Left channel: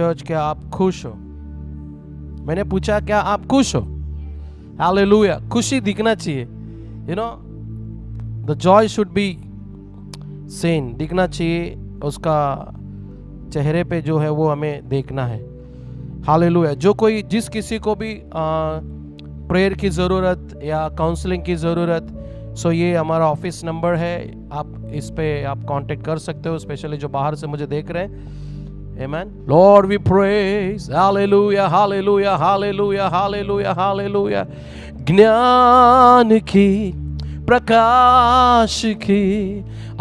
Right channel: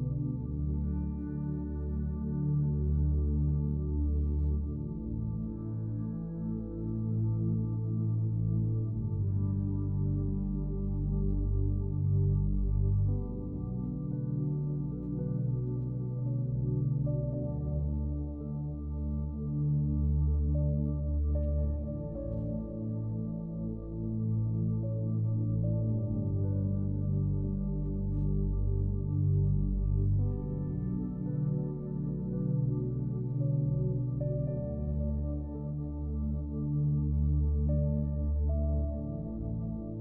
Church, क्या आप खुश हो? मैंने पूछा क्या आप खुश हो? हालेलुया। खुशी दिखना चाहिए, you know, the Joy should be seen, दिखना चाहिए, उसका चेहरे पे जो है वो हमें देखना है। हालेलुया। जो कोई, जिस किसी को भी प्रेयर की ज़रूरत या काउंसलिंग की ज़रूरत, सो ये हमारा ऑफिस नंबर है, आप इस पे आप कांटेक्ट कर सकते हो, स्पेशली जो बाहर से मुझे देख रहे हैं। Amen. Lord, we praise. Hallelujah, hallelujah, hallelujah, hallelujah, hallelujah. ज्ञान की, प्रकाश की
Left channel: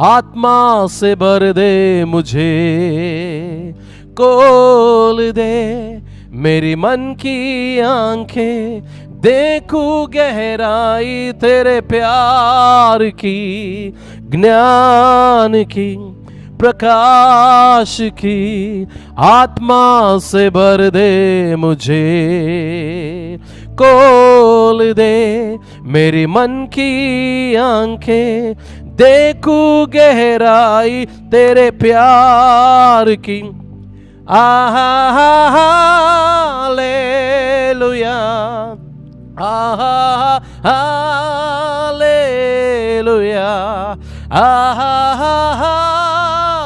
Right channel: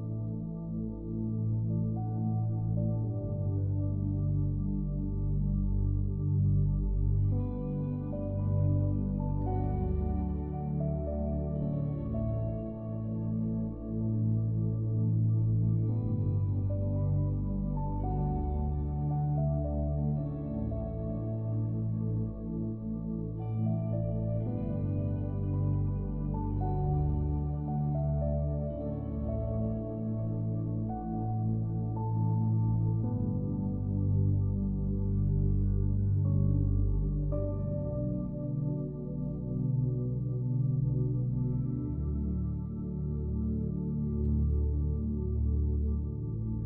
आत्मा से भर दे मुझे, खोल दे मेरी मन की आंखें, देखूं गहराई तेरे प्यार की। ज्ञान की, प्रकाश की आत्मा से भर दे मुझे, खोल दे मेरी मन की आंखें, देखूं गहराई तेरे प्यार की। आहा हालेलुया, आहा हालेलुया, आहा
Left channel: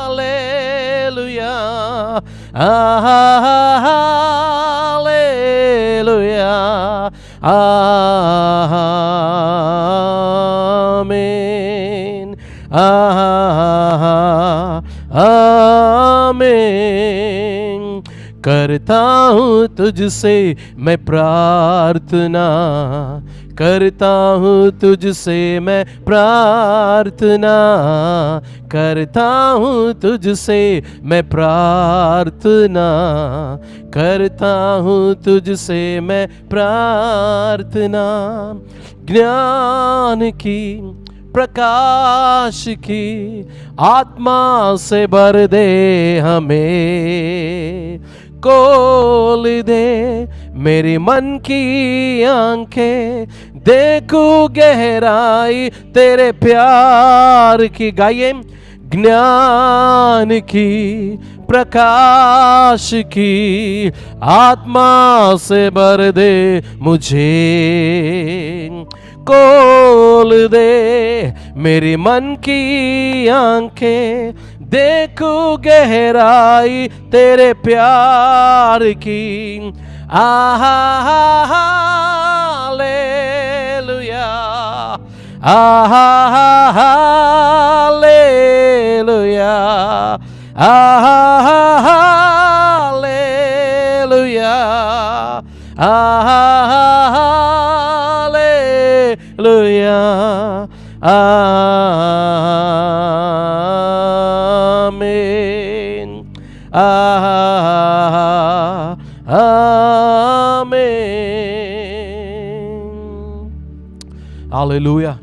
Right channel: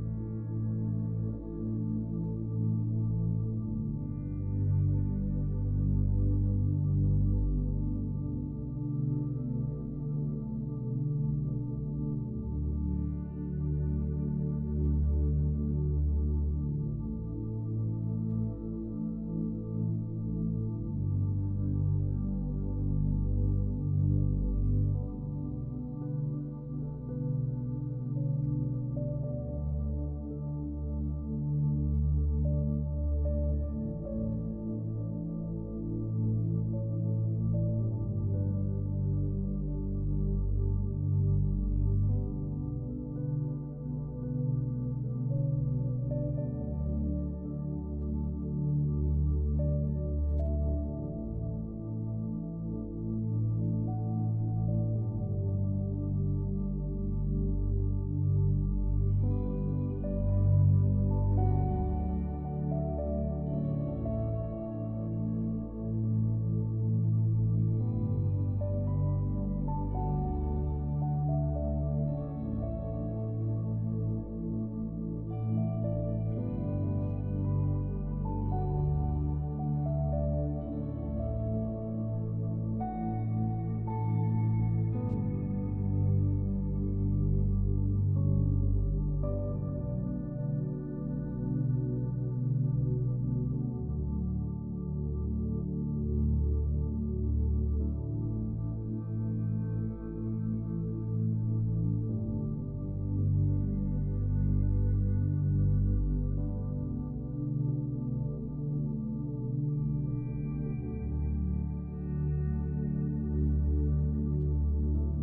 हालेलुया, आहा हालेलुया, आमीन, आमीन। करता हूँ तुझसे मैं प्रार्थना, करता हूँ तुझसे मैं प्रार्थना, करता हूँ तुझसे मैं प्रार्थना, करता हूँ तुझसे मैं प्रार्थना। ज्ञान की, प्रकाश की आत्मा से भर दे हमें, खोल दे मेरी मन की आंखें, देखूं गहराई तेरे प्यार की। गाइए। ज्ञान की, प्रकाश की आत्मा से भर दे मुझे, खोल दे मेरी मन की आंखें, देखूं गहराई तेरे प्यार की। आहा हालेलुया, आहा हालेलुया, आहा हालेलुया, आहा हालेलुया, आमीन, Hallelujah.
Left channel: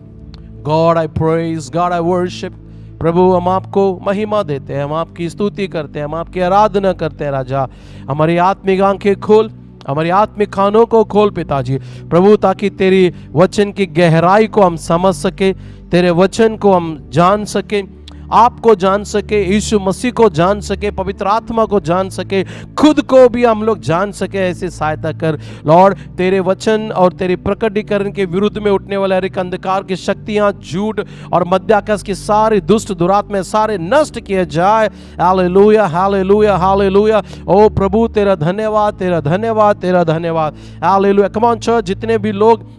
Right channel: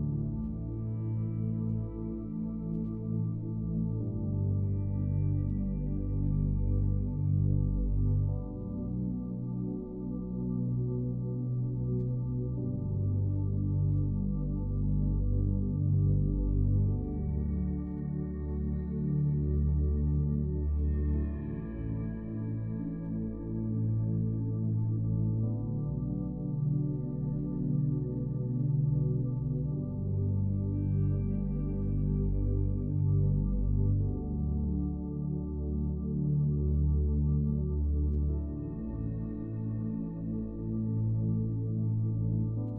God, I praise, God, I worship. प्रभु, हम आपको महिमा देते हैं, हम आपकी स्तुति करते हैं, हम आपकी आराधना करते हैं। राजा, हमारी आत्मिक आंखें खोल, हमारी आत्मिक कानों को खोल पिताजी प्रभु, ताकि तेरी वचन की गहराई को हम समझ सके, तेरे वचन को हम जान सके, आपको जान सके, यीशु मसीह को जान सके, पवित्र आत्मा को जान सके, खुद को भी हम लोग जान सके। ऐसी सहायता कर लॉर्ड। तेरे वचन और तेरे प्रकटीकरण के विरुद्ध में उठने वाले हर एक अंधकार की शक्तियां, झूठ और मध्याकाश की सारी दुष्ट दुरात्माएं सारे नष्ट किए जाए। Hallelujah, hallelujah, hallelujah. ओ प्रभु, तेरा धन्यवाद, तेरा धन्यवाद, तेरा धन्यवाद। हालेलुया। कम ऑन चर्च, जितने भी लोग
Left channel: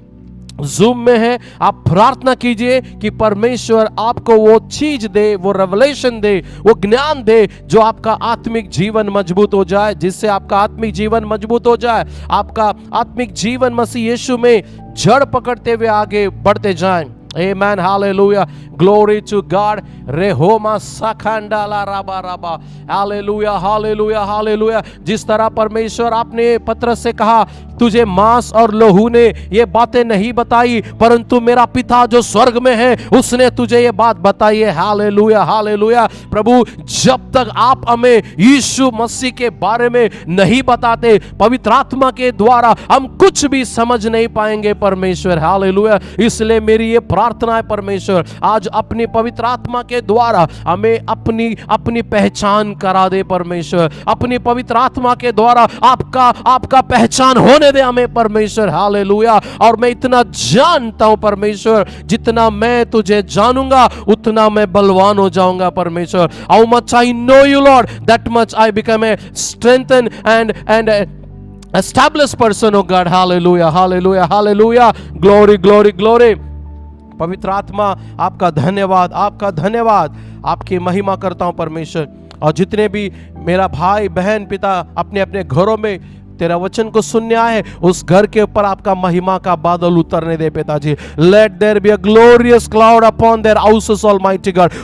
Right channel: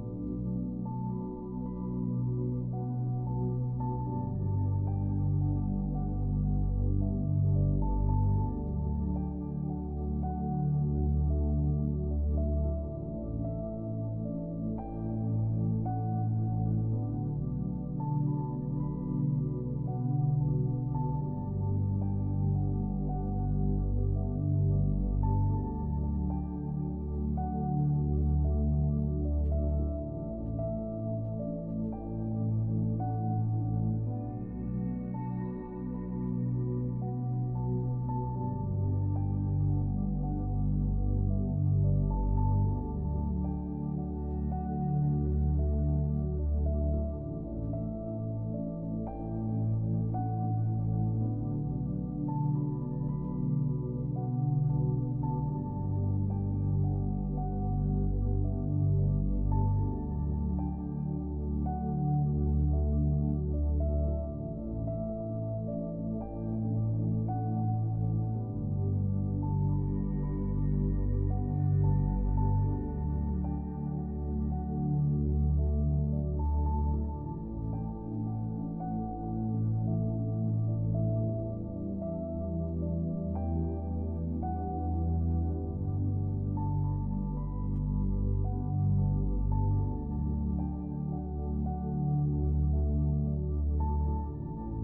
जूम में है, आप प्रार्थना कीजिए कि परमेश्वर आपको वो चीज दे, वो रेवलेशन दे, वो ज्ञान दे जो आपका आत्मिक जीवन मजबूत हो जाए, जिससे आपका आत्मिक जीवन मजबूत हो जाए, आपका आत्मिक जीवन मसीह यीशु में जड़ पकड़ते हुए आगे बढ़ते जाए। Amen, hallelujah, glory to God. Rehoma sakhandala raba raba, hallelujah, hallelujah, hallelujah. जिस तरह परमेश्वर आपने पत्रस से कहा, तुझे मांस और लहू ने ये बातें नहीं बताई, परंतु मेरा पिता जो स्वर्ग में है उसने तुझे ये बात बताई है। Hallelujah, hallelujah. प्रभु, जब तक आप हमें यीशु मसीह के बारे में नहीं बताते, पवित्र आत्मा के द्वारा हम कुछ भी समझ नहीं पाएंगे परमेश्वर। हालेलुया। इसलिए मेरी ये प्रार्थना है परमेश्वर, आज अपनी पवित्र आत्मा के द्वारा हमें अपनी अपनी पहचान करा दे परमेश्वर, अपनी पवित्र आत्मा के द्वारा आपका पहचान होने दे हमें परमेश्वर। हालेलुया। और मैं इतना जानता हूं परमेश्वर, जितना मैं तुझे जानूंगा उतना मैं बलवान हो जाऊंगा परमेश्वर। How much I know you Lord, that much I become a strengthen and established person, oh God. Hallelujah, hallelujah, hallelujah. Glory, glory, glory. पवित्र आत्मा आपका धन्यवाद, आपका धन्यवाद, आपकी महिमा करता हूं परमेश्वर। और जितने भी मेरा भाई बहन पिता अपने अपने घरों में तेरा वचन को सुनने आए, उस घर के ऊपर आपका महिमा का बादल उतरने दे पिताजी। Let there be a glorious cloud upon their houses, Almighty God.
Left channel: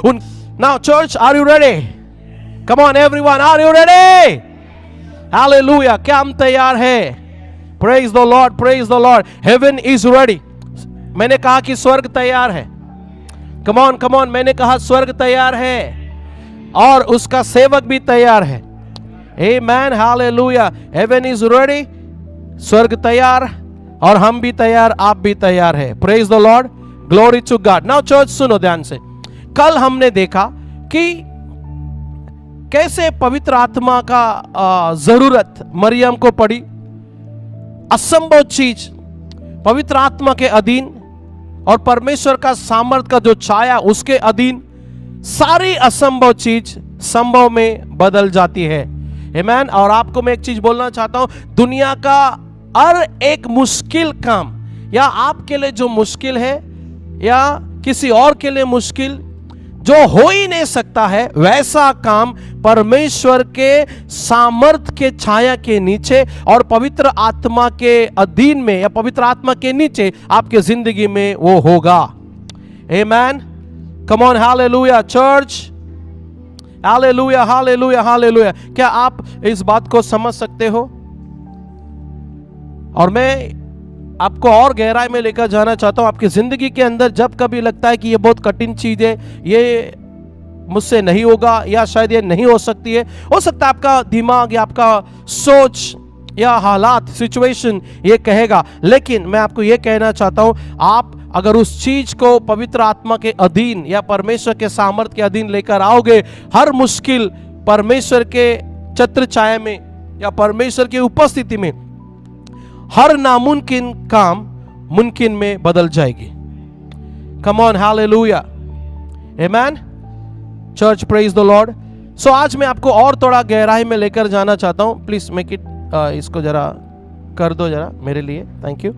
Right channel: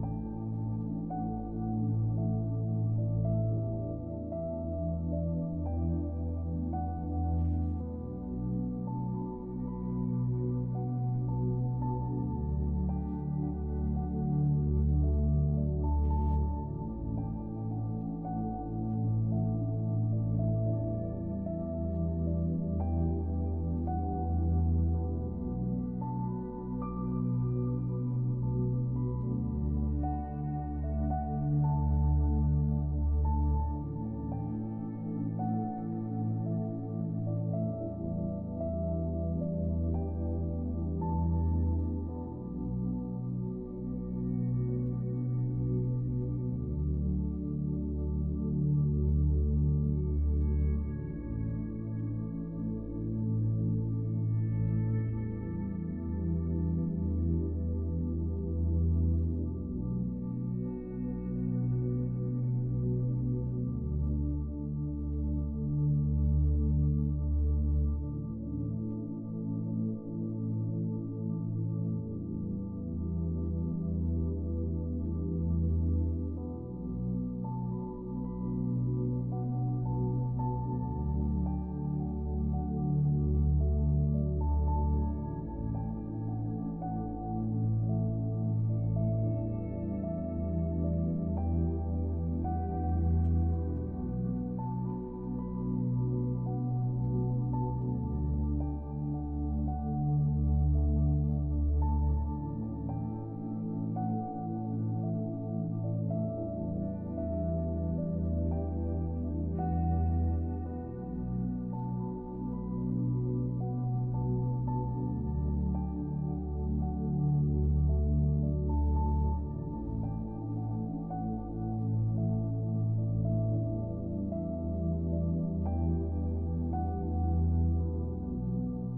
Now church, are you ready? Come on everyone, are you ready? Hallelujah. क्या हम तैयार है? Praise the Lord, praise the Lord. Heaven is ready. मैंने कहा कि स्वर्ग तैयार है। Come on, come on. मैंने कहा स्वर्ग तैयार है और उसका सेवक भी तैयार है। Amen, hallelujah. Heaven is ready. स्वर्ग तैयार और हम भी तैयार, आप भी तैयार है। Praise the Lord. Glory to God. Now church सुनो ध्यान से। कल हमने देखा कि कैसे पवित्र आत्मा का जरूरत मरियम को पड़ी। असंभव चीज पवित्र आत्मा के अधीन और परमेश्वर का सामर्थ का जो छाया उसके अधीन सारी असंभव चीज संभव में बदल जाती है। आमीन। और आपको मैं एक चीज बोलना चाहता हूं, दुनिया का हर एक मुश्किल काम, या आपके लिए जो मुश्किल है या किसी और के लिए मुश्किल जो हो ही नहीं सकता है, वैसा काम परमेश्वर के सामर्थ के छाया के नीचे और पवित्र आत्मा के अधीन में या पवित्र आत्मा के नीचे आपके जिंदगी में वो होगा। आमीन। कम on, hallelujah church, hallelujah, hallelujah, hallelujah. क्या आप इस बात को समझ सकते हो? और मैं आपको और गहराई में लेकर जाना चाहता हूं। आपकी जिंदगी के अंदर जब कभी लगता है कि ये बहुत कठिन चीज है, ये मुझसे नहीं होगा या शायद ये नहीं हो सकती है, हो सकता है आपका दिमाग या आपका सोच या हालात, सिचुएशन ये कहेगा, लेकिन मैं आपको ये कहना चाहता हूं, आप अगर उस चीज को पवित्र आत्मा के अधीन या परमेश्वर के सामर्थ के अधीन लेकर आओगे, हर मुश्किल परमेश्वर के छत्र छाया में या परमेश्वर की उपस्थिति में हर नामुमकिन काम मुमकिन में बदल जाएगी। कम ऑन, हालेलुया, आमीन चर्च, प्रेज द लॉर्ड। सो आज मैं आपको और थोड़ा गहराई में लेकर जाना चाहता हूं। प्लीज मेक इट, इसको जरा कर दो जरा मेरे लिए, थैंक यू।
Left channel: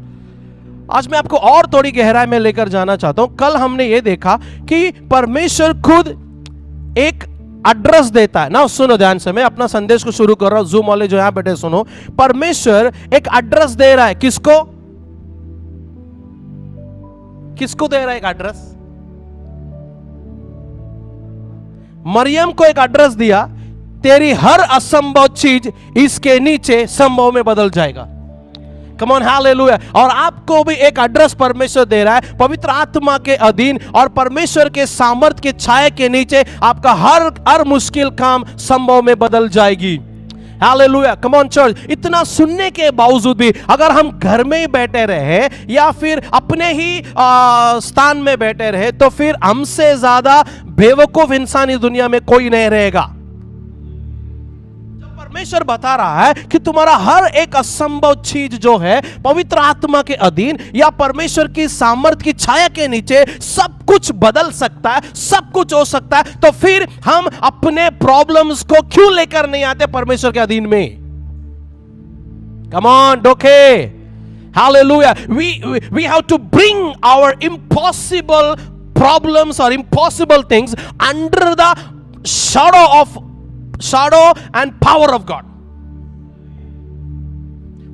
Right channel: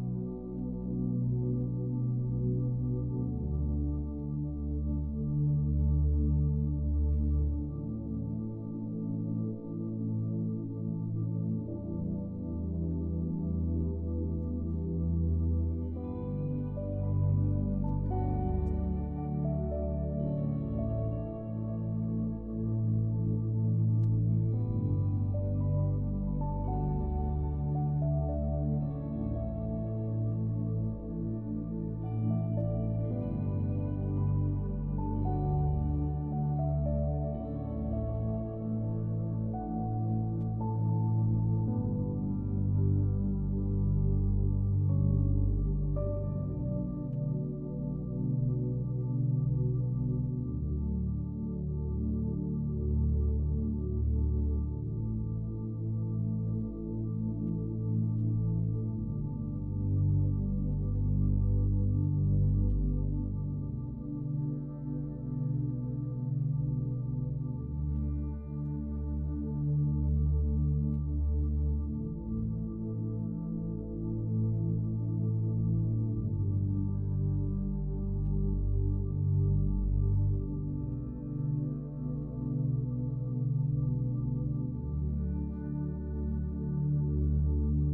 आज मैं आपको और थोड़ी गहराई में लेकर जाना चाहता हूं। कल हमने ये देखा कि परमेश्वर खुद एक एड्रेस देता है ना। सुनो ध्यान से, मैं अपना संदेश को शुरू कर रहा हूं, जूम वाले जो यहां बैठे सुनो। परमेश्वर एक एड्रेस दे रहा है, किसको? किसको दे रहा है एक एड्रेस? मरियम को एक एड्रेस दिया, तेरी हर असंभव चीज इसके नीचे संभव में बदल जाएगा। कम ऑन, हालेलुया। और आपको भी एक एड्रेस परमेश्वर दे रहा है, पवित्र आत्मा के अधीन और परमेश्वर के सामर्थ के छाया के नीचे आपका हर मुश्किल काम संभव में बदल जाएगी। Hallelujah, come on church. इतना सुनने के बावजूद भी अगर हम घर में ही बैठे रहे या फिर अपने ही स्थान में बैठे रहे, तो फिर हमसे ज्यादा बेवकूफ इंसान इस दुनिया में कोई नहीं रहेगा। परमेश्वर बता रहा है कि तुम्हारा हर एक असंभव चीज जो है पवित्र आत्मा के अधीन या परमेश्वर की सामर्थ की छाया के नीचे सब कुछ बदल सकता है, सब कुछ हो सकता है। तो फिर हम अपने प्रॉब्लम्स को क्यों लेकर नहीं आते परमेश्वर के अधीन में? कम ऑन डोके, hallelujah. We have to bring our impossible problems और impossible things under the shadow and power of God।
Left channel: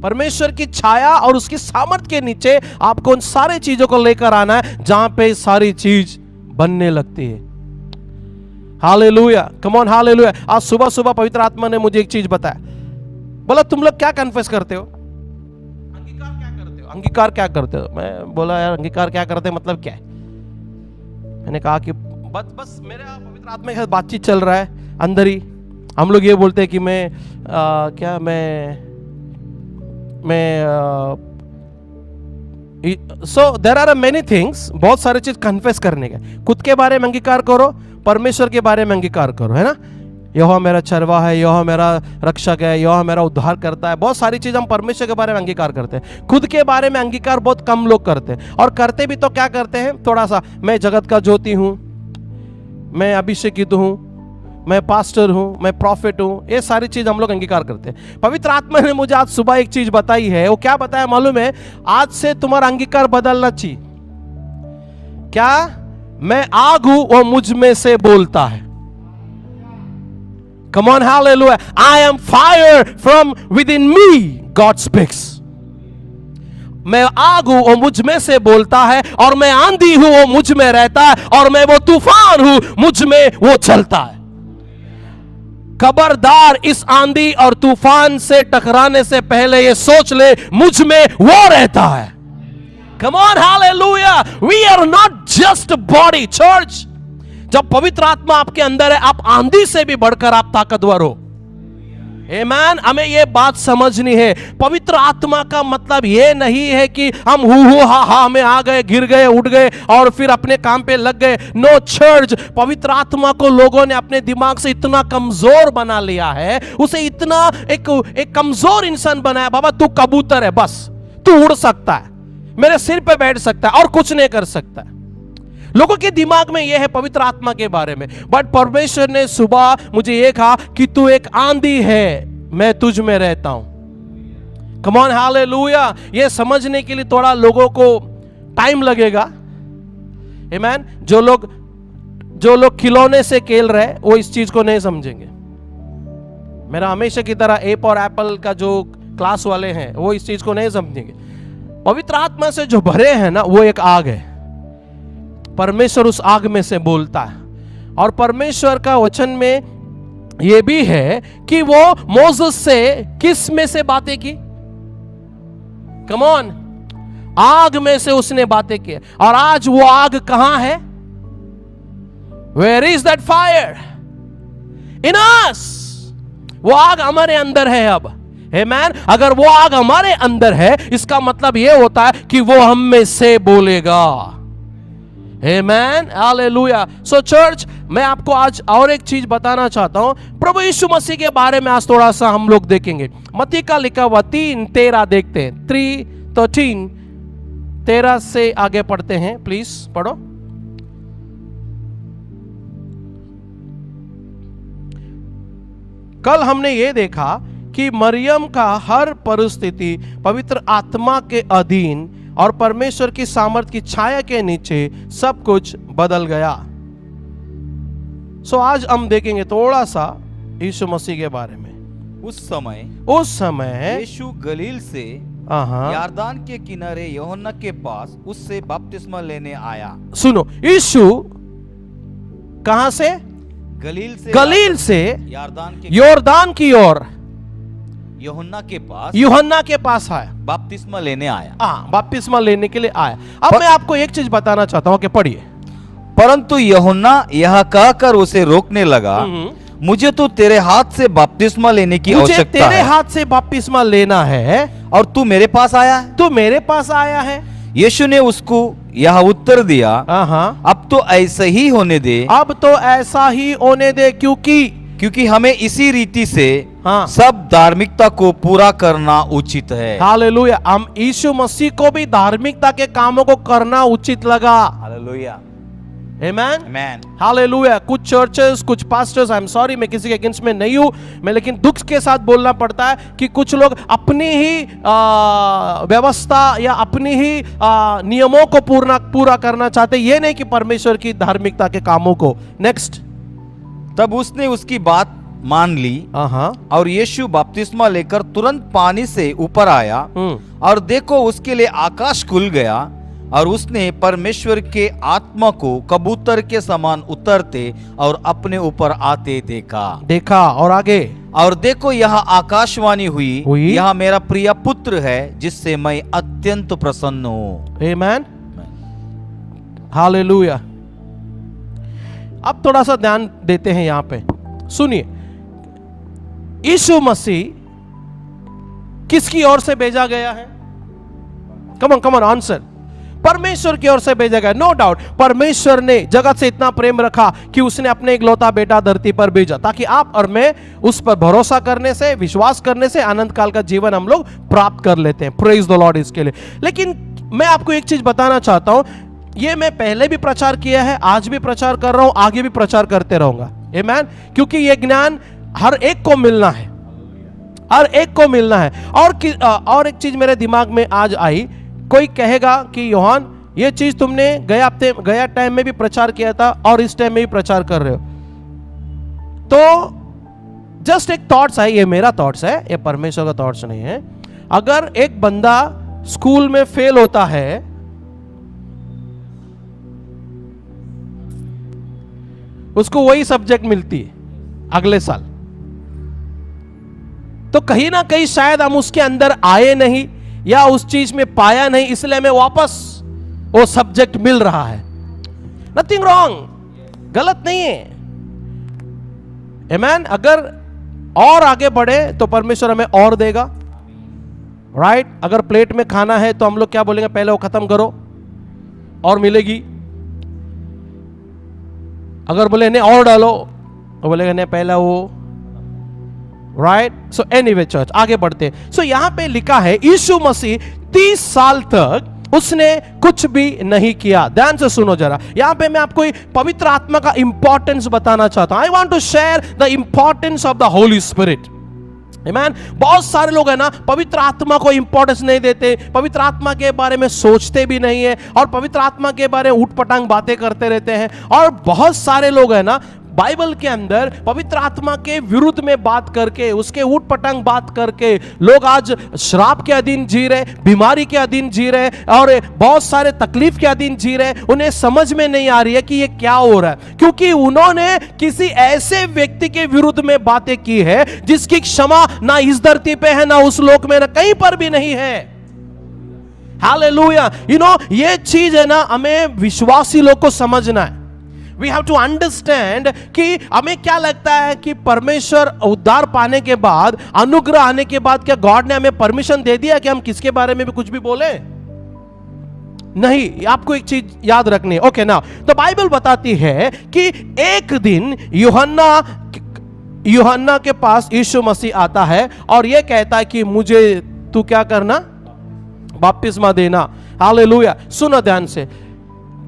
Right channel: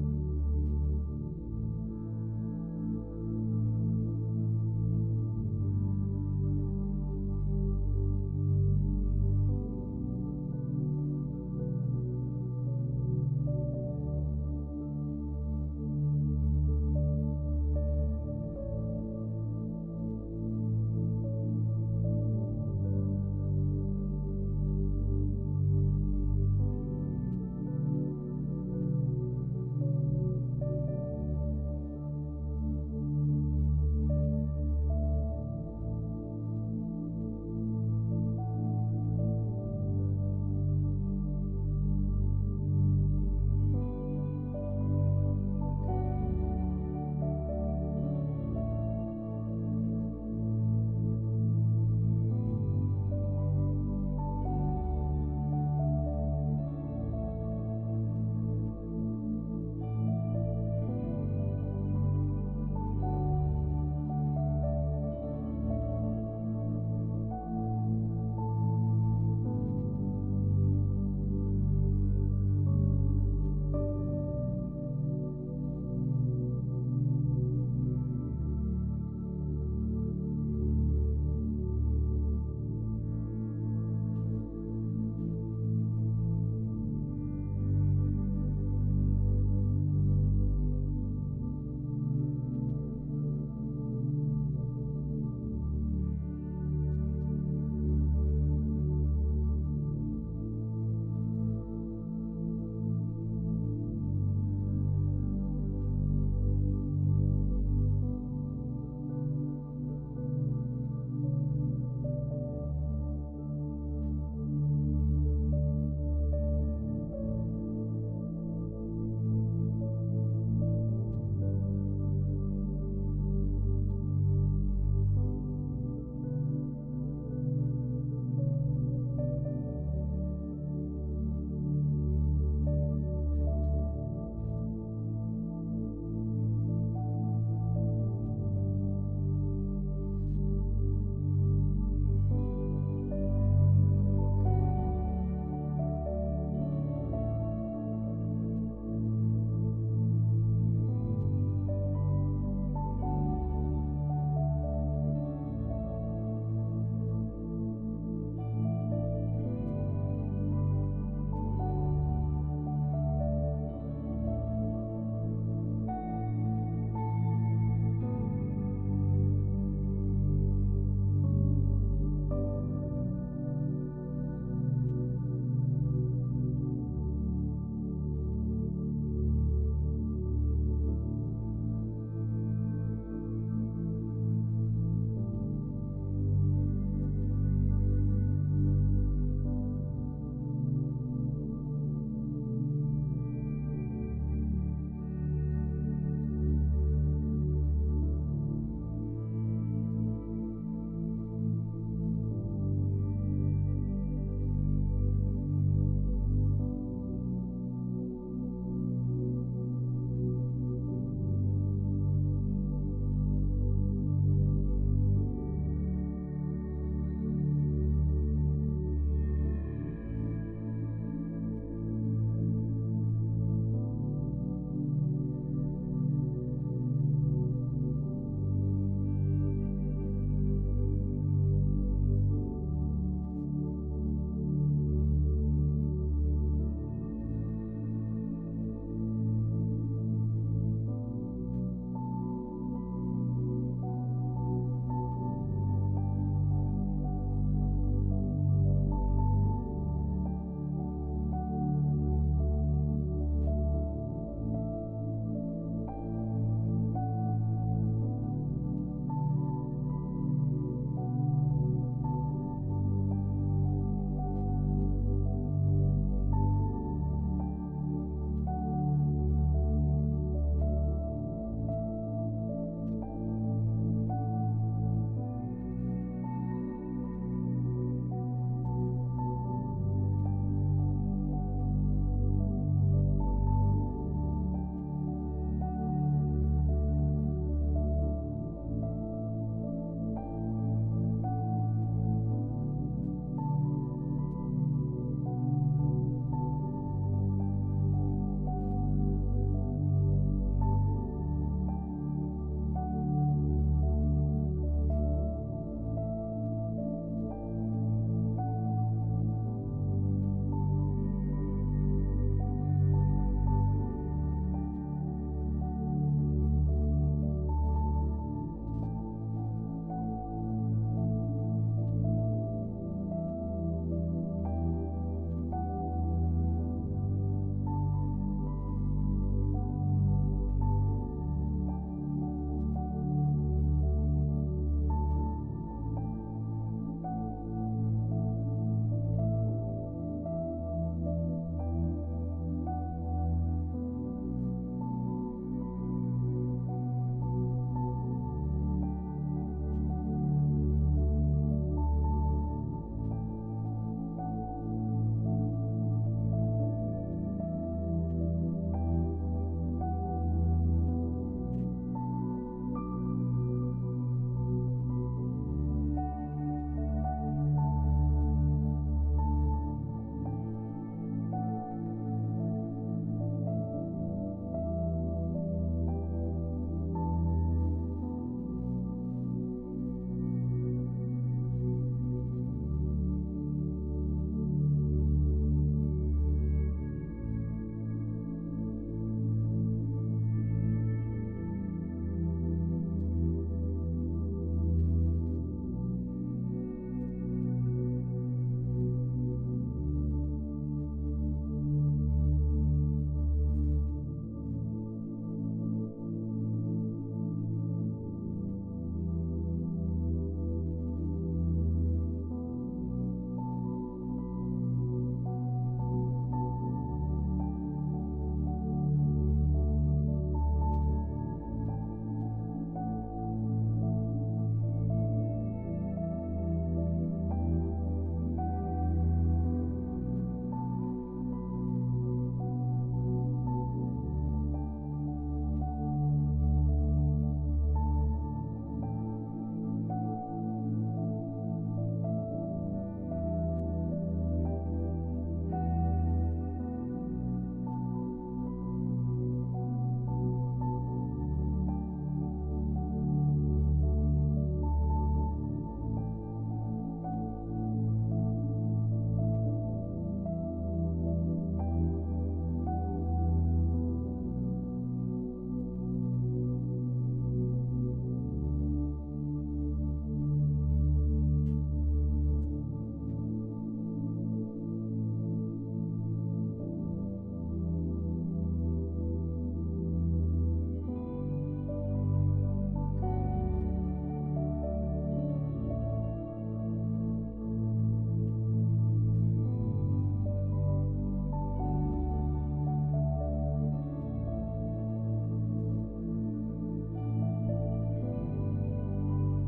परमेश्वर की छाया और उसकी सामर्थ के नीचे आपको उन सारी चीजों को लेकर आना है जहां पे सारी चीज बनने लगती है। Hallelujah, come on, hallelujah. आज सुबह सुबह पवित्र आत्मा ने मुझे एक चीज बताया, बोला तुम लोग क्या कन्फेस करते हो? अंगीकार क्या करते हो? अंगीकार क्या करते हो? मैं बोला यार अंगीकार क्या करते हैं मतलब क्या है? मैंने कहा कि बस मेरे पवित्र आत्मा के साथ बातचीत चल रहा है अंदर ही। हम लोग ये बोलते हैं कि so there are many things, बहुत सारे चीज कन्फेस करने के। खुद के बारे में अंगीकार करो, परमेश्वर के बारे में अंगीकार करो, है ना। यहोवा मेरा चरवाहा है, यहोवा मेरा रक्षक है, यहोवा मेरा उद्धार करता है। बहुत सारी चीज हम परमेश्वर के बारे में अंगीकार करते हैं। खुद के बारे में अंगीकार बहुत कम लोग करते हैं, और करते भी तो क्या करते हैं, थोड़ा सा, मैं जगत का ज्योति हूं, मैं अभिषेकित हूं, मैं पास्टर हूं, मैं प्रॉफिट हूं। ये सारी चीज हम लोग अंगीकार करते हैं। पवित्र आत्मा ने मुझे आज सुबह एक चीज बताई है। वो क्या बताया मालूम है? आज से तुम्हारा अंगीकार बदलना चाहिए। क्या? मैं आग हूं, वो मुझ में से बोलता है। Come on, hallelujah. I am fire from within me, God speaks. मैं आग हूं, वो मुझ में से बोलता है, और मैं आंधी हूं, वो मुझ में रहता है, और मैं वो तूफान हूं, मुझ में वो चलता है। खबरदार, इस आंधी और तूफान से टकराने से पहले ये सोच ले, मुझ में वो रहता है। Come on, hallelujah. We are not just a body, church. जब पवित्र आत्मा आपके अंदर है, आप आंधी से भी बढ़कर आप ताकतवर हो। आमीन। हमें ये बात समझनी है। पवित्र आत्मा का मतलब ये नहीं है कि हम हु हा में आ गए, गिर गए, उठ गए और फिर अपने काम पे लग गए। नो चर्च, पवित्र आत्मा को लोगों ने अपने दिमाग से इतना कमजोर बना लिया है, उसे इतना एक कमजोर इंसान बनाया। बाबा तू कबूतर है, बस तू उड़ सकता है, मेरे सिर पे बैठ सकता है और कुछ नहीं कर सकता है। लोगों के दिमाग में यह है पवित्र आत्मा के बारे में। बट परमेश्वर ने सुबह मुझे यह कहा कि तू एक आंधी है, मैं तुझ में रहता हूं। कम ऑन, हालेलुया। ये समझने के लिए थोड़ा लोगों को टाइम लगेगा। आमीन। जो लोग खिलौने से खेल रहे हैं, वो इस चीज को नहीं समझेंगे। मेरा हमेशा की तरह एप और एप्पल का जो क्लास वाले हैं, वो इस चीज को नहीं समझेंगे। पवित्र आत्मा से जो भरे हैं ना, वो एक आग है। परमेश्वर उस आग में से बोलता है, और परमेश्वर का वचन में यह भी है कि वो मोसेस से किस में से बातें की? कम ऑन, आग में से उसने बातें की। और आज वो आग कहां है? Where is that fire? In us. वो आग हमारे अंदर है अब। आमीन। अगर वो आग हमारे अंदर है, इसका मतलब यह होता है कि वो हम में से बोलेगा। Amen, Hallelujah. So church, मैं आपको आज और एक चीज बताना चाहता हूं। प्रभु यीशु मसीह के बारे में आज थोड़ा सा हम लोग देखेंगे। मत्ती का लिखा हुआ 3:13 देखते हैं। 3:13, 13 से आगे पढ़ते हैं, प्लीज पढ़ो। कल हमने ये देखा कि मरियम का हर परिस्थिति पवित्र आत्मा के अधीन और परमेश्वर की सामर्थ की छाया के नीचे सब कुछ बदल गया। सो आज हम देखेंगे थोड़ा सा यीशु मसीह के बारे में। उस समय यीशु गलील से यरदन के किनारे यूहन्ना के पास उससे बपतिस्मा लेने आया। सुनो, यीशु कहां से? गलील से यरदन की ओर यूहन्ना के पास आया, बपतिस्मा लेने आया। बपतिस्मा लेने के लिए आया। अब मैं आपको एक चीज बताना चाहता हूं कि पढ़िए। परंतु यूहन्ना यह कहकर उसे रोकने लगा, मुझे तो तेरे हाथ से बपतिस्मा लेने की आवश्यकता है। तेरे हाथ से बपतिस्मा लेना है, और तू मेरे पास आया है। तू मेरे पास आया है। यीशु ने उसको यह उत्तर दिया, अब तो ऐसा ही होने दे। अब तो ऐसा ही होने दे, क्योंकि हमें इसी रीति से सब धार्मिकता को पूरा करना उचित है। हालेलुया। हम यीशु मसीह को भी धार्मिकता के कामों को करना उचित लगा। हालेलुया। आमेन। हालेलुया। कुछ चर्चेस, कुछ पास्टर्स, आई एम सॉरी, मैं किसी के अगेंस्ट में नहीं हूं, मैं लेकिन दुख के साथ बोलना पड़ता है कि कुछ लोग अपनी ही व्यवस्था या अपनी ही नियमों को पूरा करना चाहते, ये नहीं कि परमेश्वर की धार्मिकता के कामों को। नेक्स्ट। तब उसने उसकी बात मान ली, और यीशु बपतिस्मा लेकर तुरंत पानी से ऊपर आया, और देखो उसके लिए आकाश खुल गया, और उसने परमेश्वर के आत्मा को कबूतर के समान उतरते और अपने ऊपर आते देखा। और आगे, और देखो यहाँ आकाशवाणी हुई, यह मेरा प्रिय पुत्र है जिससे मैं अत्यंत प्रसन्न हूँ। आमेन। हालेलुया। अब थोड़ा सा ध्यान देते हैं यहां पे। सुनिए, यीशु मसीह किसकी ओर से भेजा गया है? Come on answer. परमेश्वर की ओर से भेजा गया। नो डाउट परमेश्वर ने जगत से इतना प्रेम रखा कि उसने अपने इकलौता बेटा धरती पर भेजा, ताकि आप और मैं उस पर भरोसा करने से, विश्वास करने से अनंत काल का जीवन हम लोग प्राप्त कर लेते हैं। प्रेज द लॉर्ड इसके लिए। लेकिन मैं आपको एक चीज बताना चाहता हूं, ये मैं पहले भी प्रचार किया है, आज भी प्रचार कर रहा हूं, आगे भी प्रचार करते रहूंगा। आमीन। क्योंकि ये ज्ञान हर एक को मिलना है, हर एक को मिलना है। और एक चीज मेरे दिमाग में आज आई, कोई कहेगा कि योहान ये चीज तुमने गया टाइम में भी प्रचार किया था और इस टाइम में भी प्रचार कर रहे हो। तो जस्ट एक थॉट्स है, ये मेरा थॉट्स है, ये परमेश्वर का थॉट्स नहीं है। अगर एक बंदा स्कूल में फेल होता है, उसको वही सब्जेक्ट मिलती है अगले साल, तो कहीं ना कहीं शायद हम उसके अंदर आए नहीं या उस चीज में पाया नहीं, इसलिए हमें वापस वो सब्जेक्ट मिल रहा है। नथिंग रॉन्ग, गलत नहीं है। आमीन। अगर और आगे बढ़े तो परमेश्वर हमें और देगा, राइट। अगर प्लेट में खाना है तो हम लोग क्या बोलेंगे, पहले वो खत्म करो और मिलेगी। अगर बोले नहीं और डालो तो बोलेगा नहीं पहला वो, राइट। सो एनीवे चर्च, आगे बढ़ते हैं। सो यहां पे लिखा है यीशु मसीह 30 साल तक उसने कुछ भी नहीं किया। ध्यान से सुनो जरा, यहां पे मैं आपको पवित्र आत्मा का इंपॉर्टेंस बताना चाहता हूं। I want to share the importance of the holy spirit. आमीन। बहुत सारे लोग है ना पवित्र आत्मा को इंपॉर्टेंस नहीं देते, पवित्र आत्मा के बारे में सोचते भी नहीं है और पवित्र आत्मा के बारे में उठपटांग बातें करते रहते हैं। और बहुत सारे लोग है ना बाइबल के अंदर पवित्र आत्मा के विरुद्ध में बात करके, उसके उठपटांग बात करके लोग आज श्राप के अधीन जी रहे, बीमारी के अधीन जी रहे और बहुत सारे तकलीफ के अधीन जी रहे। उन्हें समझ में नहीं आ रही है कि ये क्या हो रहा है, क्योंकि उन्होंने किसी ऐसे व्यक्ति के विरुद्ध में बातें की है जिसकी क्षमा ना इस धरती पे है, ना उस लोक में, ना कहीं पर भी नहीं है। हालेलुया। ये चीज है ना हमें विश्वासी लोग को समझना है। We have to understand कि हमें क्या लगता है कि परमेश्वर उद्धार पाने के बाद, अनुग्रह आने के बाद, क्या गॉड ने हमें परमिशन दे दिया कि हम किसके बारे में भी कुछ भी बोले? नहीं। आपको एक चीज याद रखनी है। ओके ना, तो बाइबल बताती है कि एक दिन यूहन्ना के पास यीशु मसीह आता है और यह कहता है कि मुझे तू क्या करना, बपतिस्मा देना। हालेलुया। सुनो ध्यान से,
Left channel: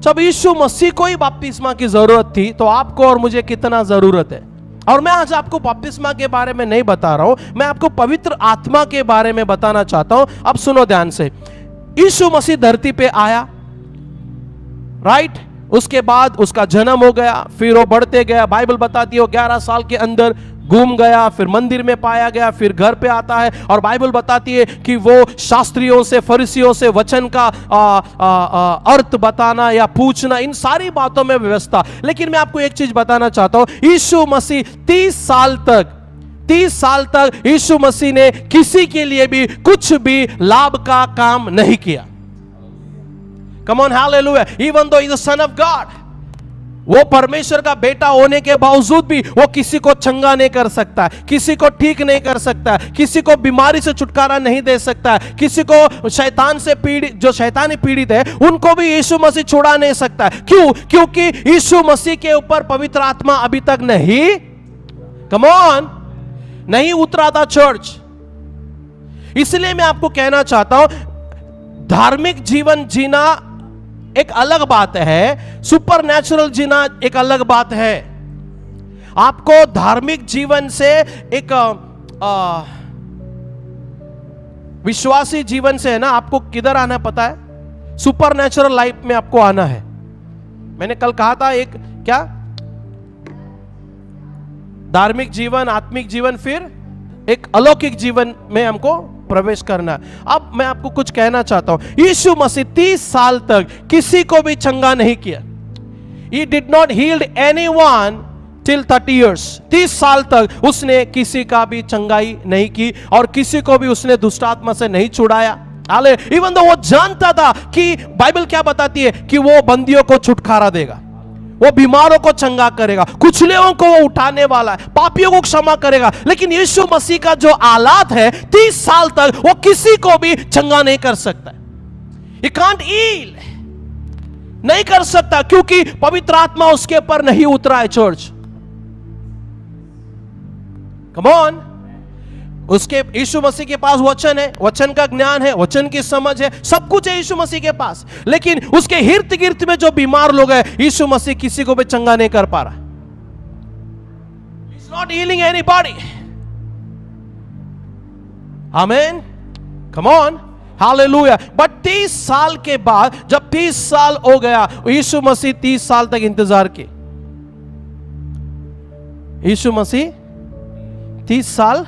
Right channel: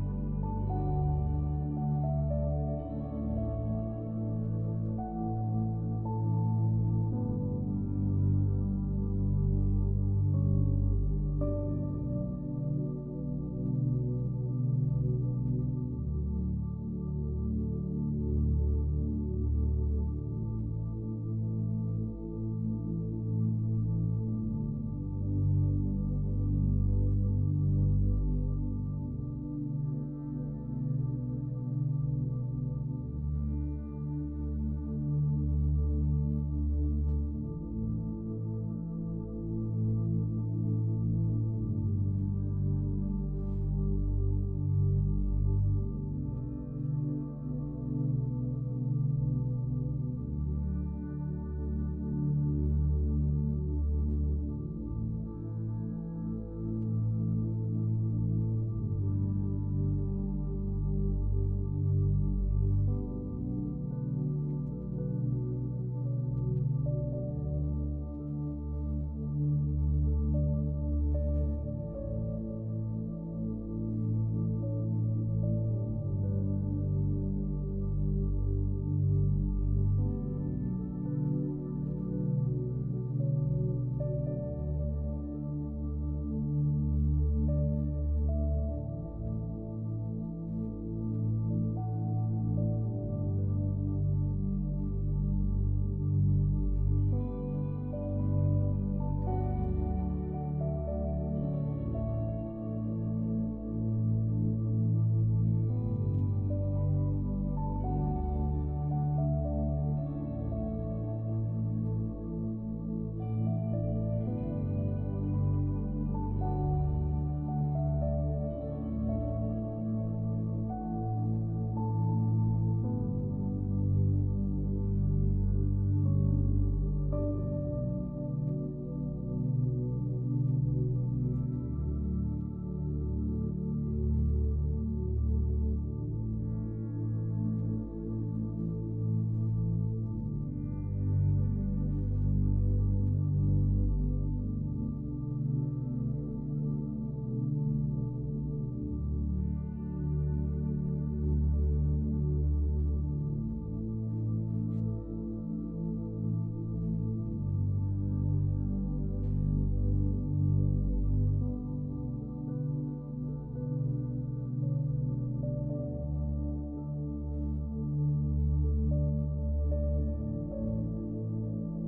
जब यीशु मसीह को ही बपतिस्मा की जरूरत थी तो आपको और मुझे कितना जरूरत है। और मैं आज आपको बपतिस्मा के बारे में नहीं बता रहा हूं, मैं आपको पवित्र आत्मा के बारे में बताना चाहता हूं। अब सुनो ध्यान से, यीशु मसीह धरती पे आया, राइट। उसके बाद उसका जन्म हो गया, फिर वो बढ़ते गया। बाइबल बताती है वो 11 साल के अंदर घूम गया, फिर मंदिर में पाया गया, फिर घर पे आता है और बाइबल बताती है कि वो शास्त्रियों से, फरीसियों से वचन का अर्थ बताना या पूछना, इन सारी बातों में व्यवस्था। लेकिन मैं आपको एक चीज बताना चाहता हूं, यीशु मसीह 30 साल तक यीशु मसीह ने किसी के लिए भी कुछ भी लाभ का काम नहीं किया। कम on, hallelujah. Even though he is the son of God, वो परमेश्वर का बेटा होने के बावजूद भी वो किसी को चंगा नहीं कर सकता, किसी को ठीक नहीं कर सकता, किसी को बीमारी से छुटकारा नहीं दे सकता, किसी को शैतान से पीड़ित, जो शैतानी पीड़ित है उनको भी यीशु मसीह छुड़ा नहीं सकता। क्यों? क्योंकि यीशु मसीह के ऊपर पवित्र आत्मा अभी तक कम ऑन, नहीं उतरा था चर्च। इसलिए मैं आपको कहना चाहता हूं, धार्मिक जीवन जीना एक अलग बात है, सुपरनैचुरल जीना एक अलग बात है। आपको धार्मिक जीवन से एक विश्वासी जीवन से है ना, आपको किधर आना पता है? सुपरनैचुरल लाइफ में आपको आना है। मैंने कल कहा था एक क्या, धार्मिक जीवन, आत्मिक जीवन, फिर एक अलौकिक जीवन में हमको प्रवेश करना है। अब मैं आपको कुछ कहना चाहता हूं, यीशु मसीह 30 साल तक किसी को भी चंगा नहीं किया। He did not heal anyone till 30 years। 30 साल तक उसने किसी का भी चंगाई नहीं की और किसी को भी उसने दुष्ट आत्मा से नहीं छुड़ाया। हाले, इवन तो वो जानता था कि बाइबल क्या बताती है कि वो बंदियों को छुटकारा देगा, वो बीमारों को चंगा करेगा, कुचलेओं को वो उठाने वाला है, पापियों को क्षमा करेगा। लेकिन यीशु मसीह का जो आलात है, 30 साल तक वो किसी को भी चंगा नहीं कर सकता। He can't heal नहीं कर सकता, क्योंकि पवित्र आत्मा उसके ऊपर नहीं उतरा है। Church, come on. उसके यीशु मसीह के पास वचन है, वचन का ज्ञान है, वचन की समझ है, सब कुछ है यीशु मसीह के पास, लेकिन उसके हिर्द गिर्द में जो बीमार लोग हैं, यीशु मसीह किसी को भी चंगा नहीं कर पा रहा। He's not healing anybody. Amen. Come on. Hallelujah. But 30 साल के बाद, जब 30 साल हो गया, यीशु मसीह 30 साल तक इंतजार किए। यीशु मसीह 30 साल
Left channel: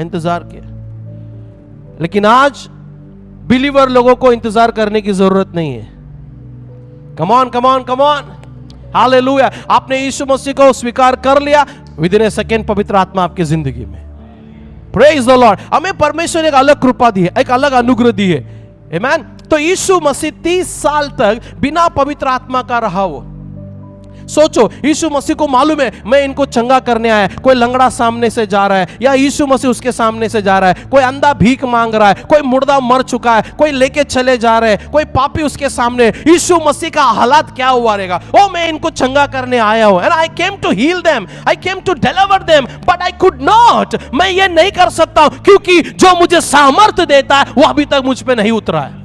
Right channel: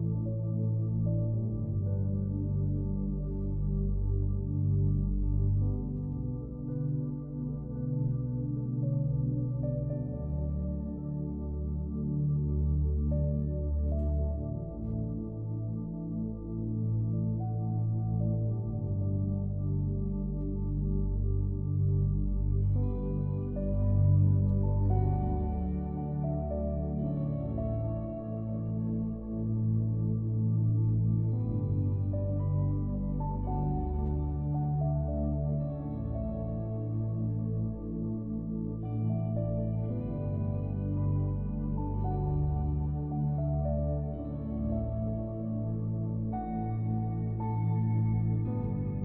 इंतजार किया, लेकिन आज बिलीवर लोगों को इंतजार करने की जरूरत नहीं है। कम on, come on, come on. Hallelujah. आपने यीशु मसीह को स्वीकार कर लिया, विद इन ए सेकेंड पवित्र आत्मा आपकी जिंदगी में। Praise the Lord. हमें परमेश्वर ने एक अलग कृपा दी है, एक अलग अनुग्रह दी है। आमेन। तो यीशु मसीह 30 साल तक बिना पवित्र आत्मा का रहा। वो सोचो, यीशु मसीह को मालूम है मैं इनको चंगा करने आया। कोई लंगड़ा सामने से जा रहा है, या यीशु मसीह उसके सामने से जा रहा है, कोई अंधा भीख मांग रहा है, कोई मुर्दा मर चुका है, कोई लेके चले जा रहे हैं, कोई पापी उसके सामने। यीशु मसीह का हालात क्या हुआ रहेगा? ओ, मैं इनको चंगा करने आया हूं, and I came to heal them, I came to deliver them, but I could not. मैं ये नहीं कर सकता क्योंकि जो मुझे सामर्थ्य देता है वो अभी तक मुझ पे नहीं उतरा है।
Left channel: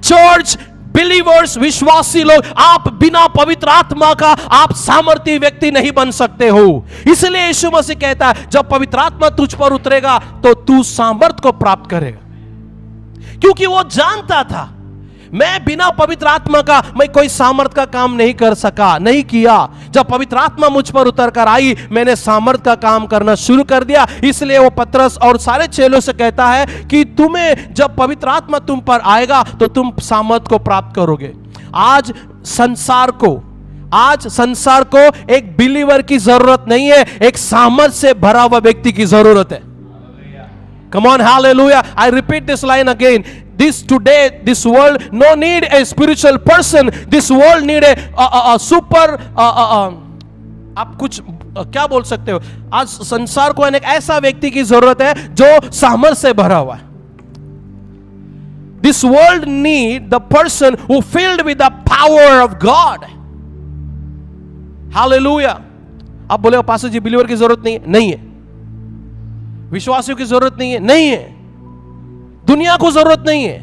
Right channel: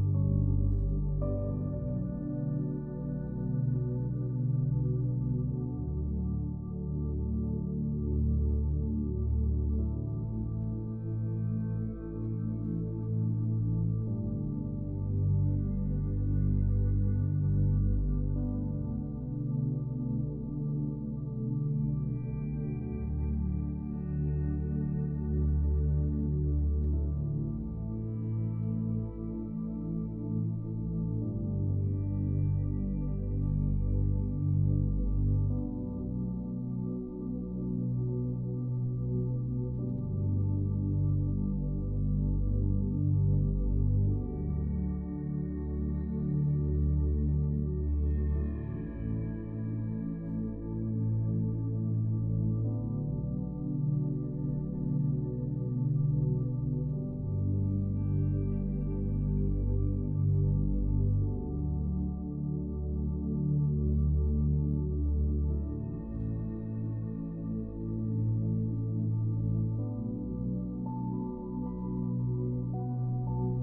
चर्च, बिलीवर्स, विश्वासी लोग, आप बिना पवित्र आत्मा का आप सामर्थी व्यक्ति नहीं बन सकते हो। इसलिए यीशु मसीह कहता है, जब पवित्र आत्मा तुझ पर उतरेगा तो तू सामर्थ को प्राप्त करेगा। क्योंकि वो जानता था, मैं बिना पवित्र आत्मा का मैं कोई सामर्थ का काम नहीं कर सका, नहीं किया। जब पवित्र आत्मा मुझ पर उतर कर आई, मैंने सामर्थ का काम करना शुरू कर दिया। इसलिए वो पतरस और सारे चेलों से कहता है कि तुम्हें जब पवित्र आत्मा तुम पर आएगा तो तुम सामर्थ को प्राप्त करोगे। आज संसार को एक बिलीवर की जरूरत नहीं है, एक सामर्थ से भरा हुआ व्यक्ति की जरूरत है। Come on, hallelujah. I repeat this line again. This world no need a spiritual person. This world need a super आप कुछ क्या बोल सकते हो? आज संसार को एक ऐसा व्यक्ति की जरूरत है जो सामर्थ से भरा हुआ है। This world need the person who filled with the power of God. Hallelujah. आप बोले पास्टर जी बिलीवर की जरूरत नहीं है? नहीं है। विश्वासियों की जरूरत नहीं है? नहीं है। दुनिया को जरूरत नहीं है।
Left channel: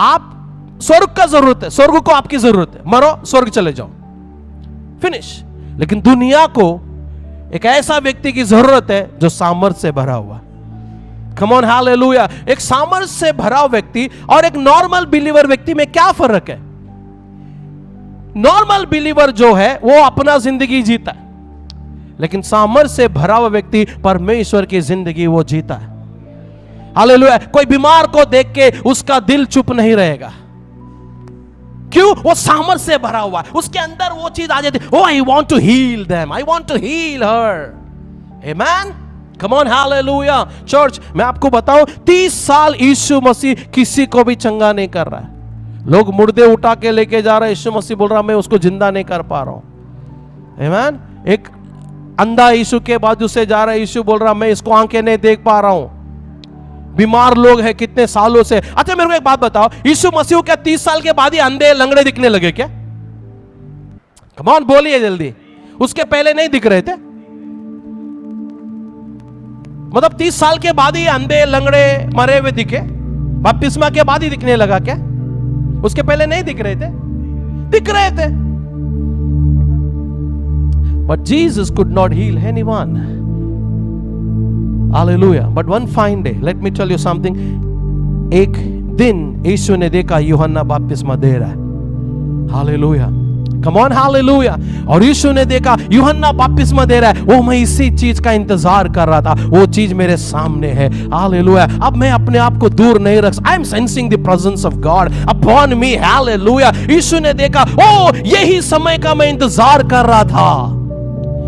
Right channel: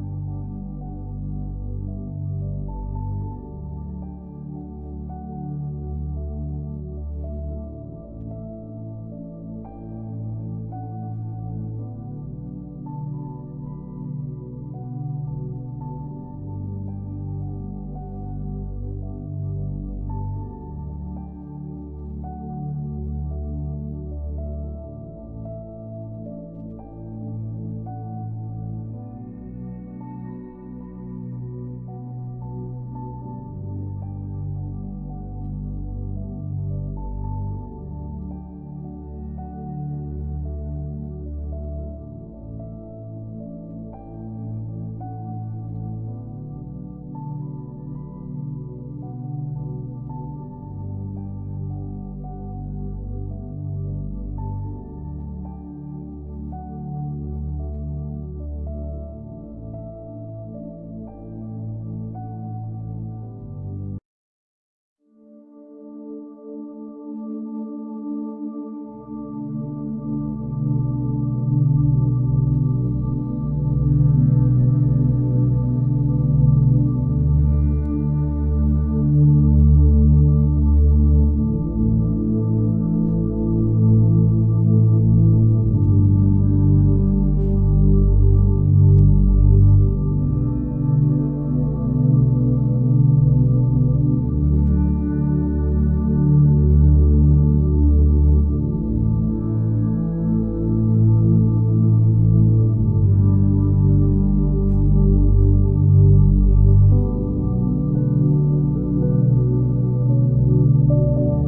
आप स्वर्ग का जरूरत है, स्वर्ग को आपकी जरूरत है। मरो, स्वर्ग चले जाओ, फिनिश। लेकिन दुनिया को एक ऐसा व्यक्ति की जरूरत है जो सामर्थ से भरा हुआ। कम ऑन, हालेलुया। एक सामर्थ से भरा व्यक्ति और एक नॉर्मल बिलीवर व्यक्ति में क्या फर्क है? नॉर्मल बिलीवर जो है वो अपना जिंदगी जीता है, लेकिन सामर्थ से भरा हुआ व्यक्ति परमेश्वर की जिंदगी वो जीता है। हालेलुया। कोई बीमार को देख के उसका दिल चुप नहीं रहेगा। क्यों? वो सामर्थ से भरा हुआ है, उसके अंदर वो चीज आ जाती है। Oh, I want to heal them, I want to heal her. Amen. Come on, hallelujah. Church, मैं आपको बताऊं, 30 साल यीशु मसीह किसी को भी चंगा नहीं कर रहा है। लोग मुर्दे उठा के लेके जा रहे हैं, यीशु मसीह बोल रहा मैं उसको जिंदा नहीं कर पा रहा हूं। आमेन। एक अंधा यीशु के बाजू से जा रहा है, यीशु बोल रहा मैं इसको आंखें नहीं देख पा रहा हूं। बीमार लोग हैं कितने सालों से। अच्छा, मेरे को एक बात बताओ, यीशु मसीह क्या 30 साल के बाद ही अंधे लंगड़े दिखने लगे क्या? कम ऑन, बोलिए जल्दी। उसके पहले नहीं दिख रहे थे? मतलब 30 साल के बाद ही अंधे लंगड़े मरे हुए दिखे? बपतिस्मा के बाद ही दिखने लगा क्या? उसके पहले नहीं दिख रहे थे? दिख रहे थे। But Jesus could not heal anyone. Hallelujah. But one fine day, let me tell you something. एक दिन यीशु ने देखा यूहन्ना बपतिस्मा दे रहा है। Hallelujah. Come on, hallelujah. और यीशु ने देखा यूहन्ना बपतिस्मा दे रहा है। वो मैं इसी चीज का इंतजार कर रहा था, वो चीज मेरे सामने है। Hallelujah. अब मैं अपने आप को दूर नहीं रख। I am sensing the presence of God upon me. Hallelujah. यीशु ने देखा, ओ यही समय का मैं इंतजार कर रहा था।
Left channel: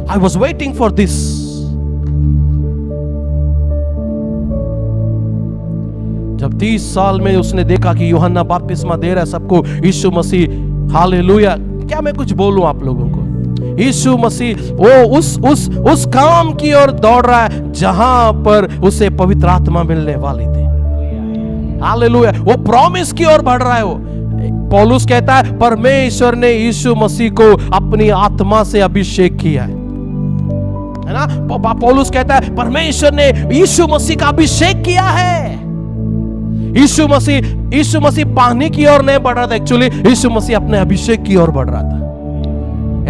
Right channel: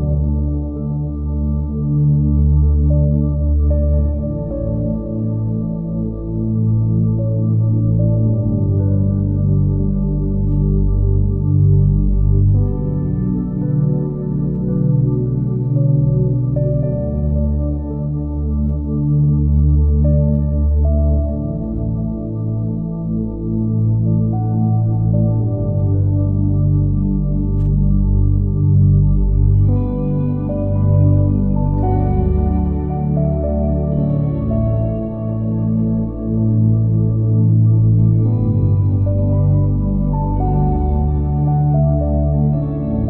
I was waiting for this. जब 30 साल में उसने देखा कि यूहन्ना बपतिस्मा दे रहा है सबको, यीशु मसीह, हालेलुया। क्या मैं कुछ बोलूं आप लोगों को? यीशु मसीह वो उस काम की ओर दौड़ रहा है जहां पर उसे पवित्र आत्मा मिलने वाली थी। हालेलुया, वो प्रॉमिस की ओर बढ़ रहा है। वो पौलुस कहता है परमेश्वर ने यीशु मसीह को अपनी आत्मा से अभिषेक किया है ना। पौलुस कहता है परमेश्वर ने यीशु मसीह का अभिषेक किया है। यीशु मसीह पानी की ओर नहीं बढ़ रहा था, एक्चुअली यीशु मसीह अपने अभिषेक की ओर बढ़ रहा था।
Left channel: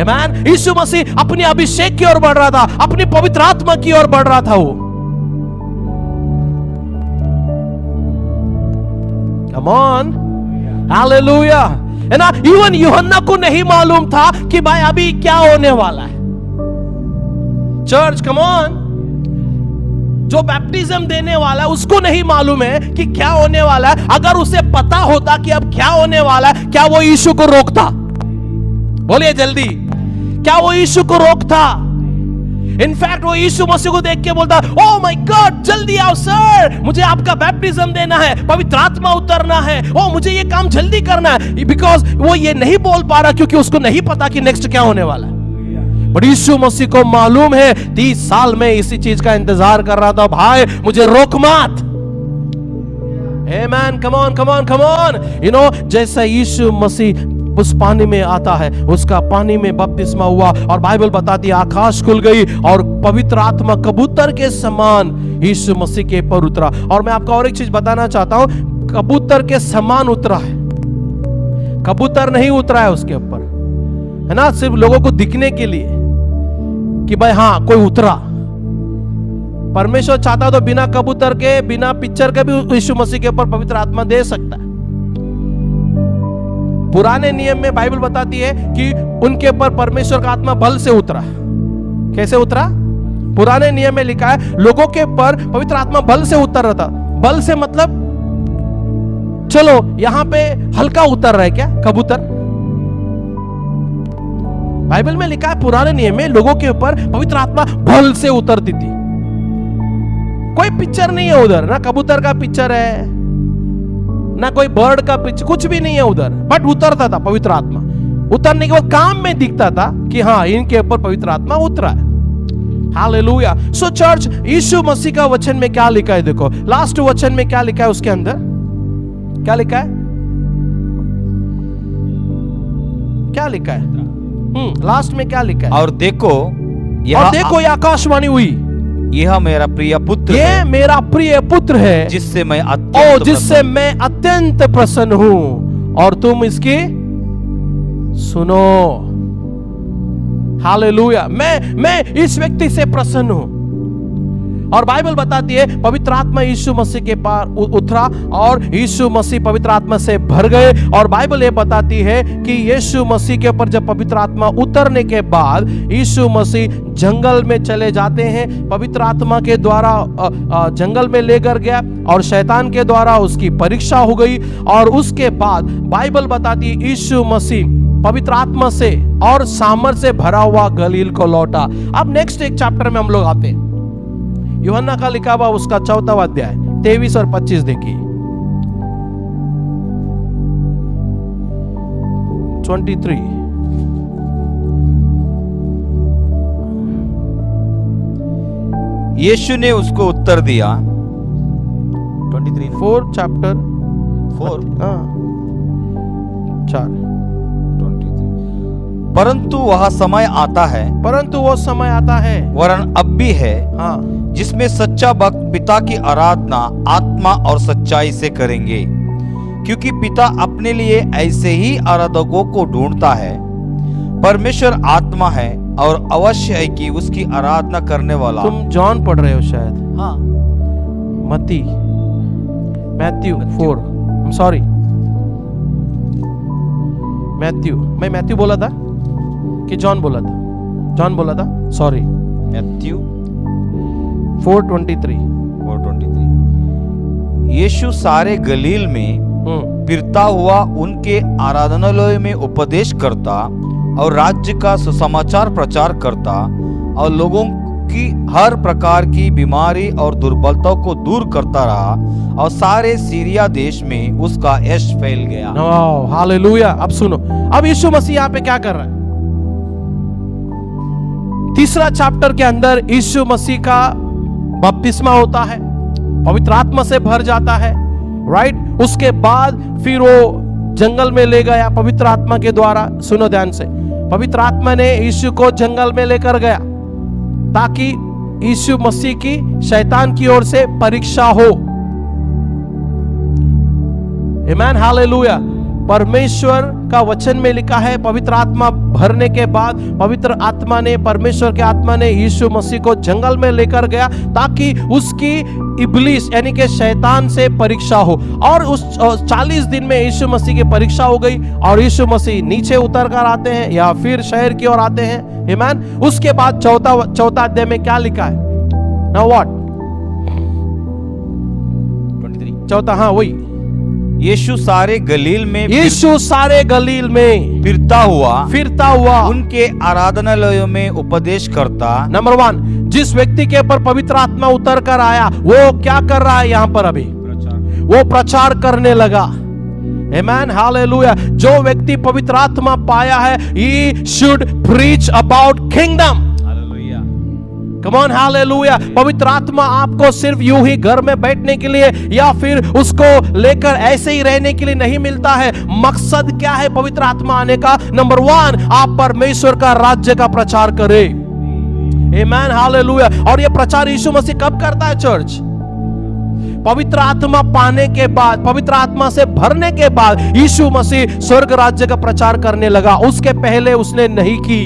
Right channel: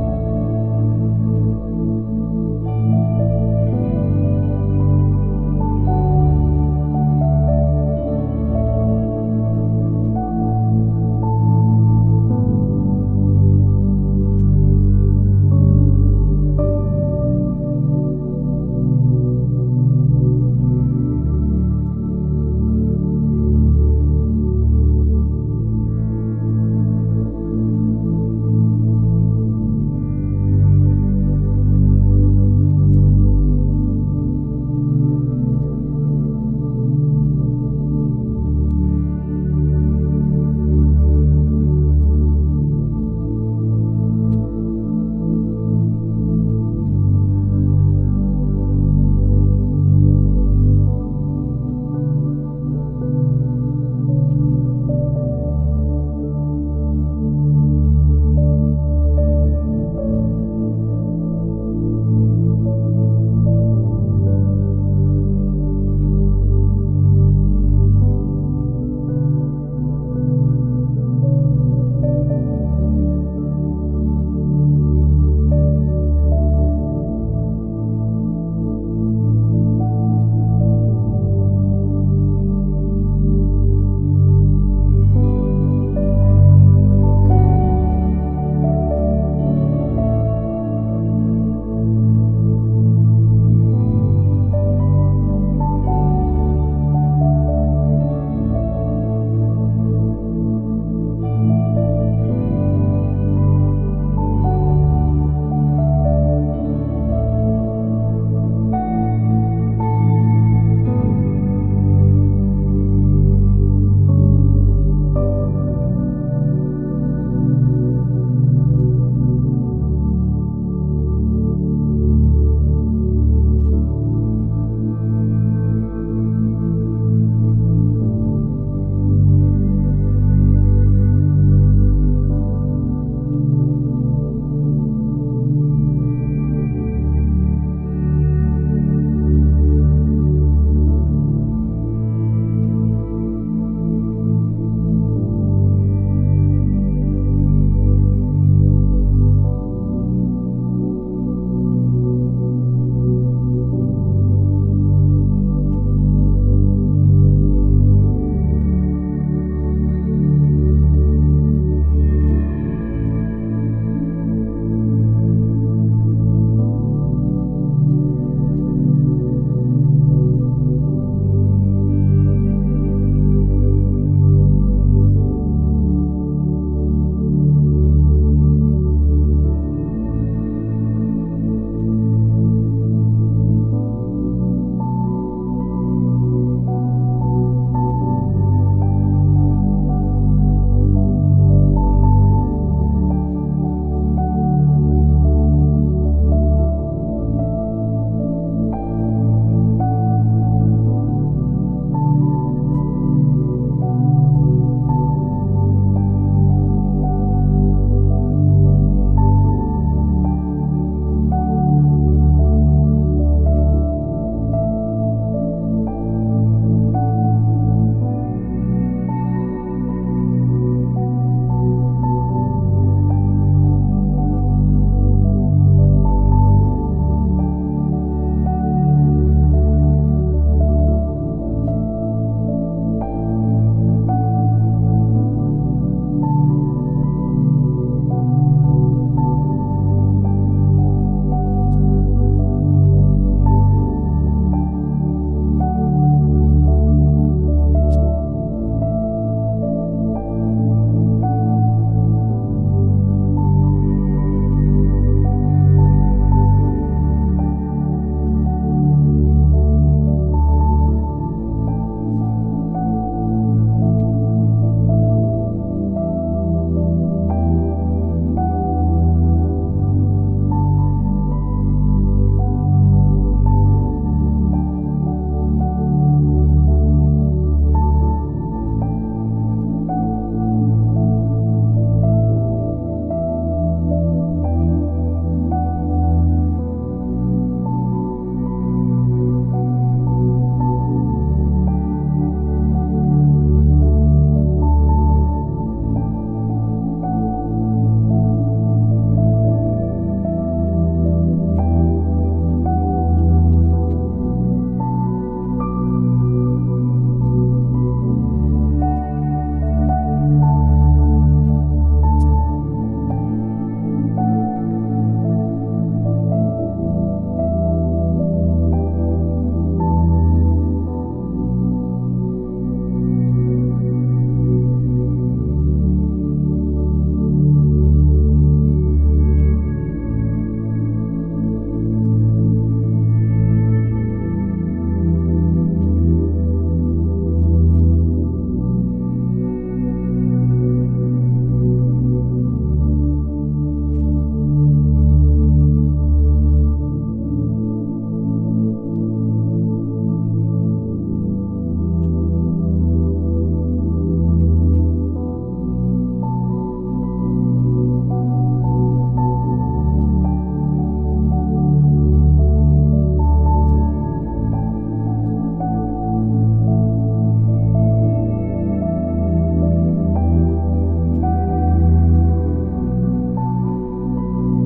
आमीन। यीशु मसीह अपने अभिषेक की ओर बढ़ रहा था, अपनी पवित्र आत्मा की ओर बढ़ रहा था वो। कम ऑन, हालेलुया, है ना। इवन यूहन्ना को नहीं मालूम था कि भाई अभी क्या होने वाला है। चर्च, कम ऑन, जो बैप्टिज्म देने वाला है उसको नहीं मालूम है कि क्या होने वाला है। अगर उसे पता होता कि अब क्या होने वाला है, क्या वो यीशु को रोकता? बोलिए जल्दी, क्या वो यीशु को रोकता? इनफैक्ट वो यीशु मसीह को देख के बोलता, ओह माय गॉड, जल्दी आओ सर, मुझे आपका बैप्टिज्म देना है, पवित्र आत्मा उतरना है, ओ मुझे ये काम जल्दी करना है। बिकॉज वो ये नहीं बोल पा रहा क्योंकि उसको नहीं पता कि नेक्स्ट क्या होने वाला है। बट यीशु मसीह को मालूम है, 30 साल में इसी चीज का इंतजार कर रहा था, भाई मुझे रोक मत। Amen, come on come on come on. You know, जैसा यीशु मसीह उस पानी में आता है, उसका पानी में बपतिस्मा हुआ और बाइबल बताती है आकाश खुल गई और पवित्र आत्मा कबूतर के समान यीशु मसीह के ऊपर उतरा। और मैं आपको और एक चीज बताना चाहता हूं, कबूतर के समान उतरा है, कबूतर नहीं उतरा है उसके ऊपर, है ना, सिर्फ लोगों को दिखने के लिए कि भाई हाँ कोई उतरा। परमेश्वर चाहता तो बिना कबूतर के, बिना पिक्चर के भी यीशु मसीह के ऊपर पवित्र आत्मा दे सकता है। पुराने नियम में बाइबल बताती है कि उनके ऊपर परमेश्वर का आत्मा बल से उतरा। कैसे उतरा? पुराने नियम में लिखा है लोगों के ऊपर पवित्र आत्मा बल से उतर रहा था। बल से मतलब, चलो यहां पे हल्का उतर रहा है क्या कबूतर? बाइबल में लिखा है पुराने नियम में लोगों के ऊपर पवित्र आत्मा बल से उतरती थी। कोई पिक्चर नहीं है उधर, ना कबूतर का पिक्चर है, ना कोई बर्ड का पिक्चर, कुछ भी नहीं है उधर, बट उतरता था पवित्र आत्मा। उतरने के बाद काम में दिखता था कि हाँ इनके ऊपर पवित्र आत्मा उतरा है। हालेलुया। सो चर्च, यीशु मसीह का वचन में क्या लिखा है? देखो लास्ट वचन में क्या लिखा है, उसके अंदर क्या लिखा है, क्या लिखा है? लास्ट में क्या लिखा है? और देखो ये आकाशवाणी हुई, यह मेरा प्रिय पुत्र ये है, मेरा प्रिय पुत्र है, जिससे मैं अत्यंत प्रसन्न हूं, और तुम इसकी सुनो। हालेलुया। मैं इस व्यक्ति से प्रसन्न हूं। और बाइबल बताती है पवित्र आत्मा यीशु मसीह के पार उतरा और यीशु मसीह पवित्र आत्मा से भर गए। और बाइबल ये बताती है कि यीशु मसीह के ऊपर जब पवित्र आत्मा उतरने के बाद यीशु मसीह जंगल में चले जाते हैं। पवित्र आत्मा के द्वारा जंगल में लेकर गया और शैतान के द्वारा उसकी परीक्षा हो गई। और उसके बाद बाइबल बताती है यीशु मसीह पवित्र आत्मा से और सामर्थ से भरा हुआ गलील को लौटा। अब नेक्स्ट एक चैप्टर में हम लोग आते हैं, यूहन्ना का लिखा हुआ उसका 4वां अध्याय 23 और 25 देखिए। 23 यीशु ने उसको उत्तर दिया, 4 चैप्टर 4 4 परंतु वह समय आता है, परंतु वो समय आता है, वरन अब भी है, हाँ, जिसमें सच्चा भक्त पिता की आराधना आत्मा और सच्चाई से करेंगे, क्योंकि पिता अपने लिए ऐसे ही आराधकों को ढूंढता है। परमेश्वर आत्मा है और अवश्य है कि उसकी आराधना करने वाला। तुम जॉन पढ़ रहे हो शायद, हाँ, मैथ्यू 4, सॉरी मैं मैथ्यू बोला था कि जॉन बोला था? जॉन बोला था, सॉरी। मैथ्यू 4:23। यीशु सारे गलील में फिरता हुआ उनके आराधनालय में उपदेश करता और राज्य का सुसमाचार प्रचार करता और लोगों की हर प्रकार की बीमारी और दुर्बलता को दूर करता रहा, और सारे सीरिया देश में उसका यश फैल गया। हालेलुया। अब सुनो, अब यीशु मसीह यहाँ पे क्या कर रहा है? 3रा चैप्टर के अंदर यीशु मसीह का बपतिस्मा होता है, पवित्र आत्मा से भर जाता है, राइट। उसके बाद फिर वो जंगल में ले गया पवित्र आत्मा के द्वारा। सुनो ध्यान से, पवित्र आत्मा ने यीशु को जंगल में लेकर गया ताकि यीशु मसीह की शैतान की ओर से परीक्षा हो। आमेन, हालेलुया। परमेश्वर का वचन में लिखा है, पवित्र आत्मा भरने के बाद पवित्र आत्मा ने, परमेश्वर के आत्मा ने यीशु मसीह को जंगल में लेकर गया ताकि उसकी इब्लीस यानी कि शैतान से परीक्षा हो। और उस 40 दिन में यीशु मसीह की परीक्षा हो गई और यीशु मसीह नीचे उतर कर आते हैं या फिर शहर की ओर आते हैं। आमीन। उसके बाद चौथा अध्याय में क्या लिखा है? Now what? 23 चौथा, हाँ वही। यीशु सारे गलील में फिरता हुआ उनके आराधनालयों में उपदेश करता। नंबर 1, जिस व्यक्ति के ऊपर पवित्र आत्मा उतर कर आया वो क्या कर रहा है? यहाँ पर अभी वो प्रचार करने लगा। आमेन, हालेलुया। जो व्यक्ति पवित्र आत्मा पाया है, he should preach about kingdom। Come on, hallelujah. पवित्र आत्मा आपको सिर्फ यूं ही घर में बैठने के लिए या फिर उसको लेकर ऐसे ही रहने के लिए नहीं मिलता है। मकसद क्या है पवित्र आत्मा आने का? नंबर 1, आप परमेश्वर का राज्य का प्रचार करें। आमेन, हालेलुया। और ये प्रचार यीशु मसीह कब करता है चर्च? पवित्र आत्मा पाने के बाद, पवित्र आत्मा से भरने के बाद यीशु मसीह स्वर्ग राज्य का प्रचार करने लगा। उसके पहले उसने नहीं की।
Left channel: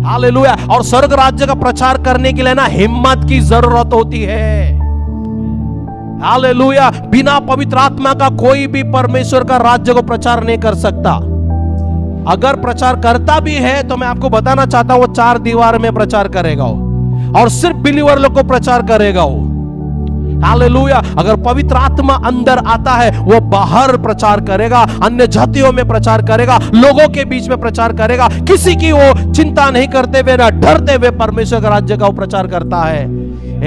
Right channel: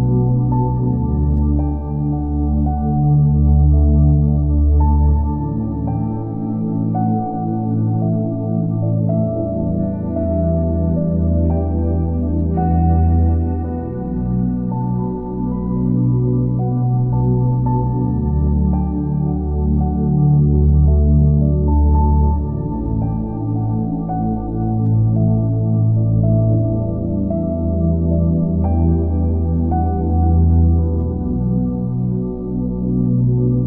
हालेलुया। और स्वर्ग राज्य का प्रचार करने के लिए ना हिम्मत की जरूरत होती है। हालेलुया। बिना पवित्र आत्मा का कोई भी परमेश्वर का राज्य को प्रचार नहीं कर सकता। अगर प्रचार करता भी है तो मैं आपको बताना चाहता हूं वो 4 दीवार में प्रचार करेगा वो, और सिर्फ बिलीवर लोग को प्रचार करेगा वो। हालेलुया। अगर पवित्र आत्मा अंदर आता है वो बाहर प्रचार करेगा, अन्य जातियों में प्रचार करेगा, लोगों के बीच में प्रचार करेगा। किसी की वो चिंता नहीं करते हुए ना डरते हुए परमेश्वर का राज्य का वो प्रचार करता है।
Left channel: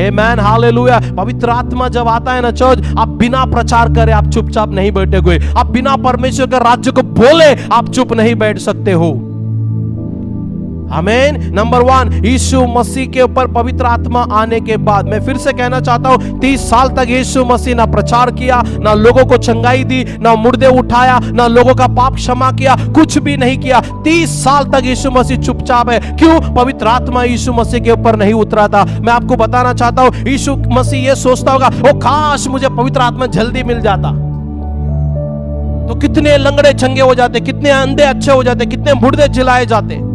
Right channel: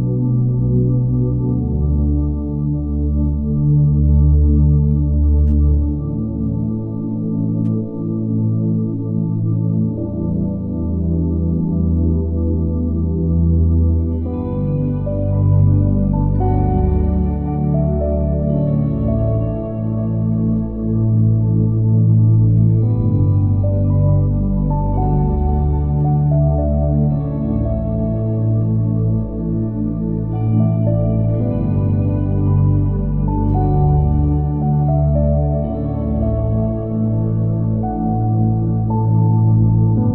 आमेन, हालेलुया। पवित्र आत्मा जब आता है ना चर्च, आप बिना प्रचार करे आप चुपचाप नहीं बैठे हुए। आप बिना परमेश्वर के राज्य को बोले आप चुप नहीं बैठ सकते हो। आमीन। नंबर 1, यीशु मसीह के ऊपर पवित्र आत्मा आने के बाद, मैं फिर से कहना चाहता हूं, 30 साल तक यीशु मसीह ना प्रचार किया, ना लोगों को चंगाई दी, ना मुर्दे उठाया, ना लोगों का पाप क्षमा किया, कुछ भी नहीं किया। 30 साल तक यीशु मसीह चुपचाप है। क्यों? पवित्र आत्मा यीशु मसीह के ऊपर नहीं उतरा था। मैं आपको बताना चाहता हूं, यीशु मसीह ये सोचता होगा, ओ काश मुझे पवित्र आत्मा जल्दी मिल जाता तो कितने लंगड़े चंगे हो जाते, कितने अंधे अच्छे हो जाते, कितने मुर्दे जिलाए जाते।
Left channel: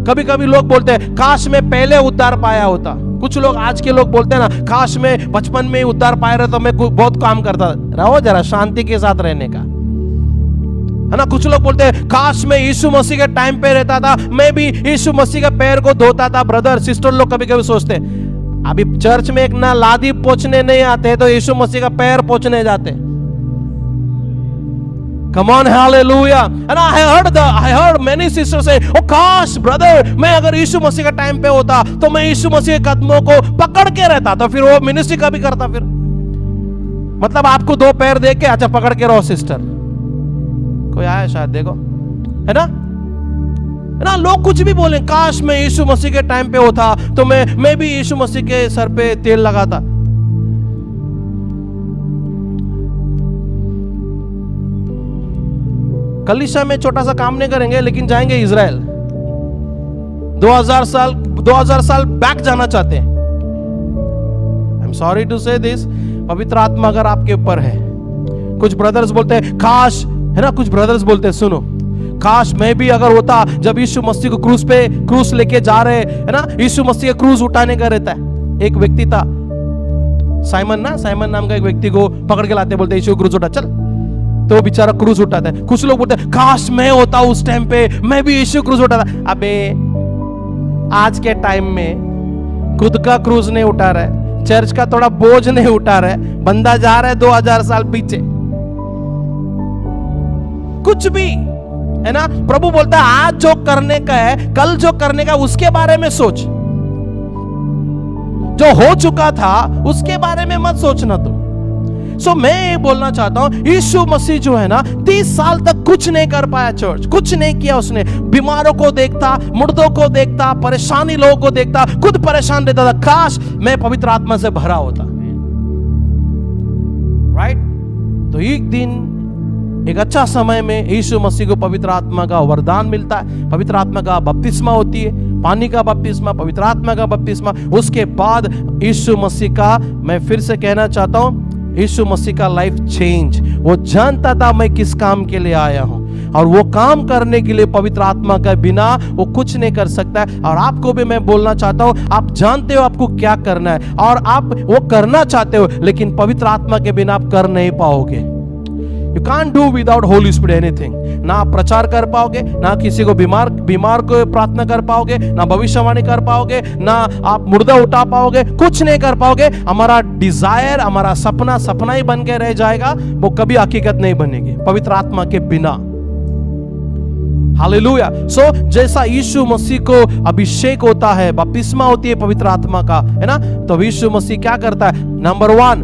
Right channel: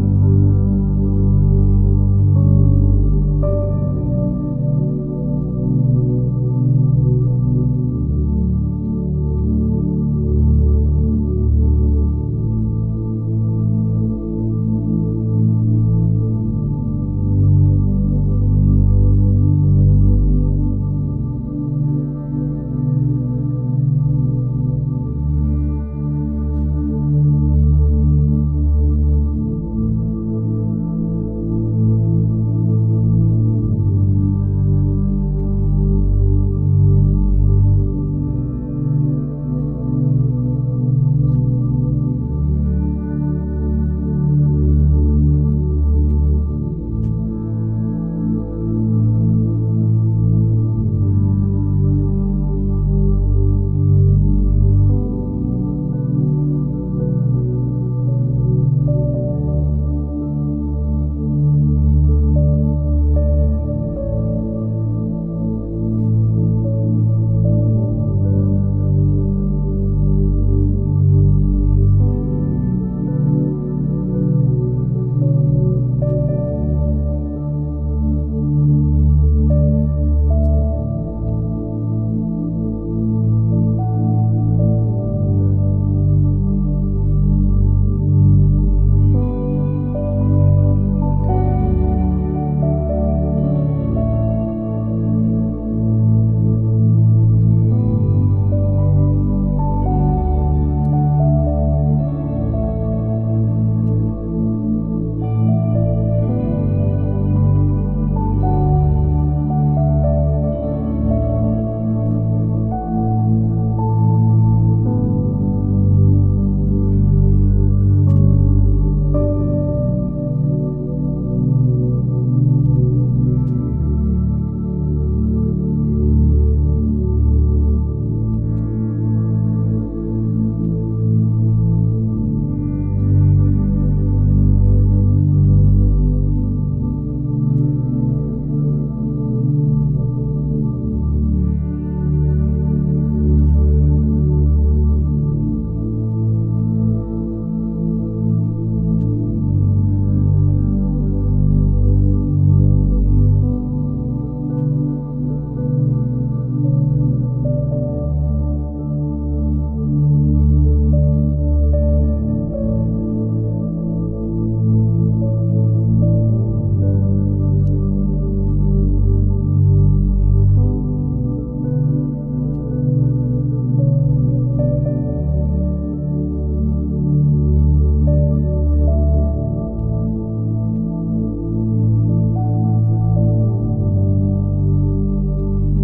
कभी कभी लोग बोलते हैं काश मैं पहले उद्धार पाया होता। कुछ लोग आज के लोग बोलते हैं ना, काश मैं बचपन में ही उद्धार पाया रहा तो मैं बहुत काम करता। रहो जरा शांति के साथ रहने का, है ना। कुछ लोग बोलते हैं काश मैं यीशु मसीह के टाइम पे रहता था, मैं भी यीशु मसीह के पैर को धोता था। ब्रदर सिस्टर लोग कभी कभी सोचते हैं, अभी चर्च में एक ना लादी पोंछने नहीं आते तो यीशु मसीह का पैर पोंछने जाते। Come on, hallelujah. And I heard many sisters say, oh gosh, brother, मैं अगर यीशु मसीह का टाइम पे होता तो मैं यीशु मसीह के कदमों को पकड़ के रहता, तो फिर वो मिनिस्ट्री का भी करता। फिर मतलब आपको 2 पैर दे के अच्छा पकड़ के रहो सिस्टर। कोई आया शायद, देखो, है ना। लोग कुछ भी बोले, काश मैं यीशु मसीह के टाइम पे होता तो मैं भी यीशु मसीह के सर पे तेल लगाता। कलीसिया में छोटा सा काम नहीं करेंगे, लेकिन जाएंगे इजराइल। 2000 साल बैक जाना चाहते हैं। आई एम सॉरी टू से दिस, पवित्र आत्मा अगर आपके ऊपर है। कुछ ब्रदर्स बोलते हैं काश, है ना, कुछ ब्रदर्स बोलते हैं सुनो, काश मैं भी अगर होता जब यीशु मसीह को क्रूस लेके जा रहे, है ना, यीशु मसीह का क्रूस उठाने का रहता है। एक व्यक्ति था साइमन नाम का एक व्यक्ति को पकड़ के लाते, बोलते यीशु क्रूस उठा, चल, तो वो बेचारा क्रूस उठाता है। कुछ लोग बोलते हैं काश मैं होता उस टाइम पे, मैं भी यीशु क्रूस उठाता। अबे आज के टाइम में खुद का क्रूस नहीं उठा रहा है, चर्च का थोड़ा बोझ नहीं उठा रहा है, बंदा जा रहा है 2000 साल पीछे। कुछ भी, है ना। प्रभु बोलता है आज जो करने का है, कल जो करने का उसके बारे में सोच, जो हो चुका था उसके बारे में मत सोचना तुम। सो मैं ये बोलना चाहता हूं, यीशु मसीह जो है ना 30 साल तक कुछ नहीं कर पाया चर्च, कुछ नहीं किया उसने। बीमारों को देखता, मुर्दों को देखता, परेशानी लोगों को देखता, खुद परेशान रहता था। काश मैं पवित्र आत्मा से भरा होता। राइट? तो एक दिन एक अच्छा समय में यीशु मसीह को पवित्र आत्मा का वरदान मिलता है, पवित्र आत्मा का बपतिस्मा होती है, पानी का बपतिस्मा, पवित्र आत्मा का बपतिस्मा। उसके बाद यीशु मसीह का, मैं फिर से कहना चाहता हूं, यीशु मसीह का लाइफ चेंज। वो जानता था मैं किस काम के लिए आया हूं, और वो काम करने के लिए पवित्र आत्मा के बिना वो कुछ नहीं कर सकता है। और आपको भी मैं बोलना चाहता हूं, आप जानते हो आपको क्या करना है और आप वो करना चाहते हो, लेकिन पवित्र आत्मा के बिना आप कर नहीं पाओगे। You can't do without Holy Spirit anything। ना आप प्रचार कर पाओगे, ना किसी को बीमार को प्रार्थना कर पाओगे, ना भविष्यवाणी कर पाओगे, ना आप मुर्दा उठा पाओगे, कुछ नहीं कर पाओगे। हमारा डिजायर, हमारा सपना ही बन के रह जाएगा, वो कभी हकीकत नहीं बनेगी पवित्र आत्मा के बिना। हालेलुया। सो जैसा यीशु मसीह को अभिषेक होता है, बपतिस्मा होती है पवित्र आत्मा का, है ना, तो यीशु मसीह क्या करता है? नंबर 1,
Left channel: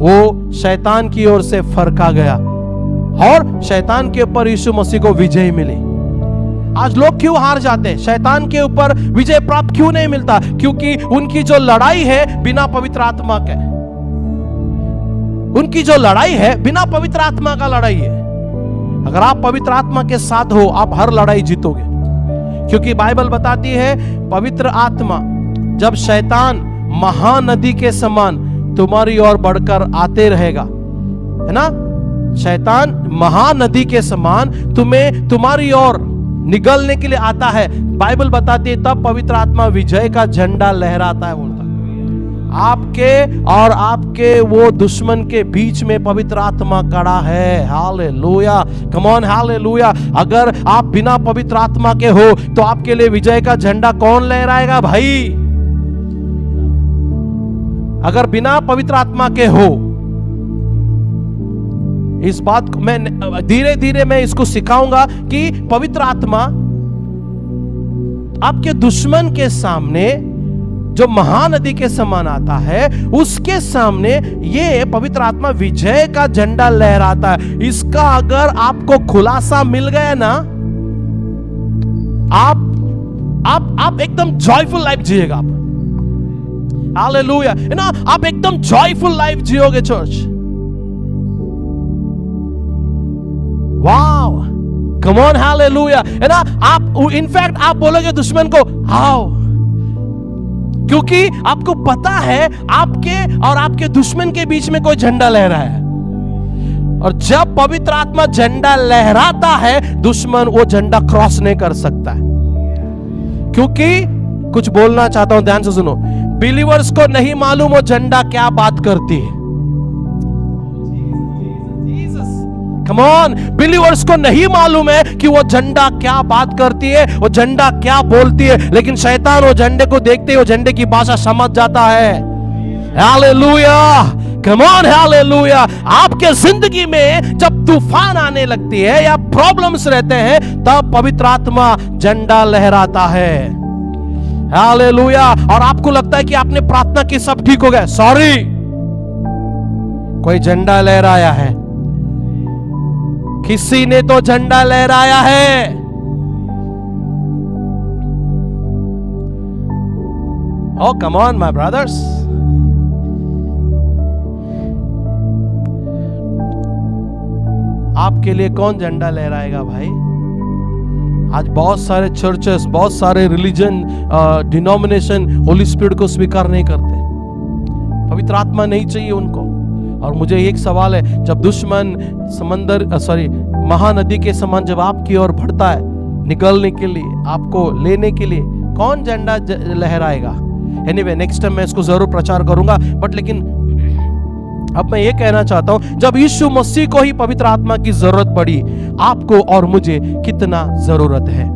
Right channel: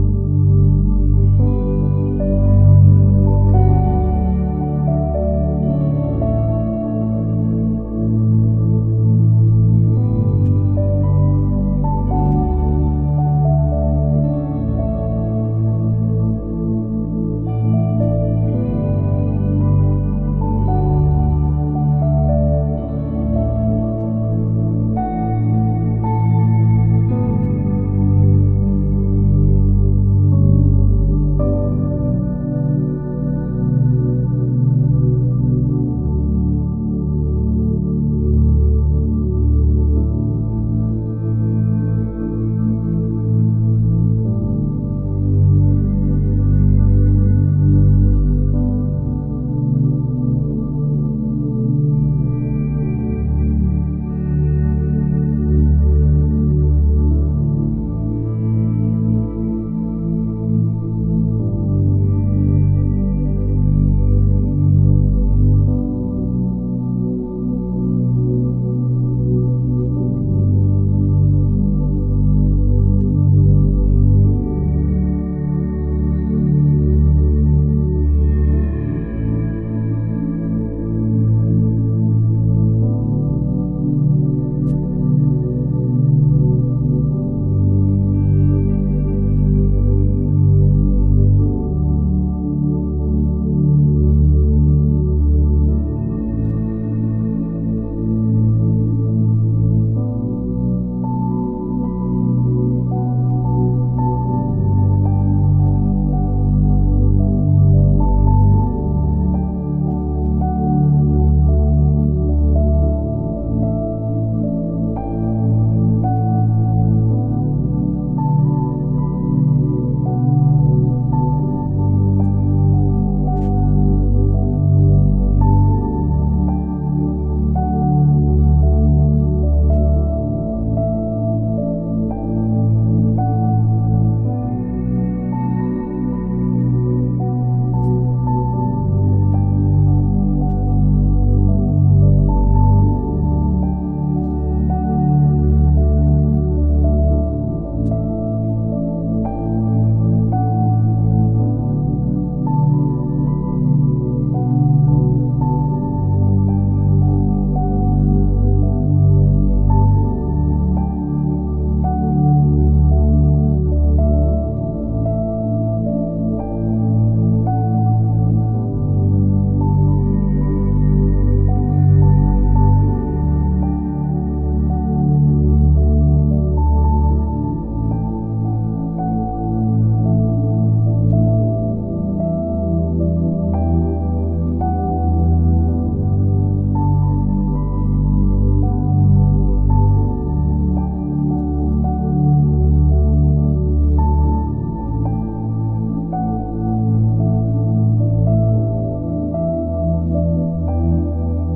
वो शैतान की ओर से फरका गया और शैतान के ऊपर यीशु मसीह को विजय मिली। आज लोग क्यों हार जाते हैं? शैतान के ऊपर विजय प्राप्त क्यों नहीं मिलता? क्योंकि उनकी जो लड़ाई है बिना पवित्र आत्मा के, उनकी जो लड़ाई है बिना पवित्र आत्मा का लड़ाई है। अगर आप पवित्र आत्मा के साथ हो, आप हर लड़ाई जीतोगे, क्योंकि बाइबल बताती है पवित्र आत्मा, जब शैतान महानदी के समान तुम्हारी ओर बढ़कर आते रहेगा, है ना, शैतान महानदी के समान तुम्हें तुम्हारी ओर निगलने के लिए आता है, बाइबल बताती है तब पवित्र आत्मा विजय का झंडा लहराता है। बोलता आपके और आपके वो दुश्मन के बीच में पवित्र आत्मा खड़ा है। Hallelujah, come on, hallelujah. अगर आप बिना पवित्र आत्मा के हो तो आपके लिए विजय का झंडा कौन लहराएगा भाई? अगर बिना पवित्र आत्मा के हो, इस बात को मैं धीरे धीरे मैं इसको सिखाऊंगा कि पवित्र आत्मा आपके दुश्मन के सामने जो महानदी के समान आता है, उसके सामने ये पवित्र आत्मा विजय का झंडा लहराता है। इसका अगर आपको खुलासा मिल गया ना, आप एकदम जॉयफुल लाइफ जिएगा। आप हालेलुया, है ना, आप एकदम जॉयफुल लाइफ जियोगे church. Wow, come on, hallelujah, है ना। आप इनफैक्ट आप बोलोगे दुश्मन को आओ, क्योंकि आपको पता है आपके और आपके दुश्मन के बीच में कोई झंडा लहरा है। और जब पवित्र आत्मा झंडा लहराता है, दुश्मन वो झंडा क्रॉस नहीं कर सकता है। क्योंकि कुछ बोलना चाहता हूं, ध्यान से सुनो। बिलीवर्स को नहीं मालूम वो झंडा क्या बात करती है। कम ऑन, बिलीवर्स को नहीं मालूम है कि वो झंडा क्या बात करती है, वो झंडा क्या बोलती है, लेकिन शैतान वो झंडे को देखते ही वो झंडे की भाषा समझ जाता है। Hallelujah, come on, hallelujah. आपके जिंदगी में जब तूफान आने लगती है या प्रॉब्लम्स रहते हैं, तब पवित्र आत्मा झंडा लहराता है। हालेलुया। और आपको लगता है कि आपने प्रार्थना की, सब ठीक हो गया, सॉरी, कोई झंडा लहराया है, किसी ने तो झंडा लहराया है। Oh, come on, my brothers. आपके लिए कौन झंडा लहराएगा भाई? आज बहुत सारे चर्चेस, बहुत सारे रिलीजन, डिनोमिनेशन होली स्पिरिट को स्वीकार नहीं करते। पवित्र आत्मा नहीं चाहिए उनको। और मुझे एक सवाल है, जब दुश्मन महानदी के समान जब आपकी ओर बढ़ता है निकलने के लिए, आपको लेने के लिए, कौन झंडा लहराएगा? एनीवे, नेक्स्ट टाइम मैं इसको जरूर प्रचार करूंगा। बट लेकिन अब मैं ये कहना चाहता हूं, जब यीशु मसीह को ही पवित्र आत्मा की जरूरत पड़ी, आपको और मुझे कितना जरूरत है?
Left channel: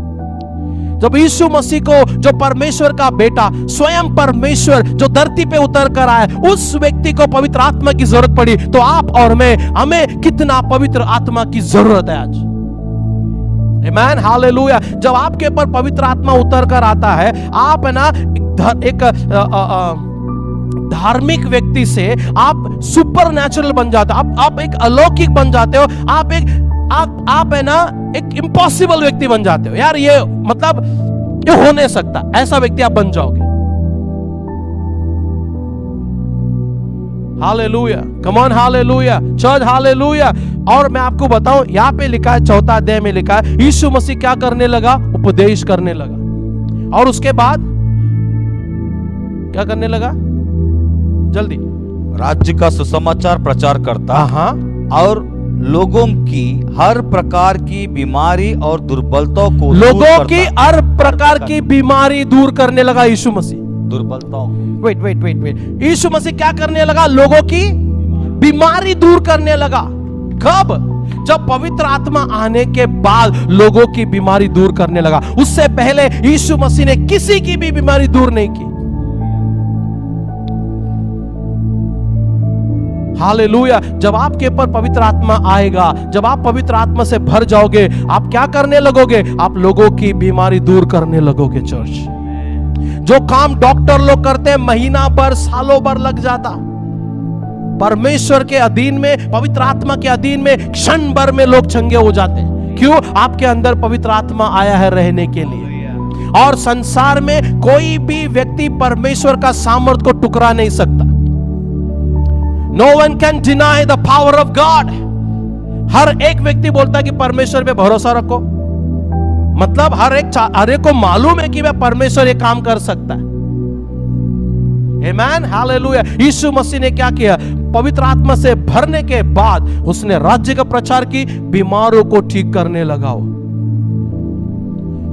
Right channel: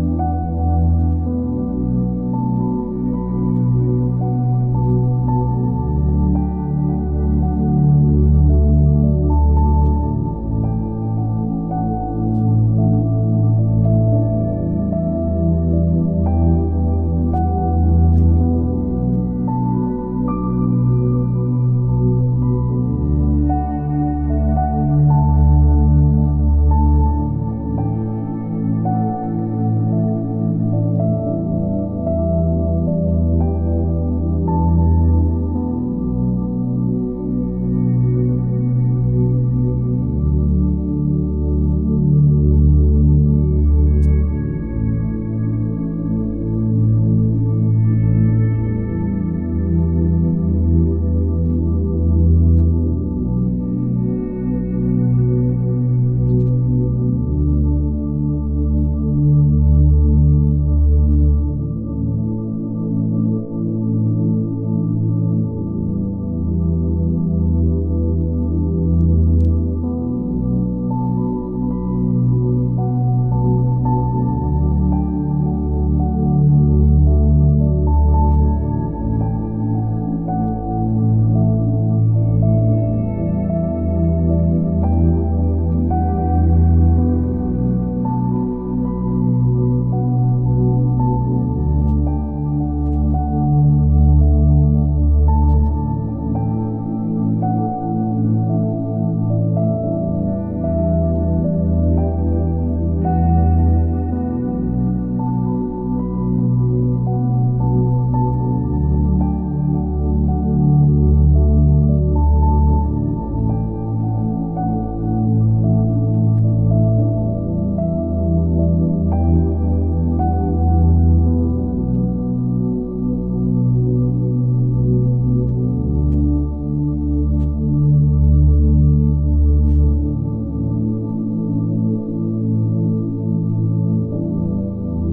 जब यीशु मसीह को, जो परमेश्वर का बेटा, स्वयं परमेश्वर जो धरती पे उतर कर आया, उस व्यक्ति को पवित्र आत्मा की जरूरत पड़ी, तो आप और मैं, हमें कितना पवित्र आत्मा की जरूरत है आज? आमीन, हालेलुया। जब आपके ऊपर पवित्र आत्मा उतर कर आता है, आप है ना एक धार्मिक व्यक्ति से आप सुपर नेचुरल बन जाते हो, आप एक अलौकिक बन जाते हो, आप है ना एक इम्पॉसिबल व्यक्ति बन जाते हो। यार ये मतलब ये हो नहीं सकता, ऐसा व्यक्ति आप बन जाओगे। Hallelujah, come on, hallelujah church, hallelujah. और मैं आपको बताऊं, यहाँ पे लिखा है, 4 अध्याय में लिखा है, यीशु मसीह क्या करने लगा? उपदेश करने लगा। और उसके बाद क्या करने लगा? जल्दी। राज्य का सुसमाचार प्रचार करता हाँ, और लोगों की हर प्रकार की बीमारी और दुर्बलताओं को लोगों की हर प्रकार की बीमारी दूर करने लगा यीशु मसीह। दुर्बलताओं, वेट, यीशु मसीह क्या करने लगा? लोगों की बीमारी दूर करने लगा। कब? जब पवित्र आत्मा आने के बाद लोगों की बीमारी दूर करने लगा। उससे पहले यीशु मसीह ने किसी की भी बीमारी दूर नहीं की। हालेलुया। जब आपके ऊपर पवित्र आत्मा आएगा, जब आप पवित्र आत्मा से भर जाओगे, आप क्या करने लगोगे? आप लोगों की बीमारी दूर करने लगोगे। चर्च, जो काम डॉक्टर लोग करते हैं महीना भर, सालों भर लग जाता, परमेश्वर के अधीन में, पवित्र आत्मा के अधीन में क्षण भर में लोग चंगे हो जाते हैं। क्यों? आपके अंदर पवित्र आत्मा आया है रहने के लिए। और संसार में कोई भी व्यक्ति परमेश्वर का सामर्थ को टुकरा नहीं सकता। No one can deny the power of God. हर एक व्यक्ति बोलता है कि परमेश्वर पे भरोसा रखो, मतलब हर एक को मालूम है कि वह परमेश्वर ये काम कर सकता है। आमेन, हालेलुया। यीशु मसीह ने क्या किया? पवित्र आत्मा से भरने के बाद उसने राज्य का प्रचार की, बीमारों को ठीक करने लगा।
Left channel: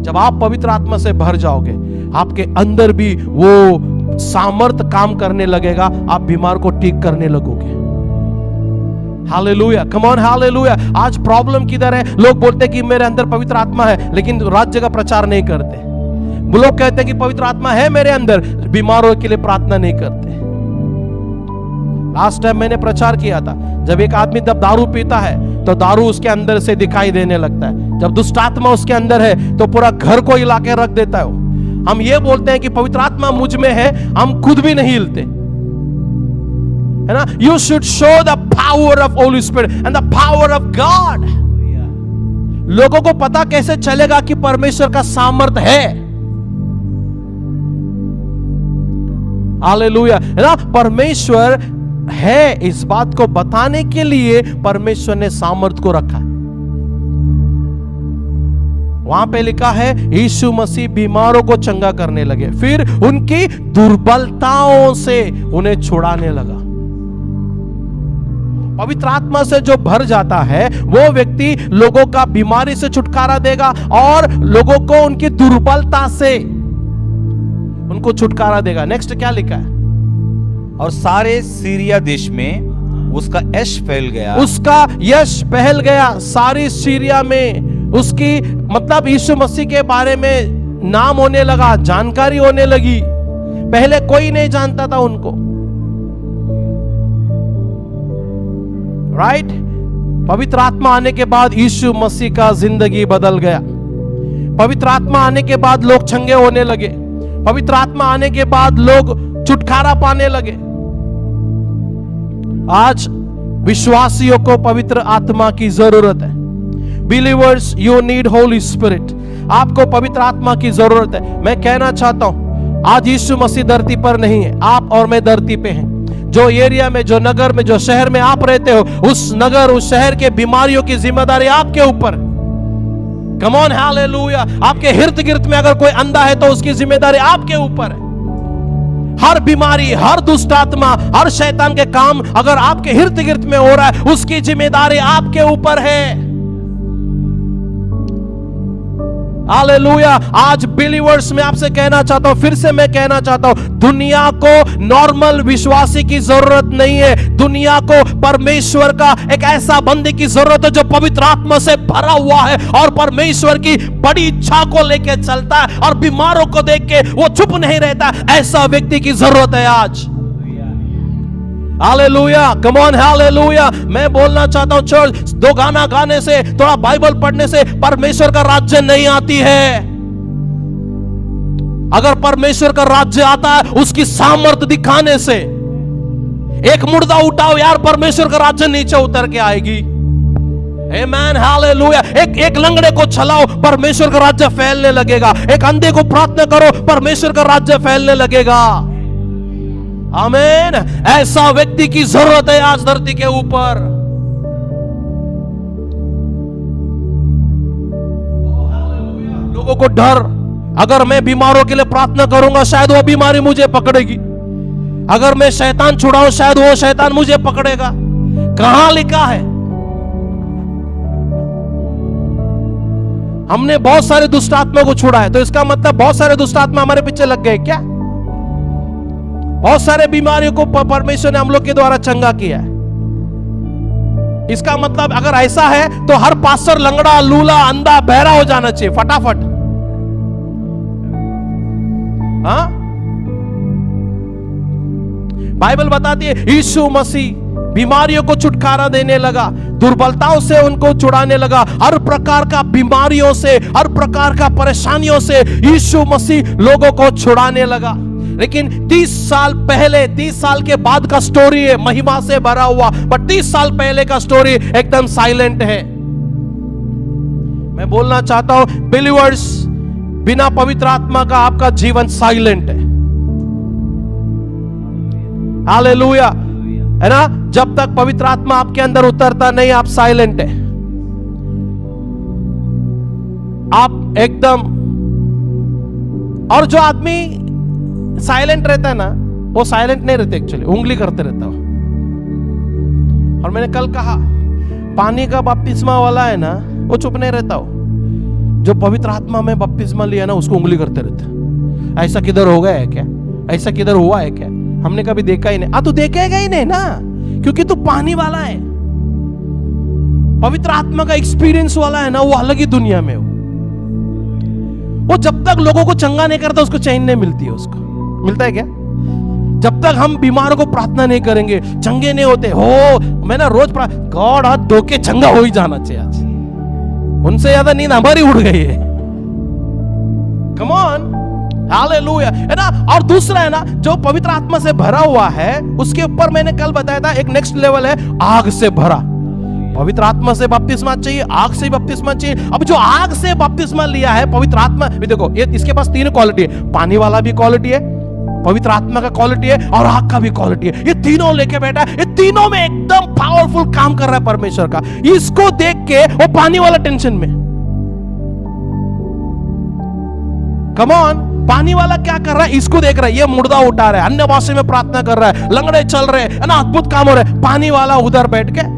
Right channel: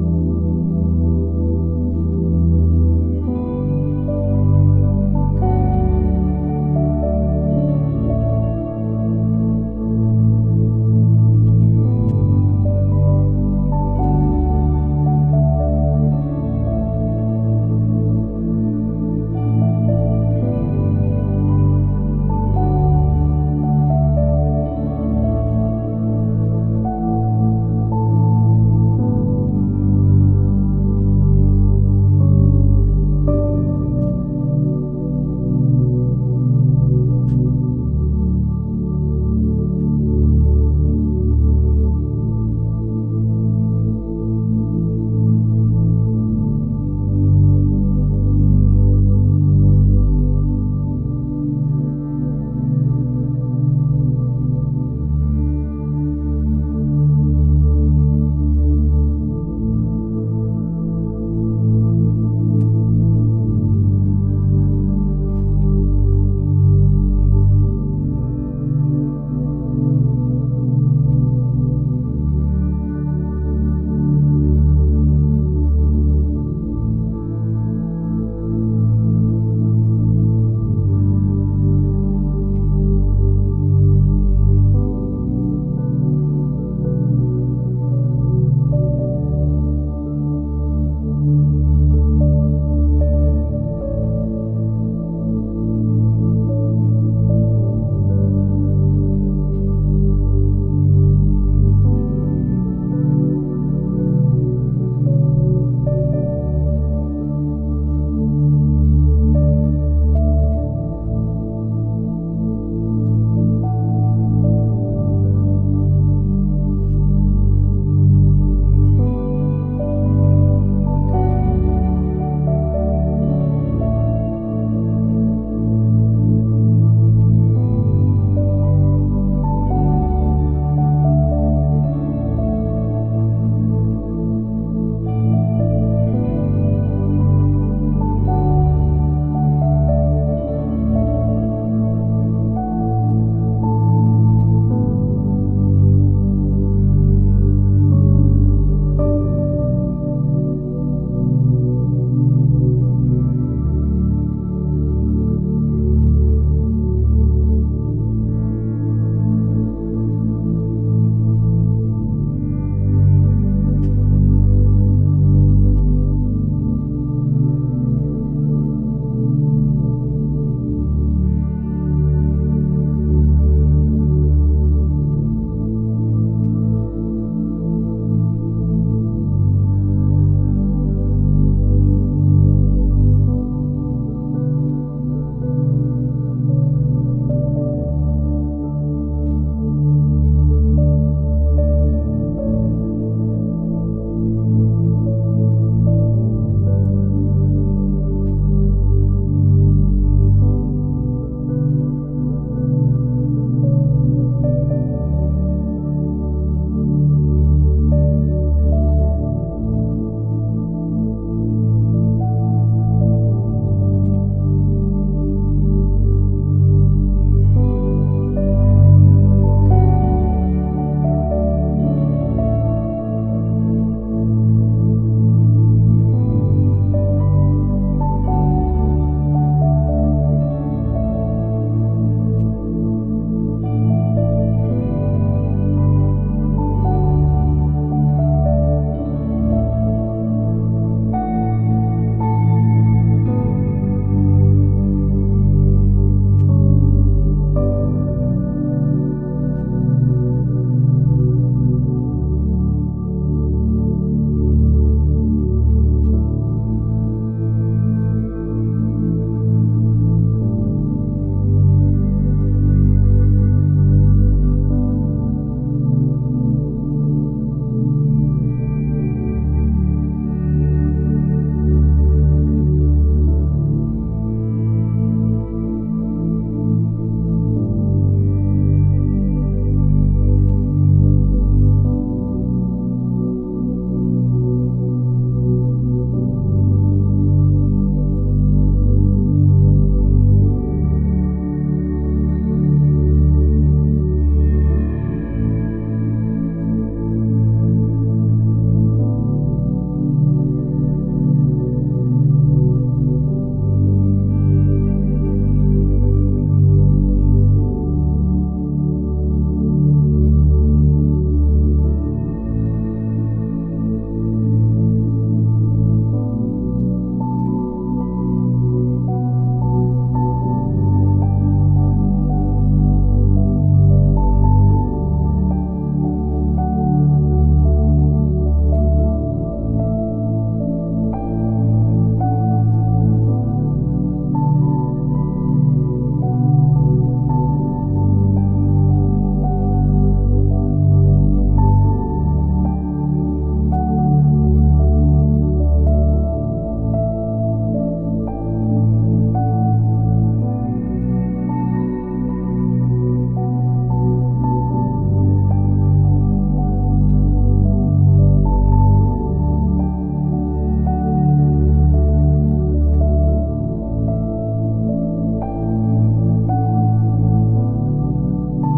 जब आप पवित्र आत्मा से भर जाओगे, आपके अंदर भी वो सामर्थ काम करने लगेगा, आप बीमार को ठीक करने लगोगे। Hallelujah, come on, hallelujah. आज प्रॉब्लम किधर है? लोग बोलते हैं कि मेरे अंदर पवित्र आत्मा है, लेकिन राज्य का प्रचार नहीं करते। वो लोग कहते हैं कि पवित्र आत्मा है मेरे अंदर, बीमारों के लिए प्रार्थना नहीं करते। लास्ट टाइम मैंने प्रचार किया था, जब एक आदमी जब दारू पीता है तो दारू उसके अंदर से दिखाई देने लगता है। जब दुष्ट आत्मा उसके अंदर है तो पूरा घर को हिला के रख देता है। हम ये बोलते हैं कि पवित्र आत्मा मुझ में है, हम खुद भी नहीं हिलते, है ना? You should show the power of Holi spirit and the power of God. लोगों को पता कैसे चलेगा कि परमेश्वर का सामर्थ है? हालेलुया, है ना? परमेश्वर है, इस बात को बताने के लिए परमेश्वर ने सामर्थ को रखा। वहां पे लिखा है यीशु मसीह बीमारों को चंगा करने लगे, फिर उनकी दुर्बलताओं से उन्हें छुड़ाने लगा। पवित्र आत्मा से जो भर जाता है वो व्यक्ति लोगों का बीमारी से छुटकारा देगा और लोगों को उनकी दुर्बलता से उनको छुटकारा देगा। नेक्स्ट क्या लिखा है? और सारे सीरिया देश में उसका यश फैल गया। उसका यश फैल गया सारी सीरिया में। उसकी मतलब यीशु मसीह के बारे में नाम होने लगा, जानकारी होने लगी। पहले कोई नहीं जानता था उनको, राइट? पवित्र आत्मा आने के बाद यीशु मसीह का जिंदगी बदल गया। पवित्र आत्मा आने के बाद लोग चंगे होने लगे। पवित्र आत्मा आने के बाद लोग छुटकारा पाने लगे। आज विश्वासियों को पवित्र आत्मा की जरूरत है। Believers, you need Holi spirit. आपको पवित्र आत्मा की जरूरत है। मैं कहना चाहता हूं, आज यीशु मसीह धरती पर नहीं है, आप और मैं धरती पे हैं। जो एरिया में, जो नगर में, जो शहर में आप रहते हो, उस नगर, उस शहर के बीमारियों की जिम्मेदारी आपके ऊपर। कम ऑन, हालेलुया। आपके इर्द गिर्द में अगर कोई अंधा है तो उसकी जिम्मेदारी आपके ऊपर है। हर बीमारी, हर दुष्ट आत्मा, हर शैतान के काम अगर आपके इर्द गिर्द में हो रहा है, उसकी जिम्मेदारी आपके ऊपर है। हालेलुया। आज बिलीवर्स में आपसे कहना चाहता हूं, फिर से मैं कहना चाहता हूं, दुनिया को नॉर्मल विश्वासी की जरूरत नहीं है। दुनिया को परमेश्वर का एक ऐसा बंदे की जरूरत है जो पवित्र आत्मा से भरा हुआ है और परमेश्वर की बड़ी इच्छा को लेके चलता है और बीमारों को देख के वो चुप नहीं रहता। ऐसा व्यक्ति की जरूरत है आज। Hallelujah, come on, hallelujah. मैं बोलना चाहता हूं, चर्च, दो गाना गाने से, थोड़ा बाइबल पढ़ने से परमेश्वर का राज्य नहीं आती है। अगर परमेश्वर का राज्य आता है उसकी सामर्थ दिखाने से। एक मुर्दा उठाओ यार, परमेश्वर का राज्य नीचे उतर के आएगी। आमेन, हालेलुया। एक लंगड़े को चलाओ, परमेश्वर का राज्य फैलने लगेगा। एक अंधे को प्रार्थना करो, परमेश्वर का राज्य फैलने लगेगा। आमीन। ऐसा व्यक्ति की जरूरत है आज धरती के ऊपर। लोगों को डर, अगर मैं बीमारों के लिए प्रार्थना करूंगा शायद वो बीमारी मुझे पकड़ेगी, अगर मैं शैतान छुड़ाऊं शायद वो शैतान मुझे पकड़ेगा। कहां लिखा है? हमने बहुत सारे दुष्ट आत्मा को छुड़ा है, तो इसका मतलब बहुत सारे दुष्ट आत्मा हमारे पीछे लग गए क्या? बहुत सारे बीमारियों को परमेश्वर ने हम लोग के द्वारा चंगा किया है। इसका मतलब अगर ऐसा है तो हर पास्टर लंगड़ा, लूला, अंधा, बहरा हो जाना चाहिए फटाफट। हाँ, बाइबल बताती है यीशु मसीह बीमारियों को छुटकारा देने लगा, दुर्बलताओं से उनको छुड़ाने लगा, हर प्रकार का बीमारियों से, हर प्रकार का परेशानियों से यीशु मसीह लोगों को छुड़ाने लगा। लेकिन 30 साल पहले, 30 साल के बाद का स्टोरी है, महिमा से भरा हुआ, बट 30 साल पहले का स्टोरी एकदम साइलेंट है। मैं बोलना चाहता हूं बिलीवर्स, बिना पवित्र आत्मा का आपका जीवन साइलेंट है। हालेलुया, है ना? जब तक पवित्र आत्मा आपके अंदर उतरता नहीं, आप साइलेंट है, आप एकदम। और जो आदमी साइलेंट रहता है ना, वो साइलेंट नहीं रहते, एक्चुअली उंगली करते रहता है। और मैंने कल कहा, पानी का बपतिस्मा वाला है ना, वो चुप नहीं रहता हो। जो पवित्र आत्मा में बपतिस्मा लिया ना, उसको उंगली करते रहते। ऐसा किधर हो गया है क्या? ऐसा किधर हुआ है क्या? हमने कभी देखा ही नहीं। तू देखेगा ही नहीं ना, क्योंकि तू पानी वाला है। पवित्र आत्मा का एक्सपीरियंस वाला है ना, वो अलग ही दुनिया में वो जब तक लोगों को चंगा नहीं करता उसको चैन नहीं मिलती है। उसको मिलता है क्या? जब तक हम बीमारों को प्रार्थना नहीं करेंगे, चंगे नहीं होते हो। मैं ना रोज गॉड हाथ धो के चंगा हो ही जाना चाहिए। आज उनसे ज्यादा नींद हमारी उड़ गई है। कम ऑन, हालेलुया, है ना? और दूसरा है ना, जो पवित्र आत्मा से भरा हुआ है, उसके ऊपर मैंने कल बताया था एक नेक्स्ट लेवल है, आग से भरा। पवित्र आत्मा से बपतिस्मा चाहिए, आग से बपतिस्मा चाहिए। अब जो आग से बपतिस्मा लिया है पवित्र आत्मा, देखो ये इसके पास 3 क्वालिटी है। पानी वाला भी क्वालिटी है, पवित्र आत्मा का क्वालिटी है, और आग का भी क्वालिटी है। ये तीनों लेके बैठा है, ये तीनों में एकदम पावरफुल काम कर रहा है परमेश्वर का। इसको देख के वो पानी वाला टेंशन में। कम ऑन, पानी वाला क्या कर रहा है? इसको देख रहा है, ये मुर्दा उठा रहा है, अन्य भाषा में प्रार्थना कर रहा है, लंगड़े चल रहे हैं, है ना, अद्भुत काम हो रहा है। पानी वाला उधर बैठ के,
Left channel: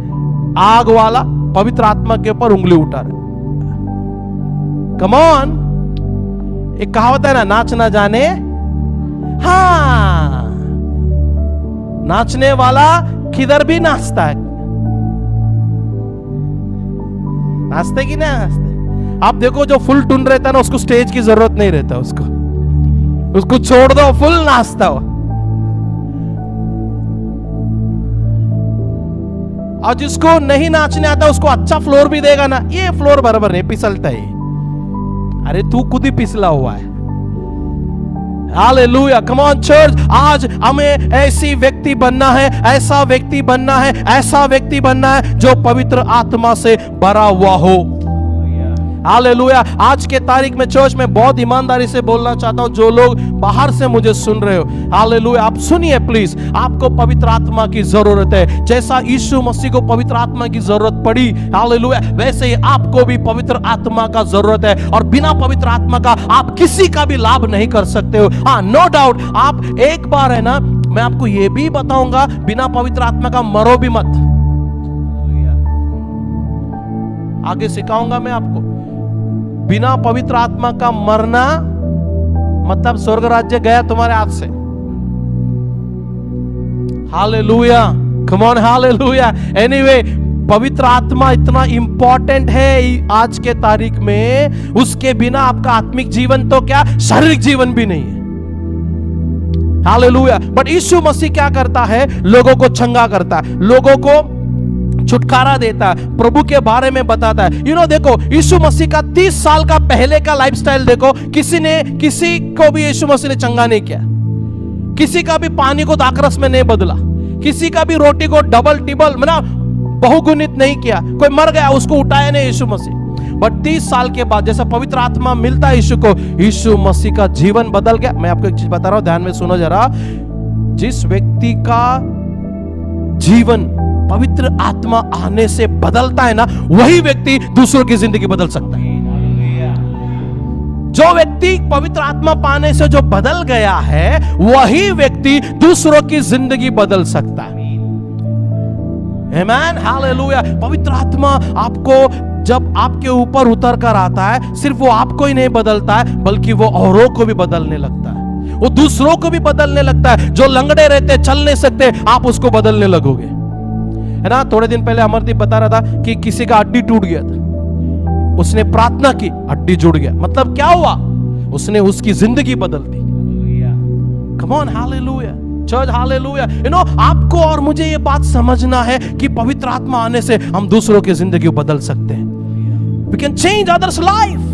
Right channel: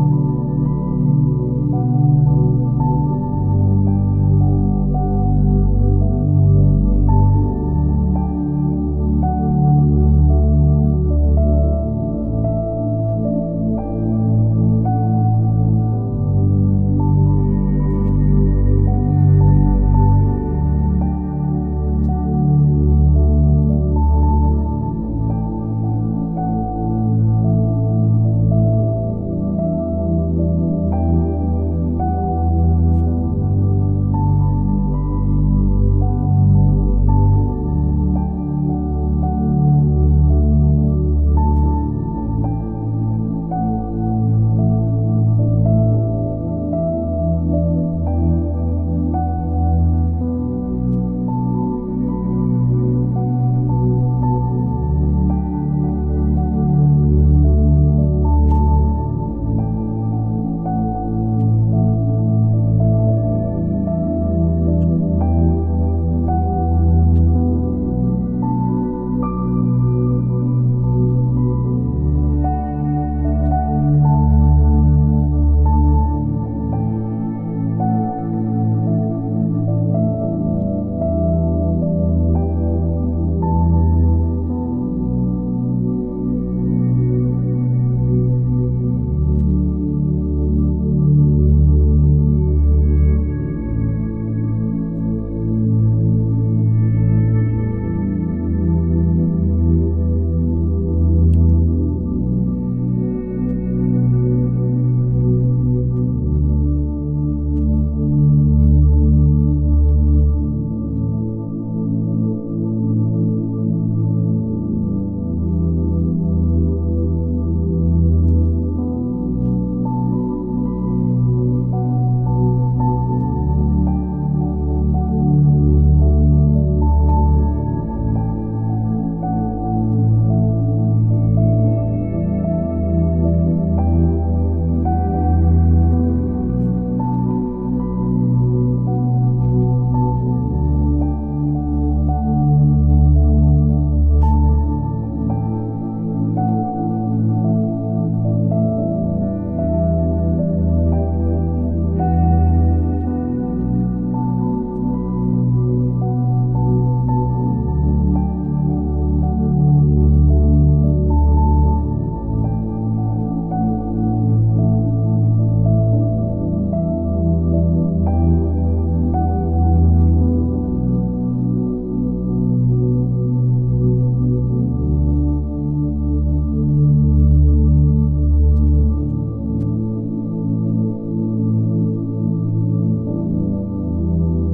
आग वाला पवित्र आत्मा के ऊपर उंगली उठा रहा है। कम ऑन, एक कहावत है ना, नाच ना जाने। हाँ, नाचने वाला किधर भी नाचता है। नाचते कि नहीं नाचते? आप देखो, जो फुल टून रहता है ना, उसको स्टेज की जरूरत नहीं रहता, उसको छोड़ दो, फुल नाचता हो। और जिसको नहीं नाचने आता उसको अच्छा फ्लोर भी देगा ना, ये फ्लोर बराबर नहीं फिसलता है। अरे तू खुद ही फिसला हुआ है। हालेलुया, कम ऑन चर्च, आज हमें ऐसी व्यक्ति बनना है, ऐसा व्यक्ति बनना है, ऐसा व्यक्ति बनना है जो पवित्र आत्मा से भरा हुआ हो। हालेलुया, आज के तारीख में चर्च में बहुत ईमानदारी से बोलना चाहता हूं, जो लोग बाहर से मुझे सुन रहे हो, हालेलुया, आप सुनिए प्लीज। आपको पवित्र आत्मा की जरूरत है। जैसा यीशु मसीह को पवित्र आत्मा की जरूरत पड़ी, हालेलुया, वैसे ही आपको भी पवित्र आत्मा का जरूरत है। और बिना पवित्र आत्मा का आप किसी का भी लाभ नहीं कर सकते हो। हाँ, नो डाउट, आप एक बार है ना, मैं आपको यह भी बताऊंगा, बिना पवित्र आत्मा का मरो भी मत। आगे सिखाऊंगा मैं आपको। बिना पवित्र आत्मा का मरना मतलब स्वर्ग राज्य गया तुम्हारे हाथ से। Hallelujah, come on, hallelujah. Anyway, पवित्र आत्मा इतना इंपॉर्टेंट है आज के तारीख में, उसके बिना आपका आत्मिक जीवन तो क्या, शारीरिक जीवन भी नहीं है। हालेलुया। बट यीशु मसीह क्या करता है? लोगों को चंगा करता है, लोगों को छुटकारा देता है, प्रभु के बारे में बताता है। देखो, यीशु मसीह का 30 साल का पहले का लाइफस्टाइल देखो। किसी को भी यीशु मसीह ने चंगा नहीं किया, किसी का भी पानी को दाखरस में नहीं बदला, किसी का भी रोटी को डबल टिबल बहुगुणित नहीं किया। कोई मर गया, उसको उठाया नहीं यीशु मसीह। बट 30 साल के बाद जैसा पवित्र आत्मा मिलता है यीशु को, यीशु मसीह का जीवन बदल गया। मैं आपको एक चीज बता रहा हूं, ध्यान में सुनो जरा। जिस व्यक्ति का जीवन पवित्र आत्मा आने से बदलता है ना, वही व्यक्ति दूसरों की जिंदगी बदल सकता है। जो व्यक्ति पवित्र आत्मा पाने से जो बदल गया है, वही व्यक्ति दूसरों की जिंदगी बदल सकता है। आमेन, हालेलुया। पवित्र आत्मा आपको जब आपके ऊपर उतर कर आता है, सिर्फ वो आपको ही नहीं बदलता है, बल्कि वो औरों को भी बदलने लगता है, वो दूसरों को भी बदलने लगता है। जो लंगड़े रहते, चल नहीं सकते, आप उसको बदलने लगोगे, है ना। थोड़े दिन पहले अमरदीप बता रहा था कि किसी का हड्डी टूट गया था, उसने प्रार्थना की, हड्डी जुड़ गया। मतलब क्या हुआ? उसने उसकी जिंदगी बदल दी। Come on, hallelujah church, hallelujah. You know, आपको और मुझे ये बात समझना है कि पवित्र आत्मा आने से हम दूसरों की जिंदगी को बदल सकते हैं। We can change others' life.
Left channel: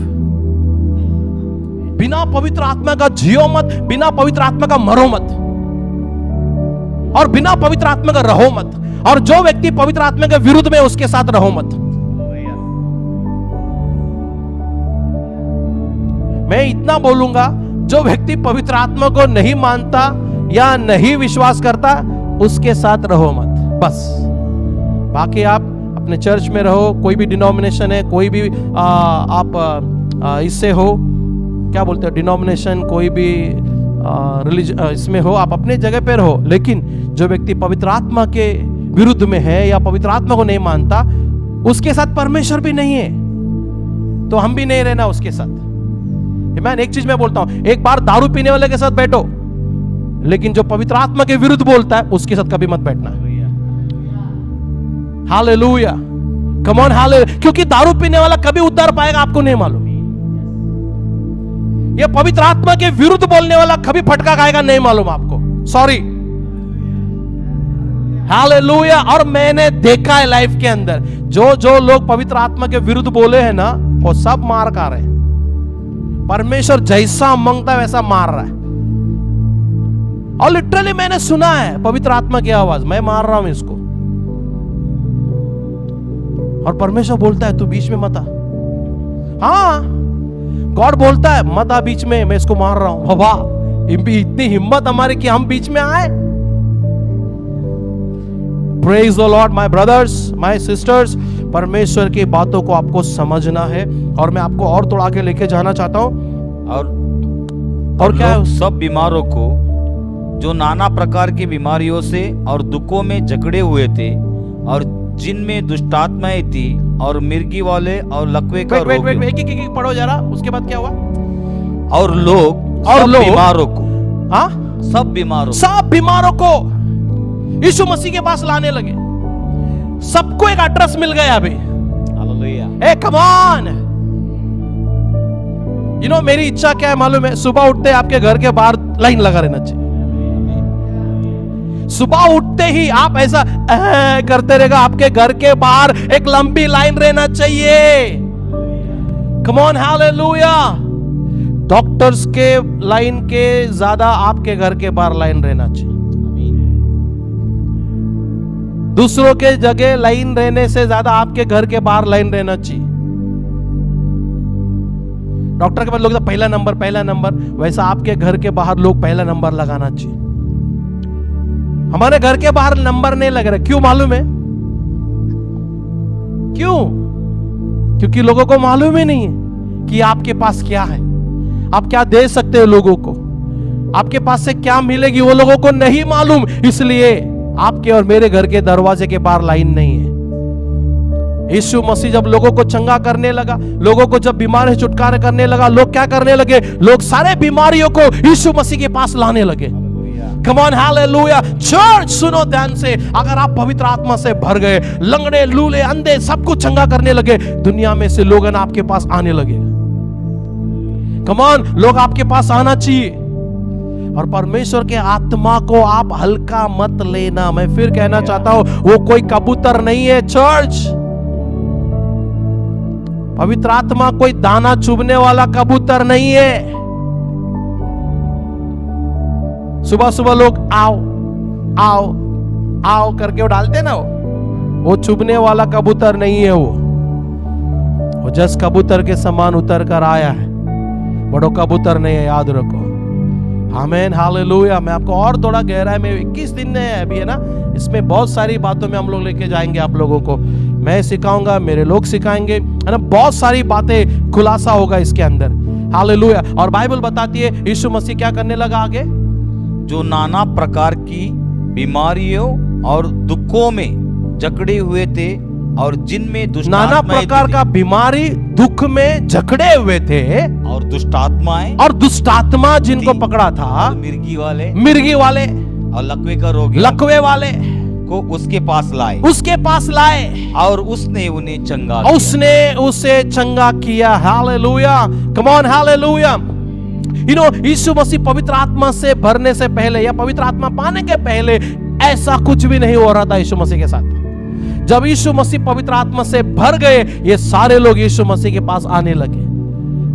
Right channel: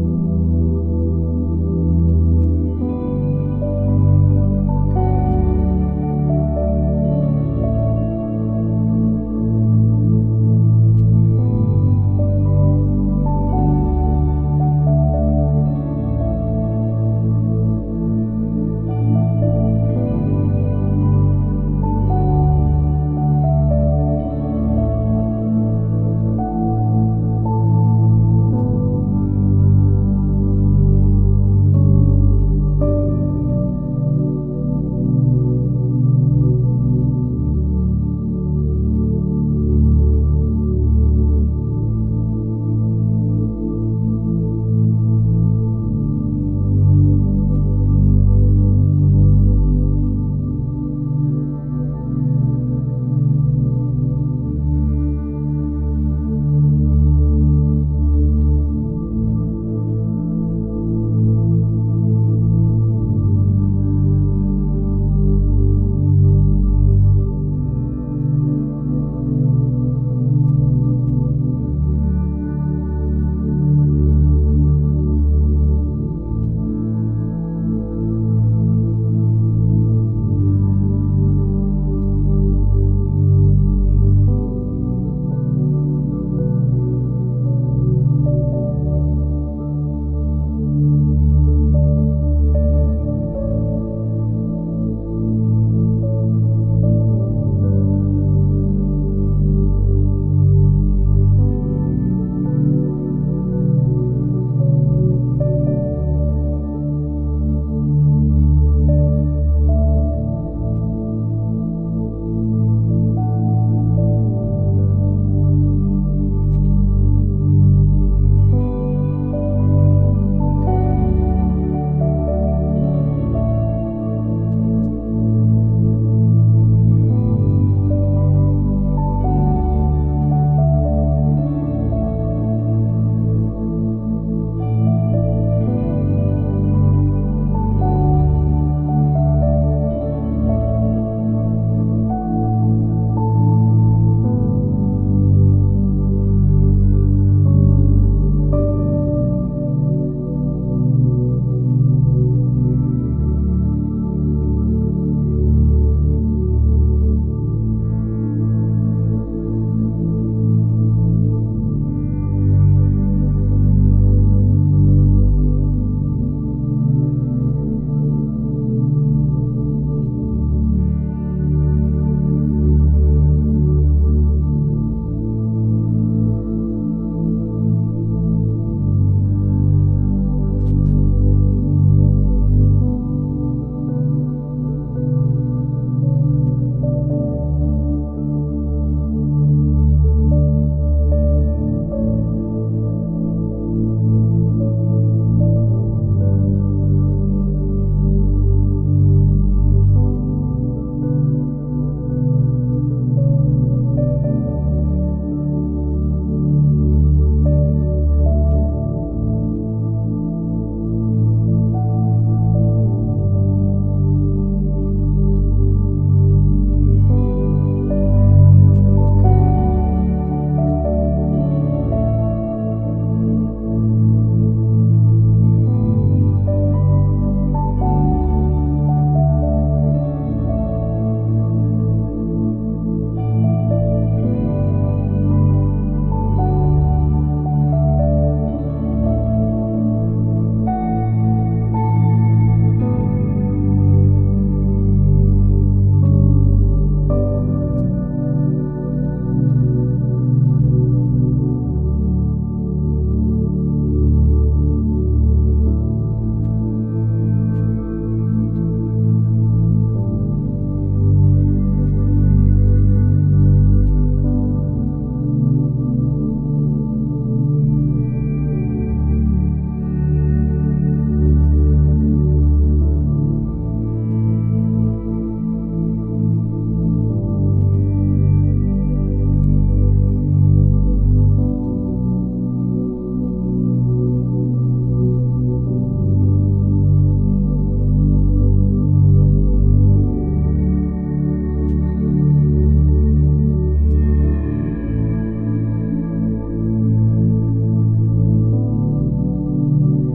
बिना पवित्र आत्मा का जियो मत, बिना पवित्र आत्मा का मरो मत, और बिना पवित्र आत्मा का रहो मत। और जो व्यक्ति पवित्र आत्मा के विरुद्ध में, उसके साथ रहो मत। मैं इतना बोलूंगा, जो व्यक्ति पवित्र आत्मा को नहीं मानता या नहीं विश्वास करता, उसके साथ रहो मत, बस। बाकी आप अपने चर्च में रहो, कोई भी डिनोमिनेशन है, कोई भी आप इससे हो, क्या बोलते हो, डिनोमिनेशन, कोई भी रिलीजन इसमें हो, आप अपने जगह पे रहो। लेकिन जो व्यक्ति पवित्र आत्मा के विरुद्ध में है या पवित्र आत्मा को नहीं मानता, उसके साथ परमेश्वर भी नहीं है, तो हम भी नहीं रहना उसके साथ। मैं एक चीज मैं बोलता हूं, एक बार दारू पीने वाले के साथ बैठो, लेकिन जो पवित्र आत्मा के विरुद्ध बोलता है, उसके साथ कभी मत बैठना। Hallelujah, come on, hallelujah. क्योंकि दारू पीने वाला कभी उद्धार पाएगा आपको नहीं मालूम। ये पवित्र आत्मा के विरुद्ध बोलने वाला कभी फटका खाएगा नहीं मालूम आपको, सॉरी। हालेलुया। और मैंने देखा है लाइफ के अंदर, जो लोग पवित्र आत्मा के विरुद्ध बोले हैं ना, वो सब मार खा रहे हैं। परमेश्वर जैसा मांगता है वैसा मार रहा है। और लिटरली मैंने सुना है पवित्र आत्मा की आवाज, मैं मार रहा हूं इसको, और परमेश्वर बोलता है तू बीच में मत आ। हाँ, गॉड बोलता है मत आ बीच में, मैं इसको मार रहा हूं। बाबा, इतनी हिम्मत हमारी कि हम बीच में आए। Praise the Lord my brothers, my sister's. परमेश्वर की बातों को आपको समझना है, और मैं आपको और थोड़ा आगे लेके जाना चाहता हूं। और क्या है, सब बीमारों को, जो नाना प्रकार की बीमारियों से और दुखों में जकड़े हुए थे, और जिनमें दुष्टात्माएं थी, और मिर्गी वाले और लकवे का रोग। एक पढ़ो जरा, उसके बाद क्या हुआ? और लोग बीमारों को, हाँ, सब बीमारों को यीशु मसीह के पास लाने लगे। सबको एक एड्रेस मिल गया अभी। Hallelujah, A come on. You no, मेरी इच्छा क्या है मालूम है? सुबह उठते आपके घर के बाहर लाइन लगा रहना चाहिए। सुबह उठते ही आप ऐसा करते रहेगा, आपके घर के बाहर एक लंबी लाइन रहना चाहिए। कम ऑन, हालेलुया। डॉक्टर्स के लाइन के ज्यादा आपके घर के बाहर लाइन रहना चाहिए। दूसरों के जगह लाइन रहने से ज्यादा आपके घर के बाहर लाइन रहना चाहिए। डॉक्टर के पास लोग पहला नंबर, वैसा आपके घर के बाहर लोग पहला नंबर लगाना चाहिए। हमारे घर के बाहर नंबर नहीं लग रहा, क्यों मालूम है? क्यों? क्योंकि लोगों को मालूम ही नहीं है कि आपके पास क्या है, आप क्या दे सकते हो लोगों को, आपके पास से क्या मिलेगी, वो लोगों को नहीं मालूम। इसलिए आपके और मेरे घर के दरवाजे के बाहर लाइन नहीं है। यीशु मसीह जब लोगों को चंगा करने लगा, लोगों को जब बीमार से छुटकारा करने लगा, लोग क्या करने लगे? लोग सारे बीमारियों को यीशु मसीह के पास लाने लगे। कम ऑन, हालेलुया। चर्च सुनो ध्यान से, अगर आप पवित्र आत्मा से भर गए, लंगड़े, लूले, अंधे सबको चंगा करने लगे, दुनिया में से लोग आपके पास आने लगे। कम ऑन, लोग आपके पास आना चाहिए। और परमेश्वर के आत्मा को आप हल्का मत लेना। मैं फिर कहना चाहता हूं, वो कोई कबूतर नहीं है चर्च। पवित्र आत्मा कोई दाना चुभने वाला कबूतर नहीं है। सुबह सुबह लोग आओ आओ आओ करके वो डालते ना, वो चुभने वाला कबूतर नहीं है। वो जस कबूतर के समान उतर कर आया है, बड़ो कबूतर नहीं है, याद रखो। आमेन, हालेलुया। मैं आपको और थोड़ा गहराई में 21 दिन है अभी, है ना, इसमें बहुत सारी बातों में हम लोग लेके जाएंगे आप लोगों को। मैं सिखाऊंगा, मेरे लोग सिखाएंगे, है ना, बहुत सारी बातें खुलासा होगा इसके अंदर। हालेलुया। और बाइबल बताती है यीशु मसीह क्या करने लगा आगे, जो नाना प्रकार की बीमारियों और दुखों में जकड़े हुए थे और जिनमें दुष्ट नाना प्रकार का बीमारी दुख में जकड़े हुए थे और दुष्ट आत्मा जिनको पकड़ा था, मिर्गी वाले और लकवे का रोगी, लकवे वाले को उसके पास लाए और उसने उन्हें चंगा किया। उसने उसे चंगा किया। Hallelujah, come on, hallelujah. You know, यीशु मसीह पवित्र आत्मा से भरने से पहले या पवित्र आत्मा पाने के पहले ऐसा कुछ भी नहीं हो रहा था यीशु मसीह के साथ। जब यीशु मसीह पवित्र आत्मा से भर गए, ये सारे लोग यीशु मसीह के पास आने लगे।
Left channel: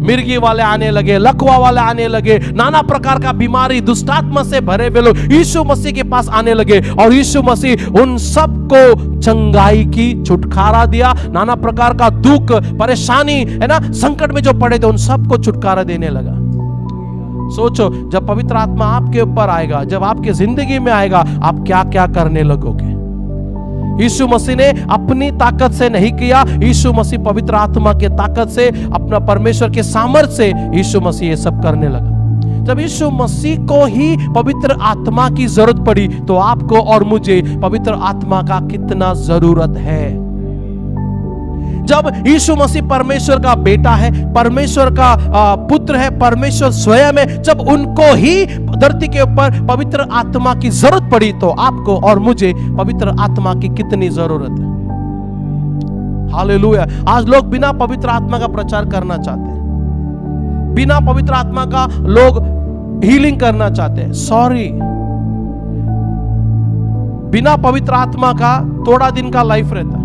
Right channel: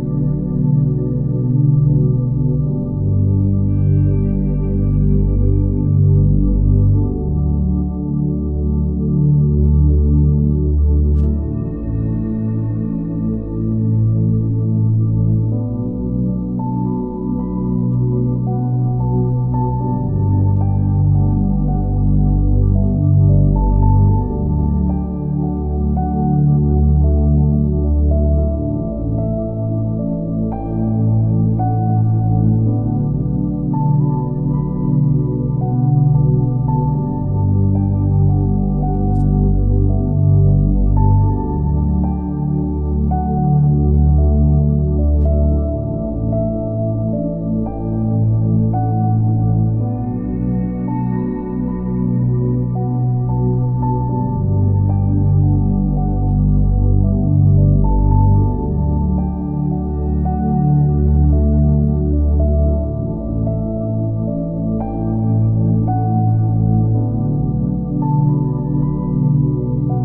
मिर्गी वाले आने लगे, लकवा वाले आने लगे, नाना प्रकार का बीमारी दुष्टात्मा से भरे हुए लोग यीशु मसीह के पास आने लगे और यीशु मसीह उन सबको चंगाई की, छुटकारा दिया। नाना प्रकार का दुख, परेशानी, है ना, संकट में जो पड़े थे उन सबको छुटकारा देने लगा। सोचो, जब पवित्र आत्मा आपके ऊपर आएगा, जब आपकी जिंदगी में आएगा, आप क्या क्या करने लगोगे। यीशु मसीह ने अपनी ताकत से नहीं किया, यीशु मसीह पवित्र आत्मा के ताकत से, अपना परमेश्वर के सामर्थ्य से यीशु मसीह ये सब करने लगा। जब यीशु मसीह को ही पवित्र आत्मा की जरूरत पड़ी, तो आपको और मुझे पवित्र आत्मा का कितना जरूरत है। जब यीशु मसीह परमेश्वर का बेटा है, परमेश्वर का पुत्र है, परमेश्वर स्वयं है, जब उनको ही धरती के ऊपर पवित्र आत्मा की जरूरत पड़ी, तो आपको और मुझे पवित्र आत्मा की कितनी जरूरत है। हालेलुया। आज लोग बिना पवित्र आत्मा का प्रचार करना चाहते हैं, बिना पवित्र आत्मा का लोग हीलिंग करना चाहते हैं। सॉरी, बिना पवित्र आत्मा का थोड़ा दिन का लाइफ रहता है।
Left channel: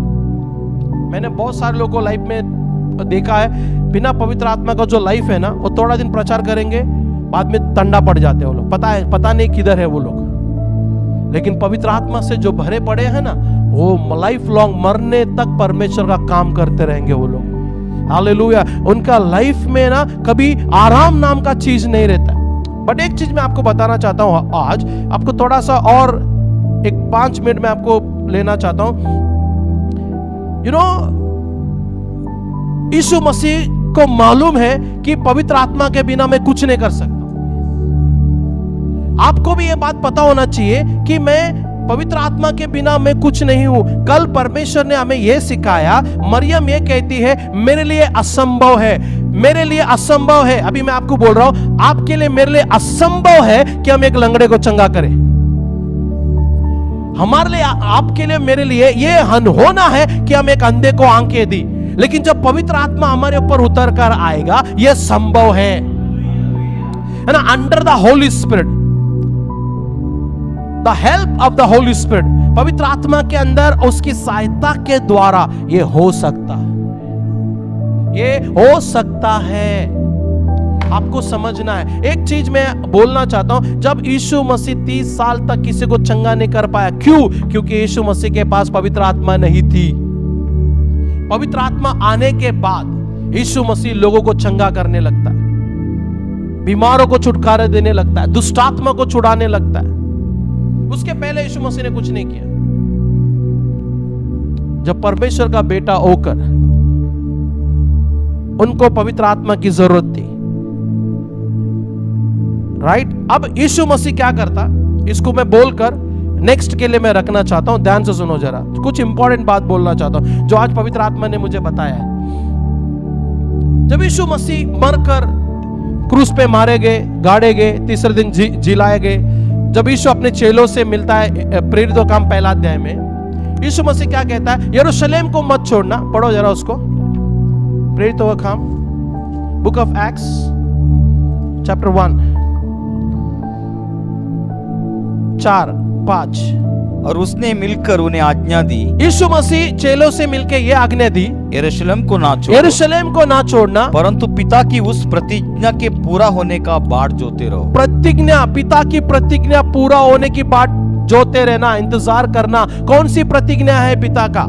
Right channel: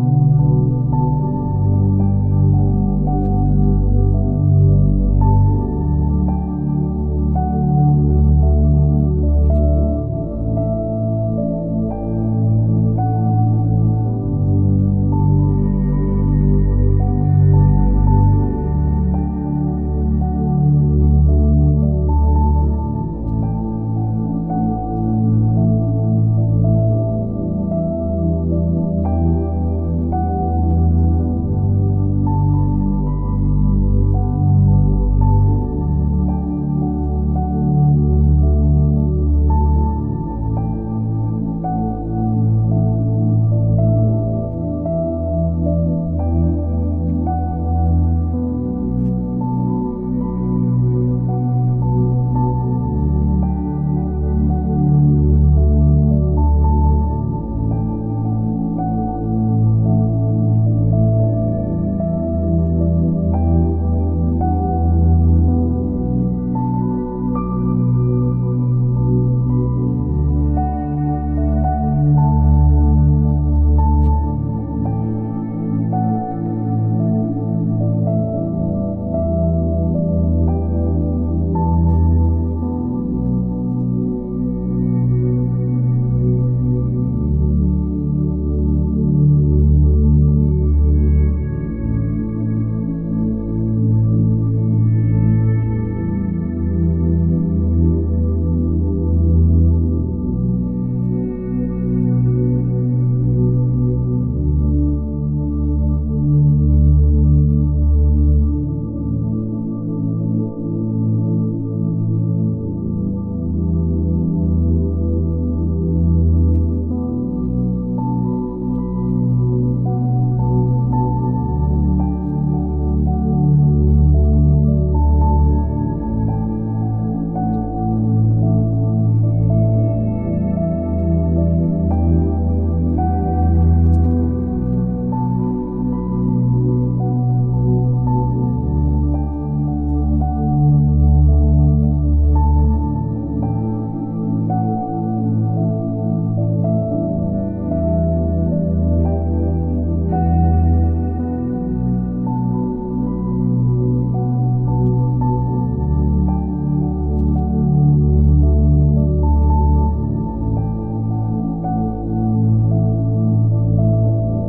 मैंने बहुत सारे लोगों को लाइफ में देखा है, बिना पवित्र आत्मा का जो लाइफ है ना, वो थोड़ा दिन प्रचार करेंगे, बाद में तंडा पड़ जाते हैं वो लोग। पता नहीं किधर है वो लोग। लेकिन पवित्र आत्मा से जो भरे पड़े हैं ना, वो लाइफ लॉन्ग, मरने तक परमेश्वर का काम करते रहेंगे वो लोग। हालेलुया। उनका लाइफ में ना कभी आराम नाम का चीज नहीं रहता। बट एक चीज मैं आपको बताना चाहता हूं, आज आपको थोड़ा सा और एक 5 मिनट में आपको लेना चाहता हूं। यू नो, यीशु मसीह को मालूम है कि पवित्र आत्मा के बिना मैं कुछ नहीं कर सकता। आपको भी ये बात पता होना चाहिए कि मैं पवित्र आत्मा के बिना मैं कुछ नहीं हूं। कल परमेश्वर ने हमें यह सिखाया, मरियम ये कहती है मेरे लिए असंभव है, मेरे लिए असंभव है। अभी मैं आपको बोल रहा हूं, आपके लिए, मेरे लिए असंभव है कि हम एक लंगड़े को चंगा करें। हमारे लिए, आपके लिए, मेरे लिए ये अनहोना है कि हम एक अंधे को आंखें दी। लेकिन जब पवित्र आत्मा हमारे ऊपर उतर कर आएगा, यह संभव है ना। Under the holy spirit, the help of the holy spirit, पवित्र आत्मा के अंदर उसकी सहायता के द्वारा ये हो सकता है, ये हो सकता है। आपको समझना है। एक चीज मैं बोलना चाहता हूं, जब यीशु मसीह 30 साल तक किसी को चंगा नहीं कर पाया, क्यों? क्योंकि यीशु मसीह के पास पवित्र आत्मा नहीं थी। पवित्र आत्मा आने के बाद यीशु मसीह लोगों को चंगा करने लगता है, बीमारों को छुटकारा देने लगता है, दुष्ट आत्मा को छुड़ाने लगता है। उसके पहले यीशु मसीह ने कुछ नहीं किया। जब परमेश्वर का बेटा होकर उनको पवित्र आत्मा की जरूरत थी, राइट? अब यीशु मसीह क्या करता, इसको मैं बोलकर नेक्स्ट के लिए मैं रखना चाहता हूं। ध्यान से सुनो जरा, कुछ इंपॉर्टेंट बात बोलना चाहता हूं जो आज पवित्र आत्मा ने मुझे बताया। जब यीशु मसीह मरकर क्रूस पे मारे गए, गाड़े गए, तीसरे दिन जिलाए गए, जब यीशु अपने चेलों से मिलता है प्रेरितों का काम पहला अध्याय में, यीशु मसीह क्या कहता है? यरूशलेम को मत छोड़ना। पढ़ो जरा उसको, प्रेरितों का काम, बुक ऑफ एक्ट्स चैप्टर 1 4-5। और उसने मिलकर उन्हें आज्ञा दी, यीशु मसीह चेलों से मिलकर यह आज्ञा दी, यरूशलेम को ना छोड़ना, परंतु पिता की उस प्रतिज्ञा के पूरा होने का बाट जोते रहो। प्रतिज्ञा, पिता की प्रतिज्ञा पूरा होने की बाट जोते रहना, इंतजार करना। कौन सी प्रतिज्ञा है पिता का?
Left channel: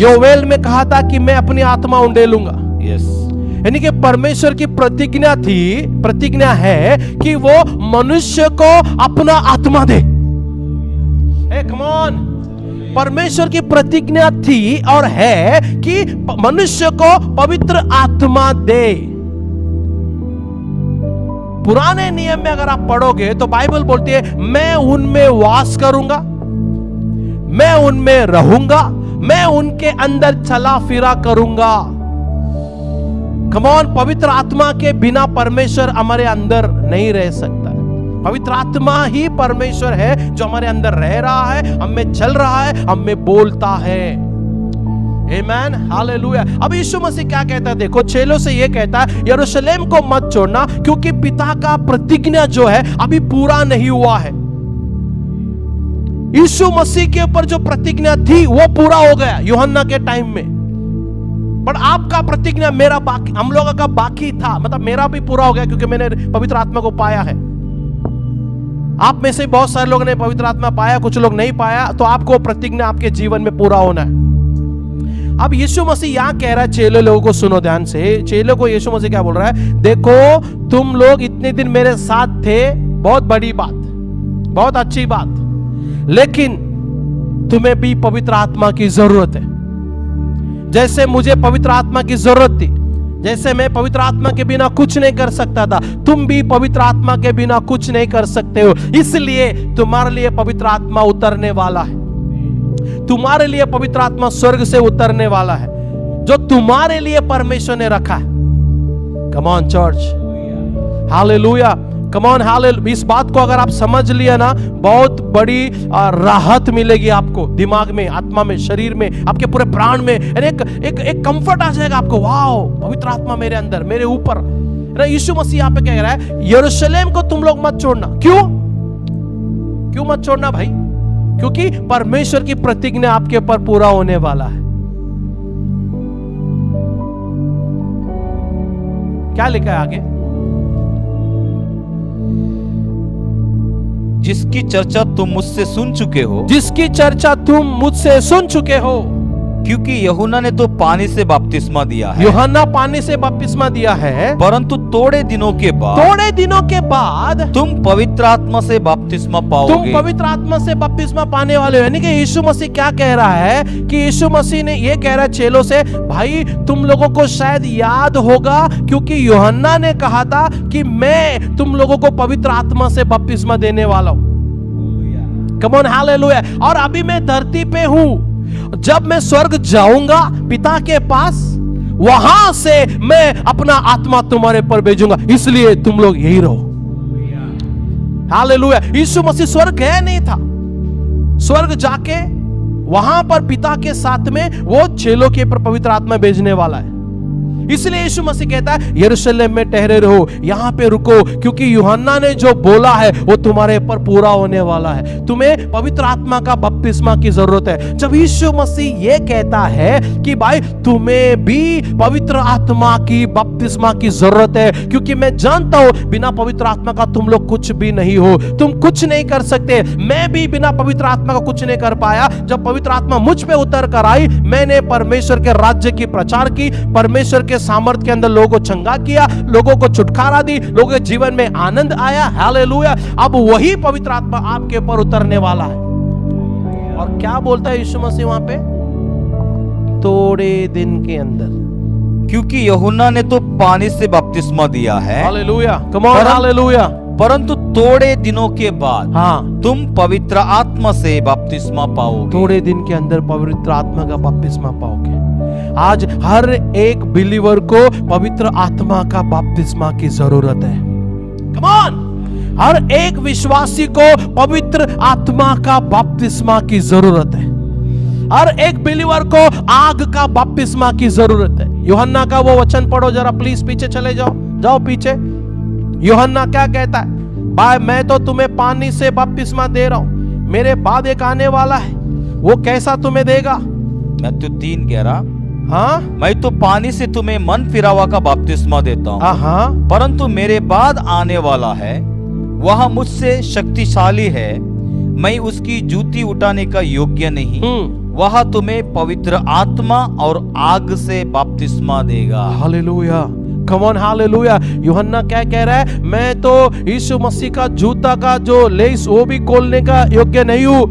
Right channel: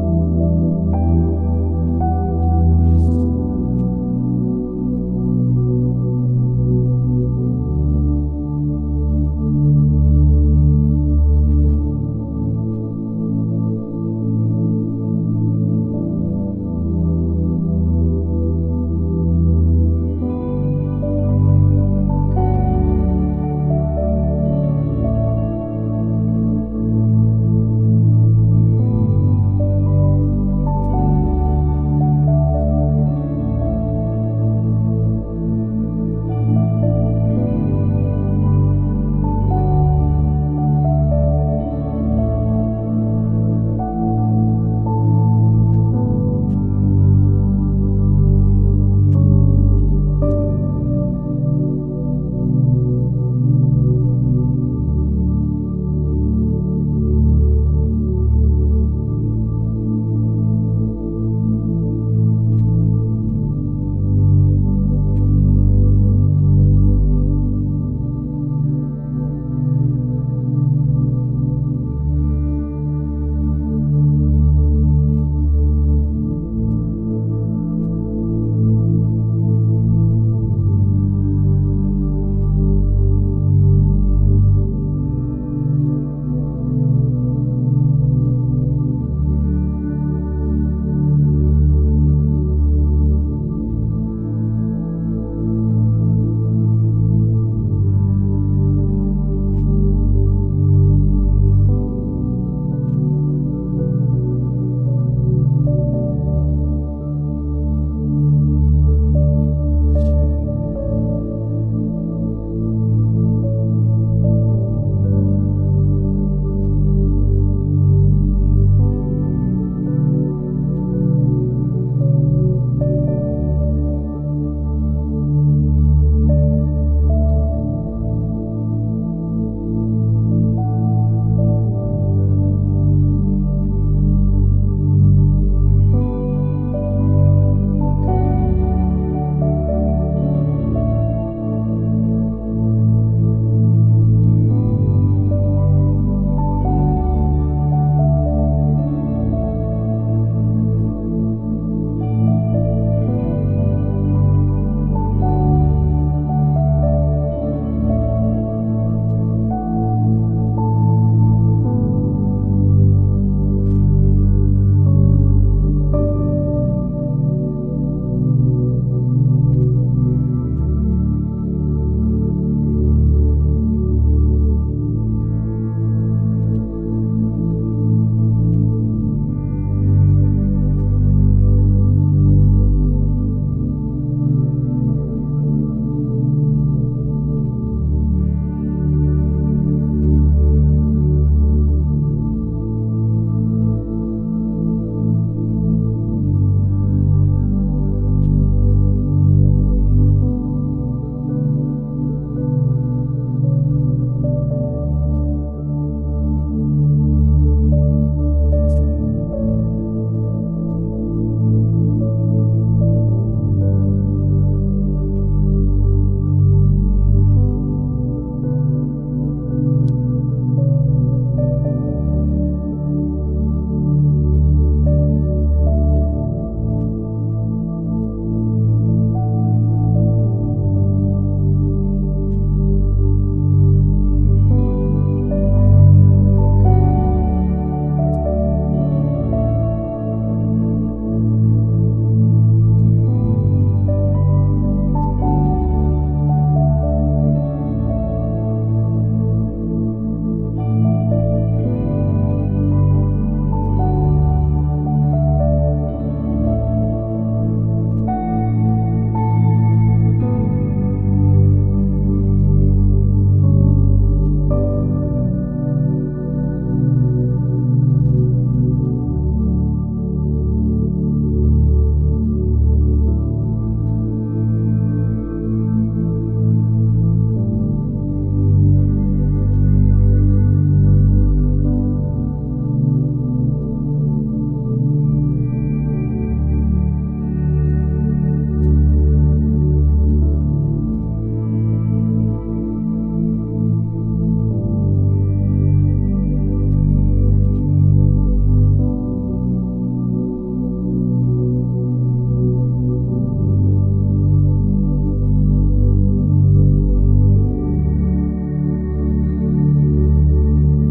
योवेल में कहा था कि मैं अपनी आत्मा उंडेलूंगा। यस। यानी कि परमेश्वर की प्रतिज्ञा है कि वो मनुष्य को अपना आत्मा दे। कम ऑन, परमेश्वर की प्रतिज्ञा थी और है कि मनुष्य को पवित्र आत्मा दे। पुराने नियम में अगर आप पढ़ोगे तो बाइबल बोलती है मैं उनमें वास करूंगा, मैं उनमें रहूंगा, मैं उनके अंदर चला फिरा करूंगा। कम ऑन, पवित्र आत्मा के बिना परमेश्वर हमारे अंदर नहीं रह सकता। पवित्र आत्मा ही परमेश्वर है जो हमारे अंदर रह रहा है, हम में चल रहा है, हम में बोलता है। आमेन, हालेलुया। अब यीशु मसीह क्या कहता है? देखो, चेलों से ये कहता है यरूशलेम को मत छोड़ना, क्योंकि पिता का प्रतिज्ञा जो है अभी पूरा नहीं हुआ है। यीशु मसीह के ऊपर जो प्रतिज्ञा थी वो पूरा हो गया यूहन्ना के टाइम में, पर आपका प्रतिज्ञा मेरा बाकी, हम लोगों का बाकी था। मतलब मेरा भी पूरा हो गया क्योंकि मैंने पवित्र आत्मा को पाया है। आप में से बहुत सारे लोगों ने पवित्र आत्मा पाया, कुछ लोग नहीं पाया, तो आपको प्रतिज्ञा आपके जीवन में पूरा होना है। अब यीशु मसीह यहां कह रहा है चेलों लोगों को, सुनो ध्यान से, चेलों को यीशु मसीह क्या बोल रहा है? देखो, तुम लोग इतने दिन मेरे साथ थे, बहुत बड़ी बात, बहुत अच्छी बात, लेकिन तुम्हें भी पवित्र आत्मा की जरूरत है। जैसे मुझे पवित्र आत्मा की जरूरत थी, जैसे मैं पवित्र आत्मा के बिना कुछ नहीं कर सकता था, तुम भी पवित्र आत्मा के बिना कुछ नहीं कर सकते हो। इसलिए तुम्हारे लिए पवित्र आत्मा उतरने वाला है। तुम्हारे लिए पवित्र आत्मा स्वर्ग से उतरने वाला है, जो तुम्हारे लिए परमेश्वर ने रखा है। Come on church, hallelujah, come on, hallelujah. इस बात को अगर आप समझ लिया ना, बहुत बड़ी राहत मिलेगी आपको, दिमाग में, आत्मा में, शरीर में, आपके पूरे प्राण में। एक कंफर्ट आ जाएगा आपको, वाओ, पवित्र आत्मा मेरे अंदर, मेरे ऊपर। यीशु मसीह यहाँ पे कह रहा है यरूशलेम को तुम लोग मत छोड़ना। क्यों मत छोड़ना भाई? क्योंकि परमेश्वर की प्रतिज्ञा आपके ऊपर पूरा होने वाला है। क्या लिखा है आगे? जिसकी चर्चा तुम मुझसे सुन चुके हो, जिसकी चर्चा तुम मुझसे सुन चुके हो, क्योंकि यूहन्ना ने तो पानी से बपतिस्मा दिया है, यूहन्ना पानी से बपतिस्मा दिया है, परंतु थोड़े दिनों के बाद तुम पवित्र आत्मा से बपतिस्मा पाओगे। तुम पवित्र आत्मा से बपतिस्मा पाने वाले हो। यानी कि यीशु मसीह क्या कह रहा है कि यीशु मसीह ने ये कह रहा है चेलों से, भाई तुम लोगों को शायद याद होगा, क्योंकि यूहन्ना ने कहा था कि मैं तुम लोगों को पवित्र आत्मा से बपतिस्मा देने वाला हूं। कम ऑन, हालेलुया। और अभी मैं धरती पे हूं, जब मैं स्वर्ग जाऊंगा पिता के पास, वहां से मैं अपना आत्मा तुम्हारे पर भेजूंगा, इसलिए तुम लोग यही रहो। हालेलुया। यीशु मसीह स्वर्ग गया नहीं था, स्वर्ग जाके वहां पर पिता के साथ में वो चेलों के ऊपर पवित्र आत्मा भेजने वाला है। इसलिए यीशु मसीह कहता है यरूशलेम में ठहरे रहो, यहां पे रुको, क्योंकि यूहन्ना ने जो बोला है वो तुम्हारे ऊपर पूरा होने वाला है। तुम्हें पवित्र आत्मा का बपतिस्मा की जरूरत है। जब यीशु मसीह ये कहता है कि भाई तुम्हें भी पवित्र आत्मा की बपतिस्मा की जरूरत है, क्योंकि मैं जानता हूं बिना पवित्र आत्मा का तुम लोग कुछ भी नहीं हो, तुम कुछ नहीं कर सकते। मैं भी बिना पवित्र आत्मा का कुछ नहीं कर पाया। जब पवित्र आत्मा मुझ पे उतर कर आई, मैंने परमेश्वर के राज्य की प्रचार की, परमेश्वर के सामर्थ के अंदर लोगों को चंगा किया, लोगों को छुटकारा दी, लोगों के जीवन में आनंद आया। हालेलुया। अब वही पवित्र आत्मा आपके ऊपर उतरने वाला है। और क्या बोलता है यीशु मसीह वहां पे? थोड़े दिन के अंदर, क्योंकि यूहन्ना ने तो पानी से बपतिस्मा दिया है, हालेलुया, कम ऑन, हालेलुया, परंतु थोड़े दिनों के बाद हाँ, तुम पवित्र आत्मा से बपतिस्मा पाओगे। थोड़े दिन के अंदर पवित्र आत्मा का बपतिस्मा पाओगे। आज हर एक बिलीवर को पवित्र आत्मा का बपतिस्मा की जरूरत है। कम ऑन, हर एक विश्वासी को पवित्र आत्मा का बपतिस्मा की जरूरत है। हर एक बिलीवर को आग का बपतिस्मा की जरूरत है। यूहन्ना का वो वचन पढ़ो जरा प्लीज, पीछे चले जाओ पीछे। यूहन्ना क्या कहता है? भाई मैं तो तुम्हें पानी से बपतिस्मा दे रहा हूं, मेरे बाद एक आने वाला है, वो कैसा तुम्हें देगा? मत्ती 3:11, हाँ, मैं तो पानी से तुम्हें मन फिरावा का बपतिस्मा देता हूँ, हाँ, परंतु मेरे बाद आने वाला है, वह मुझसे शक्तिशाली है, मैं उसकी जूती उठाने का योग्य नहीं, वह तुम्हें पवित्र आत्मा और आग से बपतिस्मा देगा। हालेलुया। Come on, hallelujah. यूहन्ना क्या कह रहा है? मैं तो यीशु मसीह का जूता का जो लेस वो भी खोलने का योग्य नहीं हूं।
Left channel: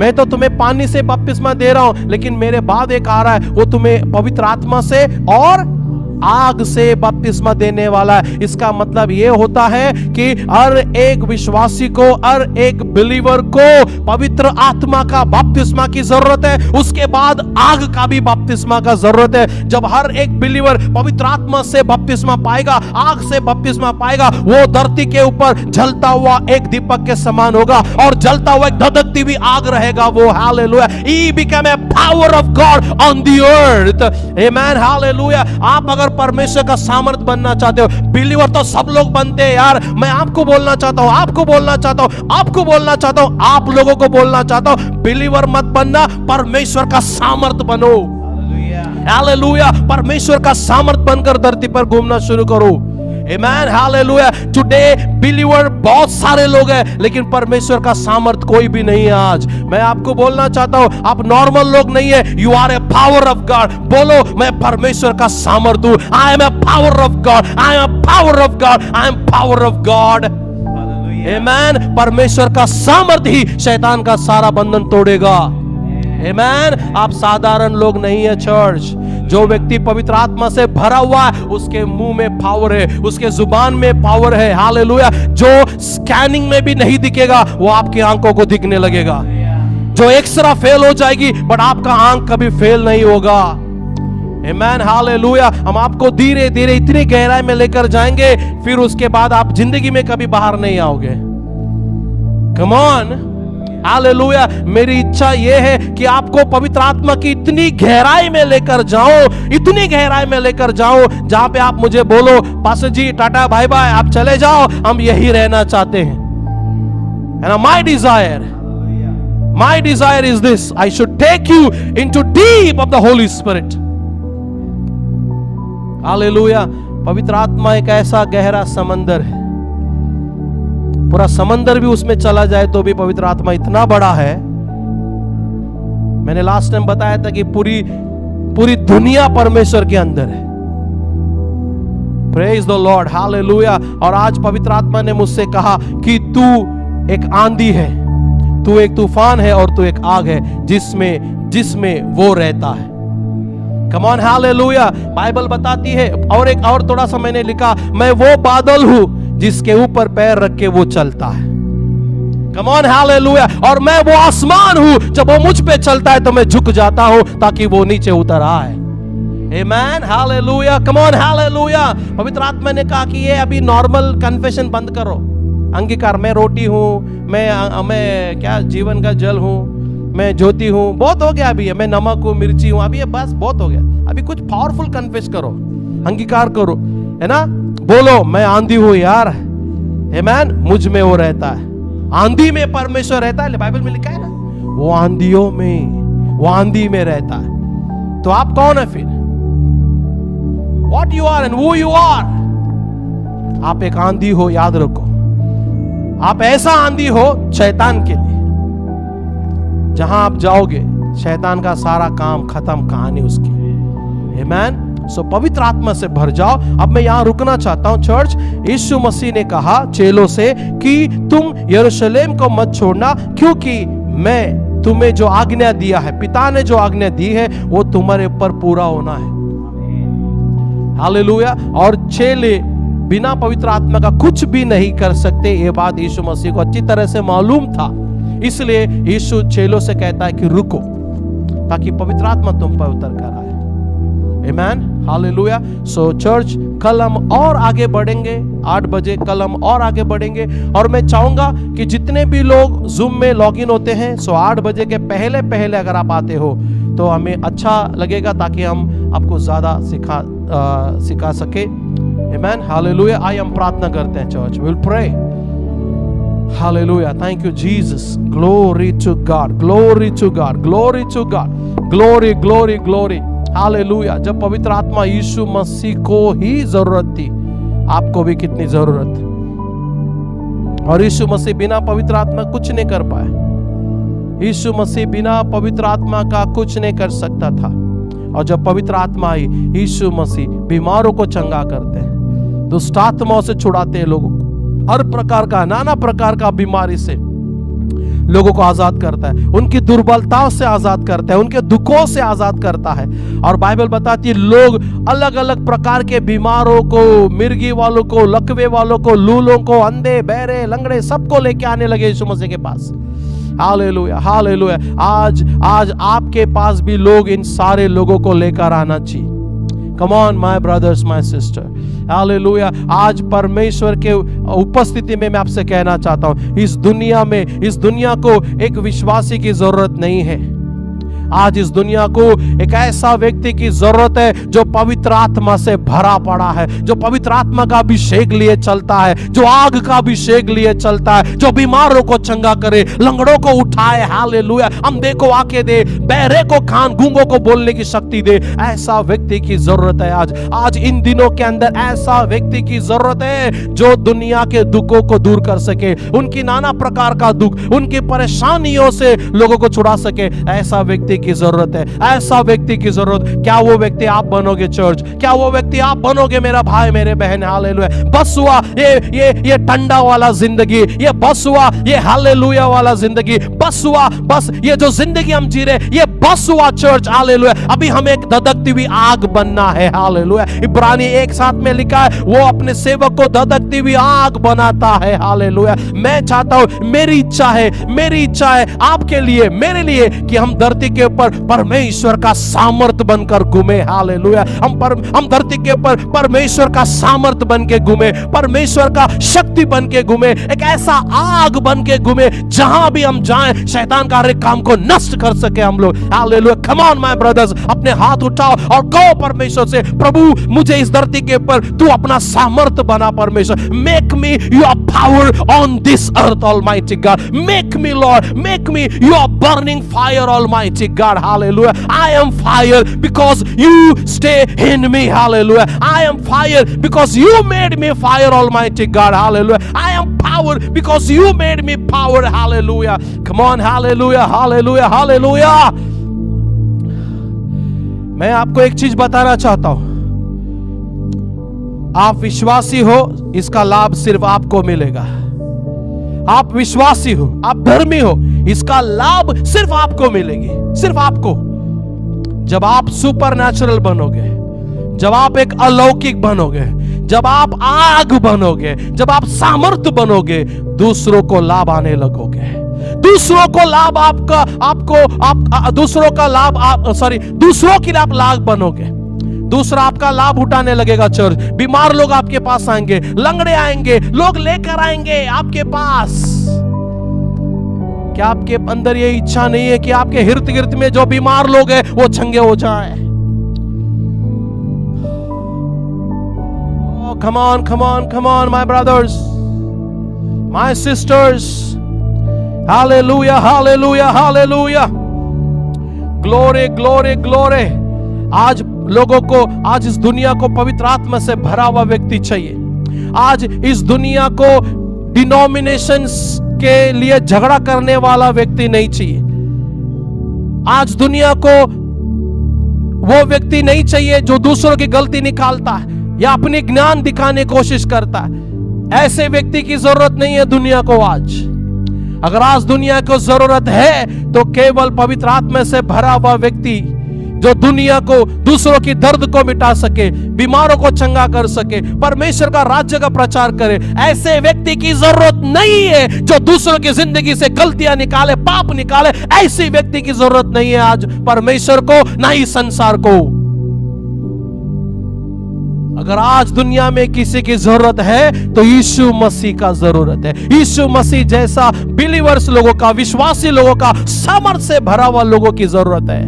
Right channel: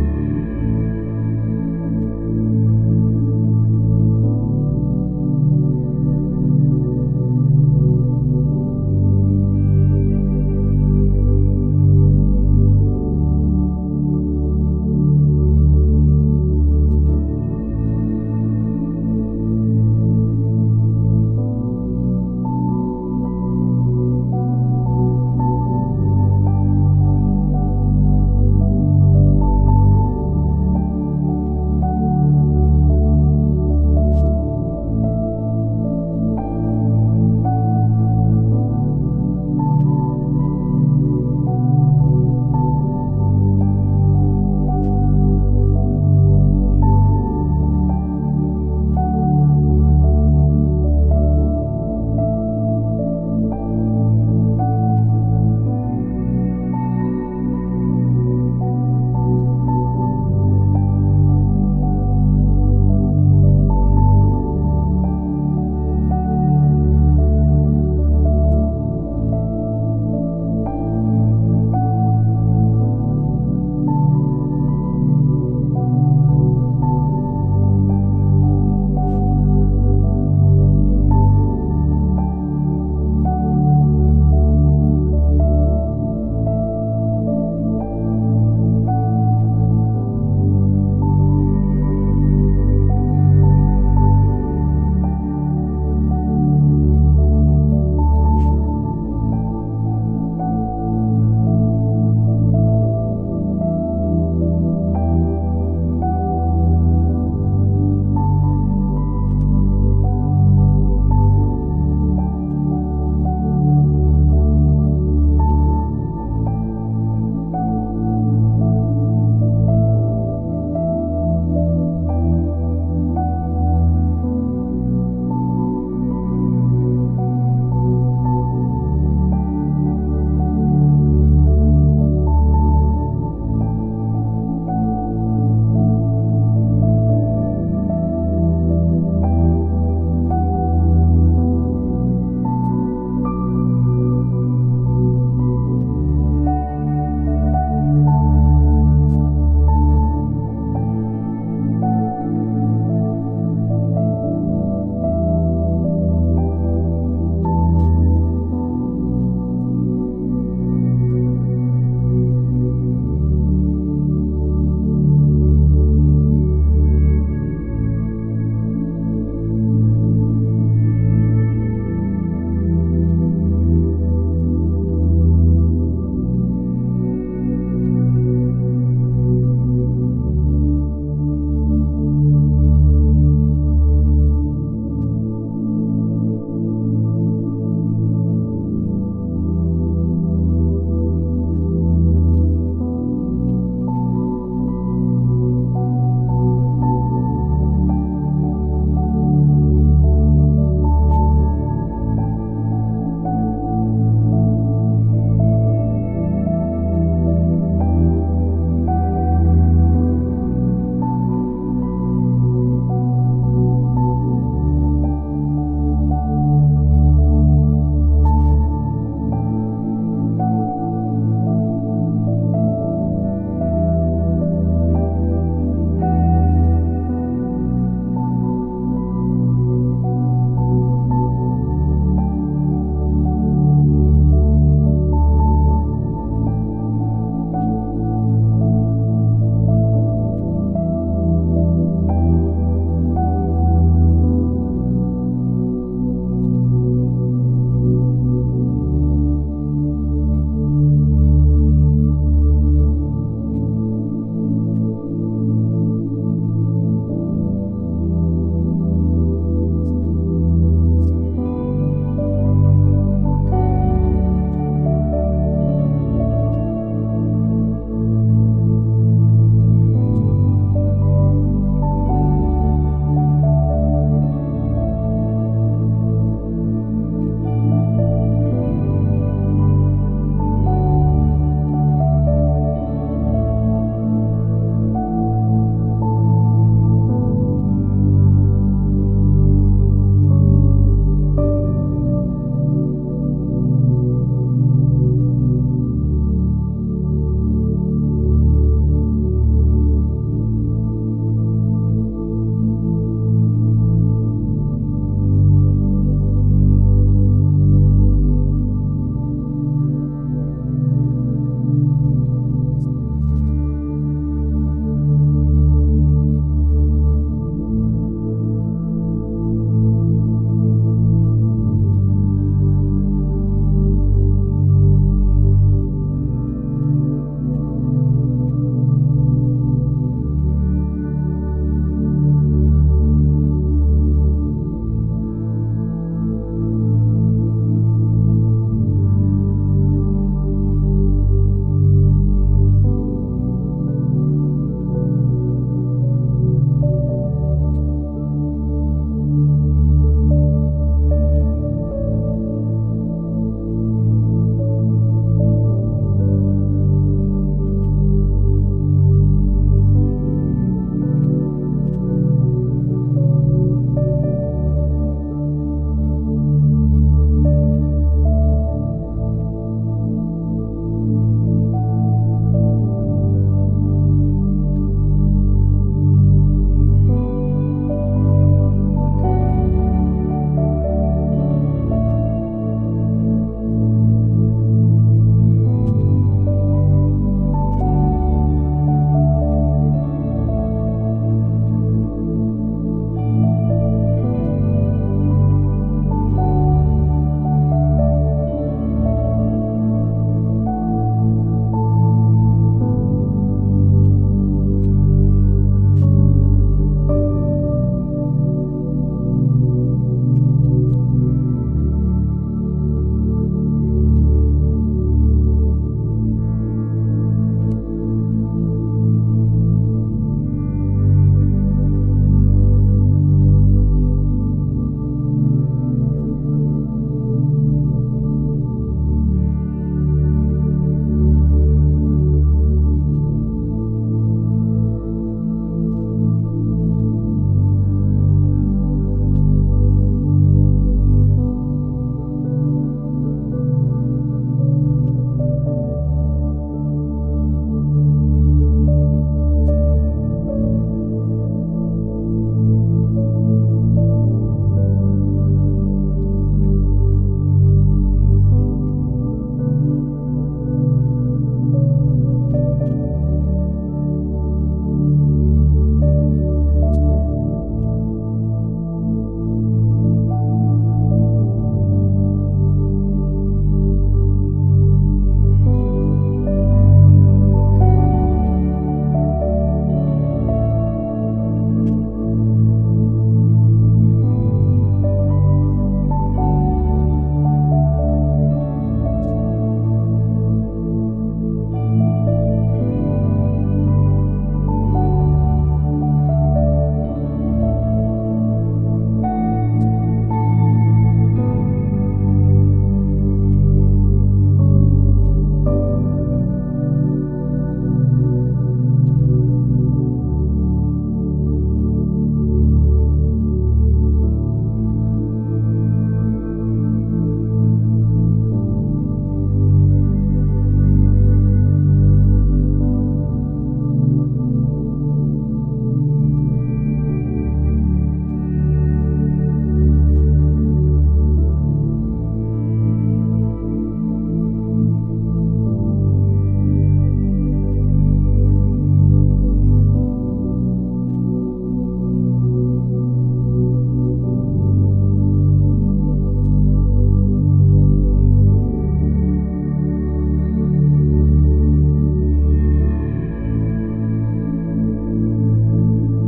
मैं तो तुम्हें पानी से बपतिस्मा दे रहा हूं, लेकिन मेरे बाद एक आ रहा है, वो तुम्हें पवित्र आत्मा से और आग से बपतिस्मा देने वाला है। इसका मतलब ये होता है कि हर एक विश्वासी को, हर एक बिलीवर को पवित्र आत्मा का बपतिस्मा की जरूरत है। उसके बाद आग का भी बपतिस्मा का जरूरत है। जब हर एक बिलीवर पवित्र आत्मा से बपतिस्मा पाएगा, आग से बपतिस्मा पाएगा, वो धरती के ऊपर जलता हुआ एक दीपक के समान होगा और जलता हुआ एक धधकती भी आग रहेगा वो। Hallelujah. He became a power of God on the earth. Amen. Hallelujah. आप अगर परमेश्वर का सामर्थ्य बनना चाहते हो, बिलीवर तो सब लोग बनते हैं यार। मैं आपको बोलना चाहता हूं, आपको बोलना चाहता हूं, आपको बोलना चाहता हूं, आप लोगों को बोलना चाहता हूं, बिलीवर मत बनना, परमेश्वर का सामर्थ्य बनो। हालेलुया। परमेश्वर का सामर्थ्य बनकर धरती पर घूमना शुरू करो। Amen, hallelujah. Today believer बहुत सारे लोग हैं, लेकिन परमेश्वर का सामर्थ कोई भी नहीं है आज। मैं आपको बोलना चाहता हूं, आप नॉर्मल लोग नहीं है। You are a power of God. बोलो, मैं परमेश्वर का सामर्थ हूं। I am a power of God. I am a power of God. I am power of God. Amen. परमेश्वर का सामर्थ ही शैतान का सारा बंधन तोड़ेगा। Amen. आप साधारण लोग नहीं है चर्च। जो व्यक्ति पवित्र आत्मा से भरा हुआ है, उसके मुंह में पावर है, उसके जुबान में पावर है। हालेलुया। जो स्कैनिंग में भी नहीं दिखेगा, वो आपकी आंखों को दिखने लगेगा। जो एक्सरा फेल हो जाएगी, बट आपका आंख कभी फेल नहीं होगा। आमेन, हालेलुया। हम आपको धीरे धीरे इतनी गहराई में लेकर जाएंगे, फिर उसके बाद आप जिंदगी में कभी बाहर नहीं आओगे। कम ऑन, हालेलुया। मेरी इच्छा यह है कि आपको पवित्र आत्मा की इतनी गहराई में लेकर जाऊं, इतनी गहराई में लेकर जाऊं, जहां पे आप मुझे बोलो, पास्टर जी टाटा बाय बाय, आप चले जाओ, हम यही रहना चाहते हैं। And my desire is this: I should take you into deep of the Holy Spirit. Hallelujah. पवित्र आत्मा एक ऐसा गहरा समंदर है, पूरा समंदर भी उसमें चला जाए तो भी पवित्र आत्मा इतना बड़ा है। मैंने लास्ट टाइम बताया था कि पूरी दुनिया परमेश्वर के अंदर है। Praise the Lord, hallelujah. और आज पवित्र आत्मा ने मुझसे कहा कि तू एक आंधी है, तू एक तूफान है और तू एक आग है जिसमें वो रहता है। कम ऑन, हालेलुया। बाइबल बताती है, और एक और थोड़ा सा मैंने लिखा, मैं वो बादल हूं जिसके ऊपर पैर रख के वो चलता है। कम ऑन, हालेलुया। और मैं वो आसमान हूं, जब वो मुझ पे चलता है तो मैं झुक जाता हूं ताकि वो नीचे उतर आए। आमेन, हालेलुया। Come on, hallelujah. पवित्र आत्मा ने कहा कि ये अभी नॉर्मल कन्फेशन बंद करो, अंगीकार, मैं रोटी हूं, मैं क्या जीवन का जल हूं, मैं ज्योति हूं, बहुत हो गया अभी, मैं नमक हूं, मिर्ची हूं, अभी ये बस बहुत हो गया। अभी कुछ पावरफुल कन्फेस करो, अंगीकार करो, है ना। बोलो, मैं आंधी हूं यार। आमेन, मुझ में वो रहता है। आंधी में परमेश्वर रहता है, बाइबल में लिखा है ना, वो आंधियों में, वो आंधी में रहता है। तो आप कौन है फिर? What you are and who you are? आप एक आंधी हो, याद रखो। आप ऐसा आंधी हो शैतान के लिए, जहां आप जाओगे शैतान का सारा काम खत्म, कहानी उसकी। आमेन। सो पवित्र आत्मा से भर जाओ। अब मैं यहां रुकना चाहता हूं चर्च। यीशु मसीह ने कहा चेलों से कि तुम यरूशलेम को मत छोड़ना, क्योंकि मैं तुम्हें जो आज्ञा दिया है, पिता ने जो आज्ञा दी है, वो तुम्हारे ऊपर पूरा होना है। हालेलुया। और चेले बिना पवित्र आत्मा का कुछ भी नहीं कर सकते, ये बात यीशु मसीह को अच्छी तरह से मालूम था। इसलिए यीशु चेलों से कहता है कि रुको, ताकि पवित्र आत्मा तुम पर उतर कर आए। आमेन, हालेलुया। सो चर्च, कल हम और आगे बढ़ेंगे, 8 बजे कल हम और आगे बढ़ेंगे। और मैं चाहूंगा कि जितने भी लोग जूम में लॉगिन होते हैं, सो 8 बजे के पहले अगर आप आते हो तो हमें अच्छा लगेगा, ताकि हम आपको ज्यादा सिखा सके। आमेन, हालेलुया। आई हम प्रार्थना करते हैं church, we will pray. Hallelujah, thank you Jesus, glory to God, glory to God, glory to God, glory glory glory. Hallelujah. जब पवित्र आत्मा यीशु मसीह को ही जरूरत थी, आपको भी कितनी जरूरत है। और यीशु मसीह बिना पवित्र आत्मा कुछ नहीं कर पाए। यीशु मसीह बिना पवित्र आत्मा का कुछ नहीं कर सकता था, और जब पवित्र आत्मा आई, यीशु मसीह बीमारों को चंगा करते हैं, दुष्ट आत्माओं से छुड़ाते हैं लोगों को, हर प्रकार का नाना प्रकार का बीमारी से लोगों को आजाद करता है, उनकी दुर्बलताओं से आजाद करता है, उनके दुखों से आजाद करता है। और बाइबल बताती है लोग अलग अलग प्रकार के बीमारों को, मिर्गी वालों को, लकवे वालों को, लूलों को, अंधे बहरे लंगड़े सबको लेके आने लगे यीशु मसीह के पास। Hallelujah hallelujah. आज आपके पास भी लोग इन सारे लोगों को लेकर आना चाहिए। Come on my brothers my sister, hallelujah. आज परमेश्वर के उपस्थिति में मैं आपसे कहना चाहता हूं, इस दुनिया को एक विश्वासी की जरूरत नहीं है। आज इस दुनिया को एक ऐसा व्यक्ति की जरूरत है जो पवित्र आत्मा से भरा पड़ा है, जो पवित्र आत्मा का अभिषेक लिए चलता है, जो आग का अभिषेक लिए चलता है, जो बीमारों को चंगा करे, लंगड़ों को उठाए, हालेलुया, अंधे को आंखें दे, बहरे को कान, गूंगों को बोलने की शक्ति दे। ऐसा व्यक्ति की जरूरत है आज इन दिनों के अंदर। ऐसा व्यक्ति की जरूरत है जो दुनिया के दुखों को दूर कर सके, उनकी नाना प्रकार का दुख, उनकी परेशानियों से लोगों को छुड़ा सके। ऐसा व्यक्ति की जरूरत है, ऐसा व्यक्ति की जरूरत। क्या वो व्यक्ति आप बनोगे चर्च? क्या वो व्यक्ति आप बनोगे मेरा भाई मेरे बहन? हालेलुया। बस हुआ ये टंडा वाला जिंदगी, ये बस हुआ ये हालेलुया वाला जिंदगी, बस हुआ बस ये जो जिंदगी हम जी रहे, ये बस हुआ चर्च। हालेलुया। अभी हमें एक धधकती हुई आग बनना है। हालेलुया। इब्रानी 1:7 में लिखा है वो अपने सेवक को धधकती हुई आग बनाता है। हालेलुया। मैं चाहता हूं, मेरी इच्छा है आपके लिए, मेरे लिए, कि हम धरती के ऊपर परमेश्वर का सामर्थ बनकर घूमे। हालेलुया। हम धरती के ऊपर परमेश्वर का सामर्थ बन के घूमे, परमेश्वर का शक्ति बन के घूमे, एक ऐसा आग बन के घूमे जहां भी हम जाएं शैतान का हर एक काम को नष्ट कर सके हम लोग। Hallelujah. Come on my brothers, अपने हाथ उठाओ और कहो परमेश्वर से, प्रभु मुझे इस धरती के ऊपर तू अपना सामर्थ बना। परमेश्वर, make me your power on this earth almighty God, make me Lord, make me your burning fire almighty God. Hallelujah. I am fire because you stay in me. Hallelujah. I am fire because you made me fire, Almighty God. Hallelujah. I am power because you made me power. Hallelujah. Come on. Hallelujah. Hallelujah. Hallelujah. मैं आपको एक चीज बताना चाहता हूं, आप विश्वासी हो, इसका लाभ सिर्फ आपको मिलेगा। आप विश्वासी हो, आप धर्मी हो, इसका लाभ सिर्फ आपको मिलेगी, सिर्फ आपको। जब आप सुपरनैचुरल बनोगे, जब आप एक अलौकिक बनोगे, जब आप आग बनोगे, जब आप सामर्थ्य बनोगे, दूसरों को लाभ आने लगोगे। दूसरों को लाभ दूसरों की आप लाभ बनोगे। दूसरा आपका लाभ उठाने लगेगा चर्च। बीमार लोग आपके पास आएंगे, लंगड़े आएंगे, लोग लेकर आएंगे आपके पास। क्या आपके अंदर ये इच्छा नहीं है कि आपके इर्द गिर्द में जो बीमार लोग हैं वो चंगे हो जाएं? Come on, come on, come on, my brothers, my sisters. Hallelujah, hallelujah, hallelujah. Glory, glory, glory. आज लोगों को, आज इस दुनिया को पवित्र आत्मा से भरा हुआ व्यक्ति चाहिए। आज इस दुनिया को डिनोमिनेशंस के लिए झगड़ा करने वाला व्यक्ति नहीं चाहिए। आज दुनिया को वो व्यक्ति नहीं चाहिए जो दूसरों की गलती निकालता है या अपनी ज्ञान दिखाने की कोशिश करता है। ऐसे व्यक्ति की जरूरत नहीं है दुनिया को आज। अगर आज दुनिया को जरूरत है तो केवल पवित्र आत्मा से भरा हुआ व्यक्ति जो दुनिया को, दूसरों की दर्द को मिटा सके, बीमारों को चंगा कर सके, परमेश्वर का राज्य का प्रचार करे, ऐसे व्यक्ति की जरूरत नहीं है जो दूसरों की जिंदगी से गलतियां निकाले, पाप निकाले। ऐसे व्यक्ति की जरूरत नहीं है आज परमेश्वर को, ना ही संसार को। अगर आज दुनिया में किसी की जरूरत है तो यीशु मसीह का जरूरत है। यीशु मसीह जैसा बिलीवर्स लोगों का, विश्वासी लोगों का, सामर्थ से भरा हुआ लोगों की जरूरत है।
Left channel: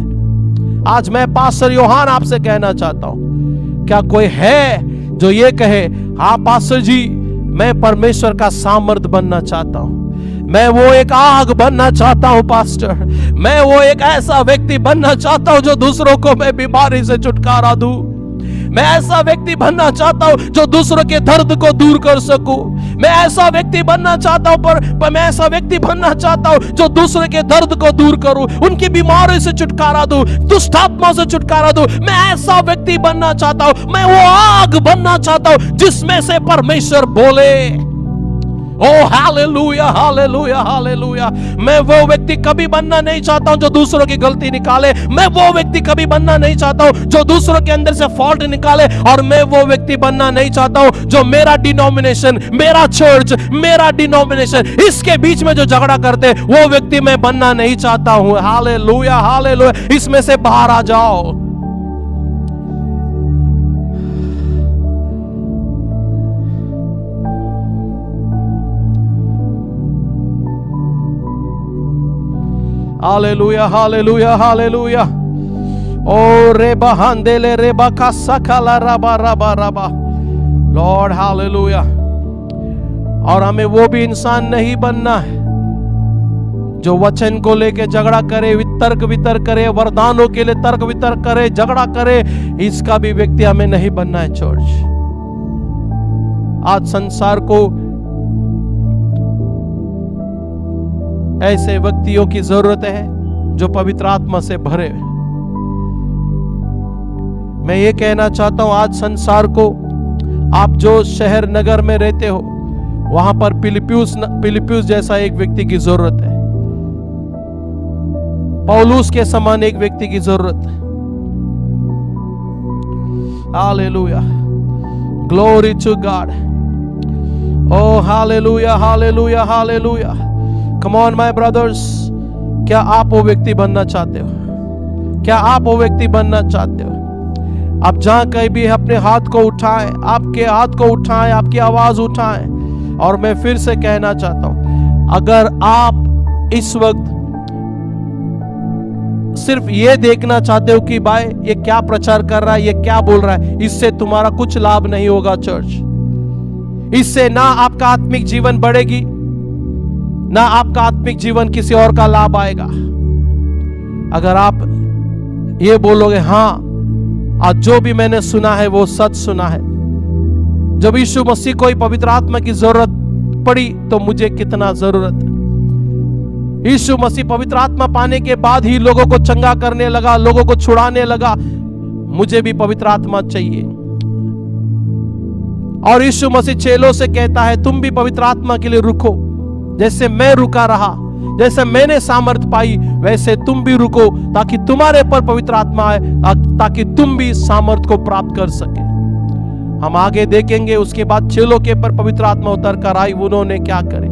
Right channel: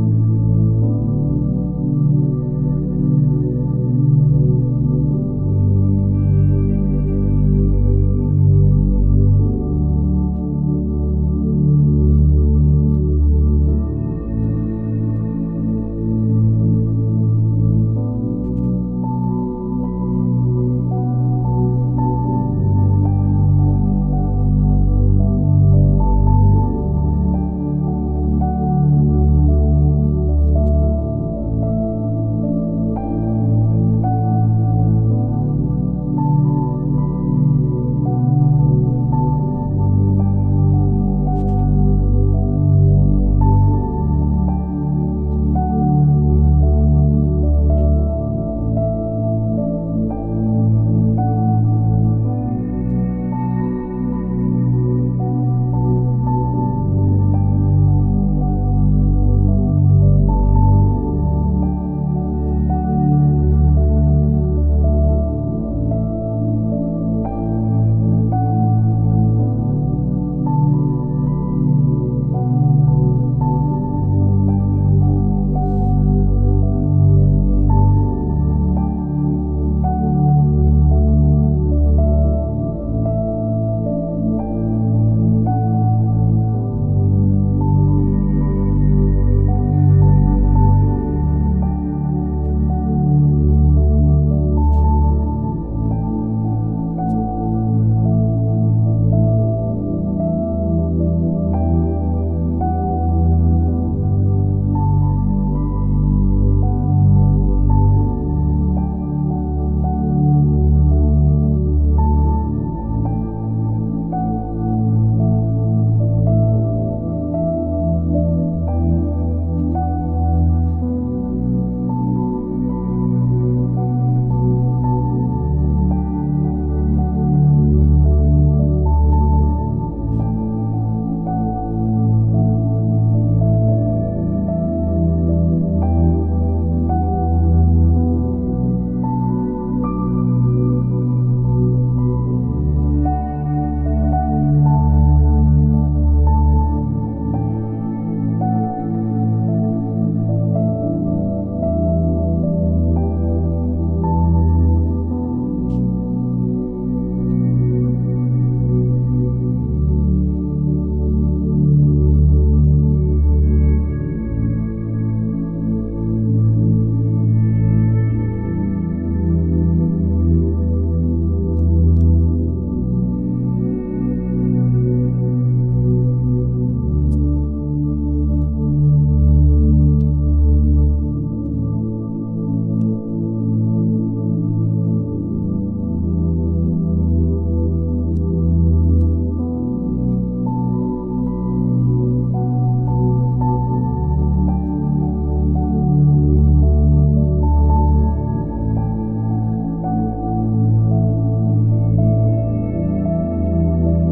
आज मैं पास्टर योहान आपसे कहना चाहता हूं, क्या कोई है जो ये कहे, हाँ पास्टर जी मैं परमेश्वर का सामर्थ बनना चाहता हूं, मैं वो एक आग बनना चाहता हूं पास्टर, मैं वो एक ऐसा व्यक्ति बनना चाहता हूं जो दूसरों को मैं बीमारी से छुटकारा दूं, मैं ऐसा व्यक्ति बनना चाहता हूं जो दूसरों के दर्द को दूर कर सकूं। मैं ऐसा व्यक्ति बनना चाहता हूं पर मैं ऐसा व्यक्ति बनना चाहता हूं जो दूसरे के दर्द को दूर करूं, उनकी बीमारी से छुटकारा दूं, दुष्ट आत्मा से छुटकारा दूं। मैं ऐसा व्यक्ति बनना चाहता हूं, मैं वो आग बनना चाहता हूं जिसमें से परमेश्वर बोले। ओ हालेलुया, हालेलुया, हालेलुया। मैं वो व्यक्ति कभी बनना नहीं चाहता हूं जो दूसरों की गलती निकाले। मैं वो व्यक्ति कभी बनना नहीं चाहता हूं जो दूसरों के अंदर से फॉल्ट निकाले। और मैं वो व्यक्ति बनना नहीं चाहता हूं जो मेरा डिनोमिनेशन, मेरा चर्च, मेरा डिनोमिनेशन, इसके बीच में जो झगड़ा करते, वो व्यक्ति मैं बनना नहीं चाहता हूं। Hallelujah, hallelujah. इसमें से बाहर आ जाओ। Hallelujah, hallelujah, hallelujah. ओ रेबा हांदेले रेबा का सकाला रबा रबा रबा। Lord hallelujah. और हमें वो भी इंसान नहीं बनना है जो वचन को लेके झगड़ा करे, तर्क वितर्क करे, वरदानों के लिए तर्क वितर्क करे, झगड़ा करे। इसका भी व्यक्ति हमें नहीं बनना है चर्च। आज संसार को ऐसे व्यक्तियों की जरूरत है जो पवित्र आत्मा से भरे। मैं ये कहना चाहता हूं आज संसार को, आप जो शहर नगर में रहते हो वहां पर फिलिप्पियुस जैसा एक व्यक्ति की जरूरत है। पौलुस के समान एक व्यक्ति की जरूरत है। Hallelujah, glory to God. Oh hallelujah, hallelujah, hallelujah. Come on my brothers, क्या आप वो व्यक्ति बनना चाहते हो? क्या आप वो व्यक्ति बनना चाहते हो? आप जहां कहीं भी अपने हाथ को उठाएं, आपके हाथ को उठाएं, आपकी आवाज उठाएं। और मैं फिर से कहना चाहता हूं, अगर आप इस वक्त सिर्फ ये देखना चाहते हो कि भाई ये क्या प्रचार कर रहा है, ये क्या बोल रहा है, इससे तुम्हारा कुछ लाभ नहीं होगा चर्च। इससे ना आपका आत्मिक जीवन बढ़ेगी, ना आपका आत्मिक जीवन किसी और का लाभ आएगा। अगर आप ये बोलोगे हाँ आज जो भी मैंने सुना है वो सच सुना है, जब यीशु मसीह को ही पवित्र आत्मा की जरूरत पड़ी तो मुझे कितना जरूरत है। यीशु मसीह पवित्र आत्मा पाने के बाद ही लोगों को चंगा करने लगा, लोगों को छुड़ाने लगा। मुझे भी पवित्र आत्मा चाहिए। और यीशु मसीह चेलों से कहता है तुम भी पवित्र आत्मा के लिए रुको, जैसे मैं रुका रहा, जैसे मैंने सामर्थ पाई वैसे तुम भी रुको, ताकि तुम्हारे पर पवित्र आत्मा आए, ताकि तुम भी सामर्थ को प्राप्त कर सके। हम आगे देखेंगे उसके बाद चेलों के पर पवित्र आत्मा उतर कर आई, उन्होंने क्या करे।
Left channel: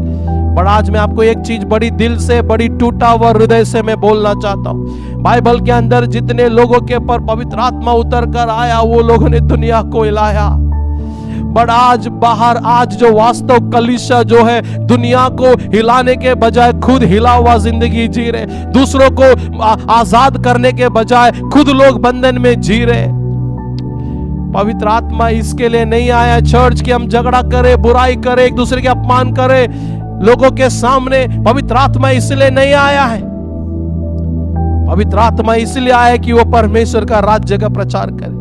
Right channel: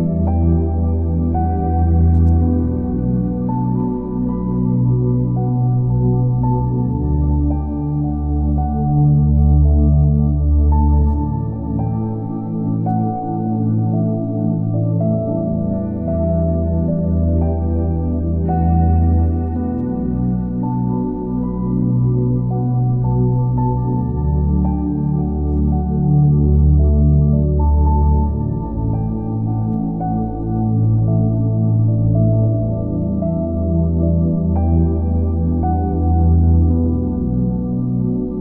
पर आज मैं आपको एक चीज बड़ी दिल से, बड़ी टूटा हुआ हृदय से मैं बोलना चाहता हूँ। बाइबल के अंदर जितने लोगों के पर पवित्र आत्मा उतर कर आया वो लोगों ने दुनिया को हिलाया। बट आज बाहर, आज जो वास्तव कलीसिया जो है, दुनिया को हिलाने के बजाय खुद हिला हुआ जिंदगी जी रहे। दूसरों को आजाद करने के बजाय खुद लोग बंधन में जी रहे। पवित्र आत्मा इसके लिए नहीं आया चर्च कि हम झगड़ा करें, बुराई करें, एक दूसरे के अपमान करें लोगों के सामने। पवित्र आत्मा इसलिए नहीं आया है। पवित्र आत्मा इसलिए आया कि वो परमेश्वर का राज्य का प्रचार करे।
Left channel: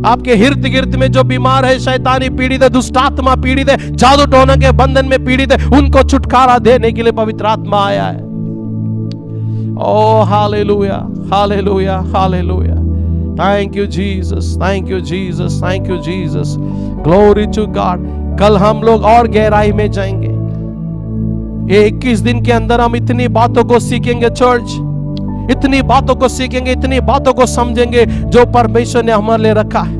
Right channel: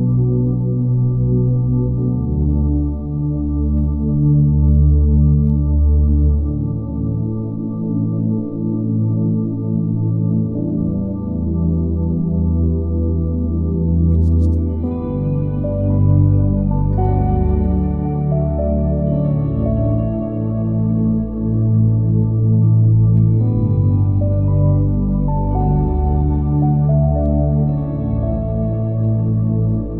आपके हिर्द गिर्द में जो बीमार है, शैतानी पीड़ित है, दुष्ट आत्मा पीड़ित है, जादू टोना के बंधन में पीड़ित है, उनको छुटकारा देने के लिए पवित्र आत्मा आया है। Oh hallelujah, hallelujah, hallelujah. Thank you Jesus, thank you Jesus, thank you Jesus. Glory to God. कल हम लोग और गहराई में जाएंगे। ये 21 दिन के अंदर हम इतनी बातों को सीखेंगे चर्च, इतनी बातों को सीखेंगे, इतनी बातों को समझेंगे जो परमेश्वर ने हमारे लिए रखा है।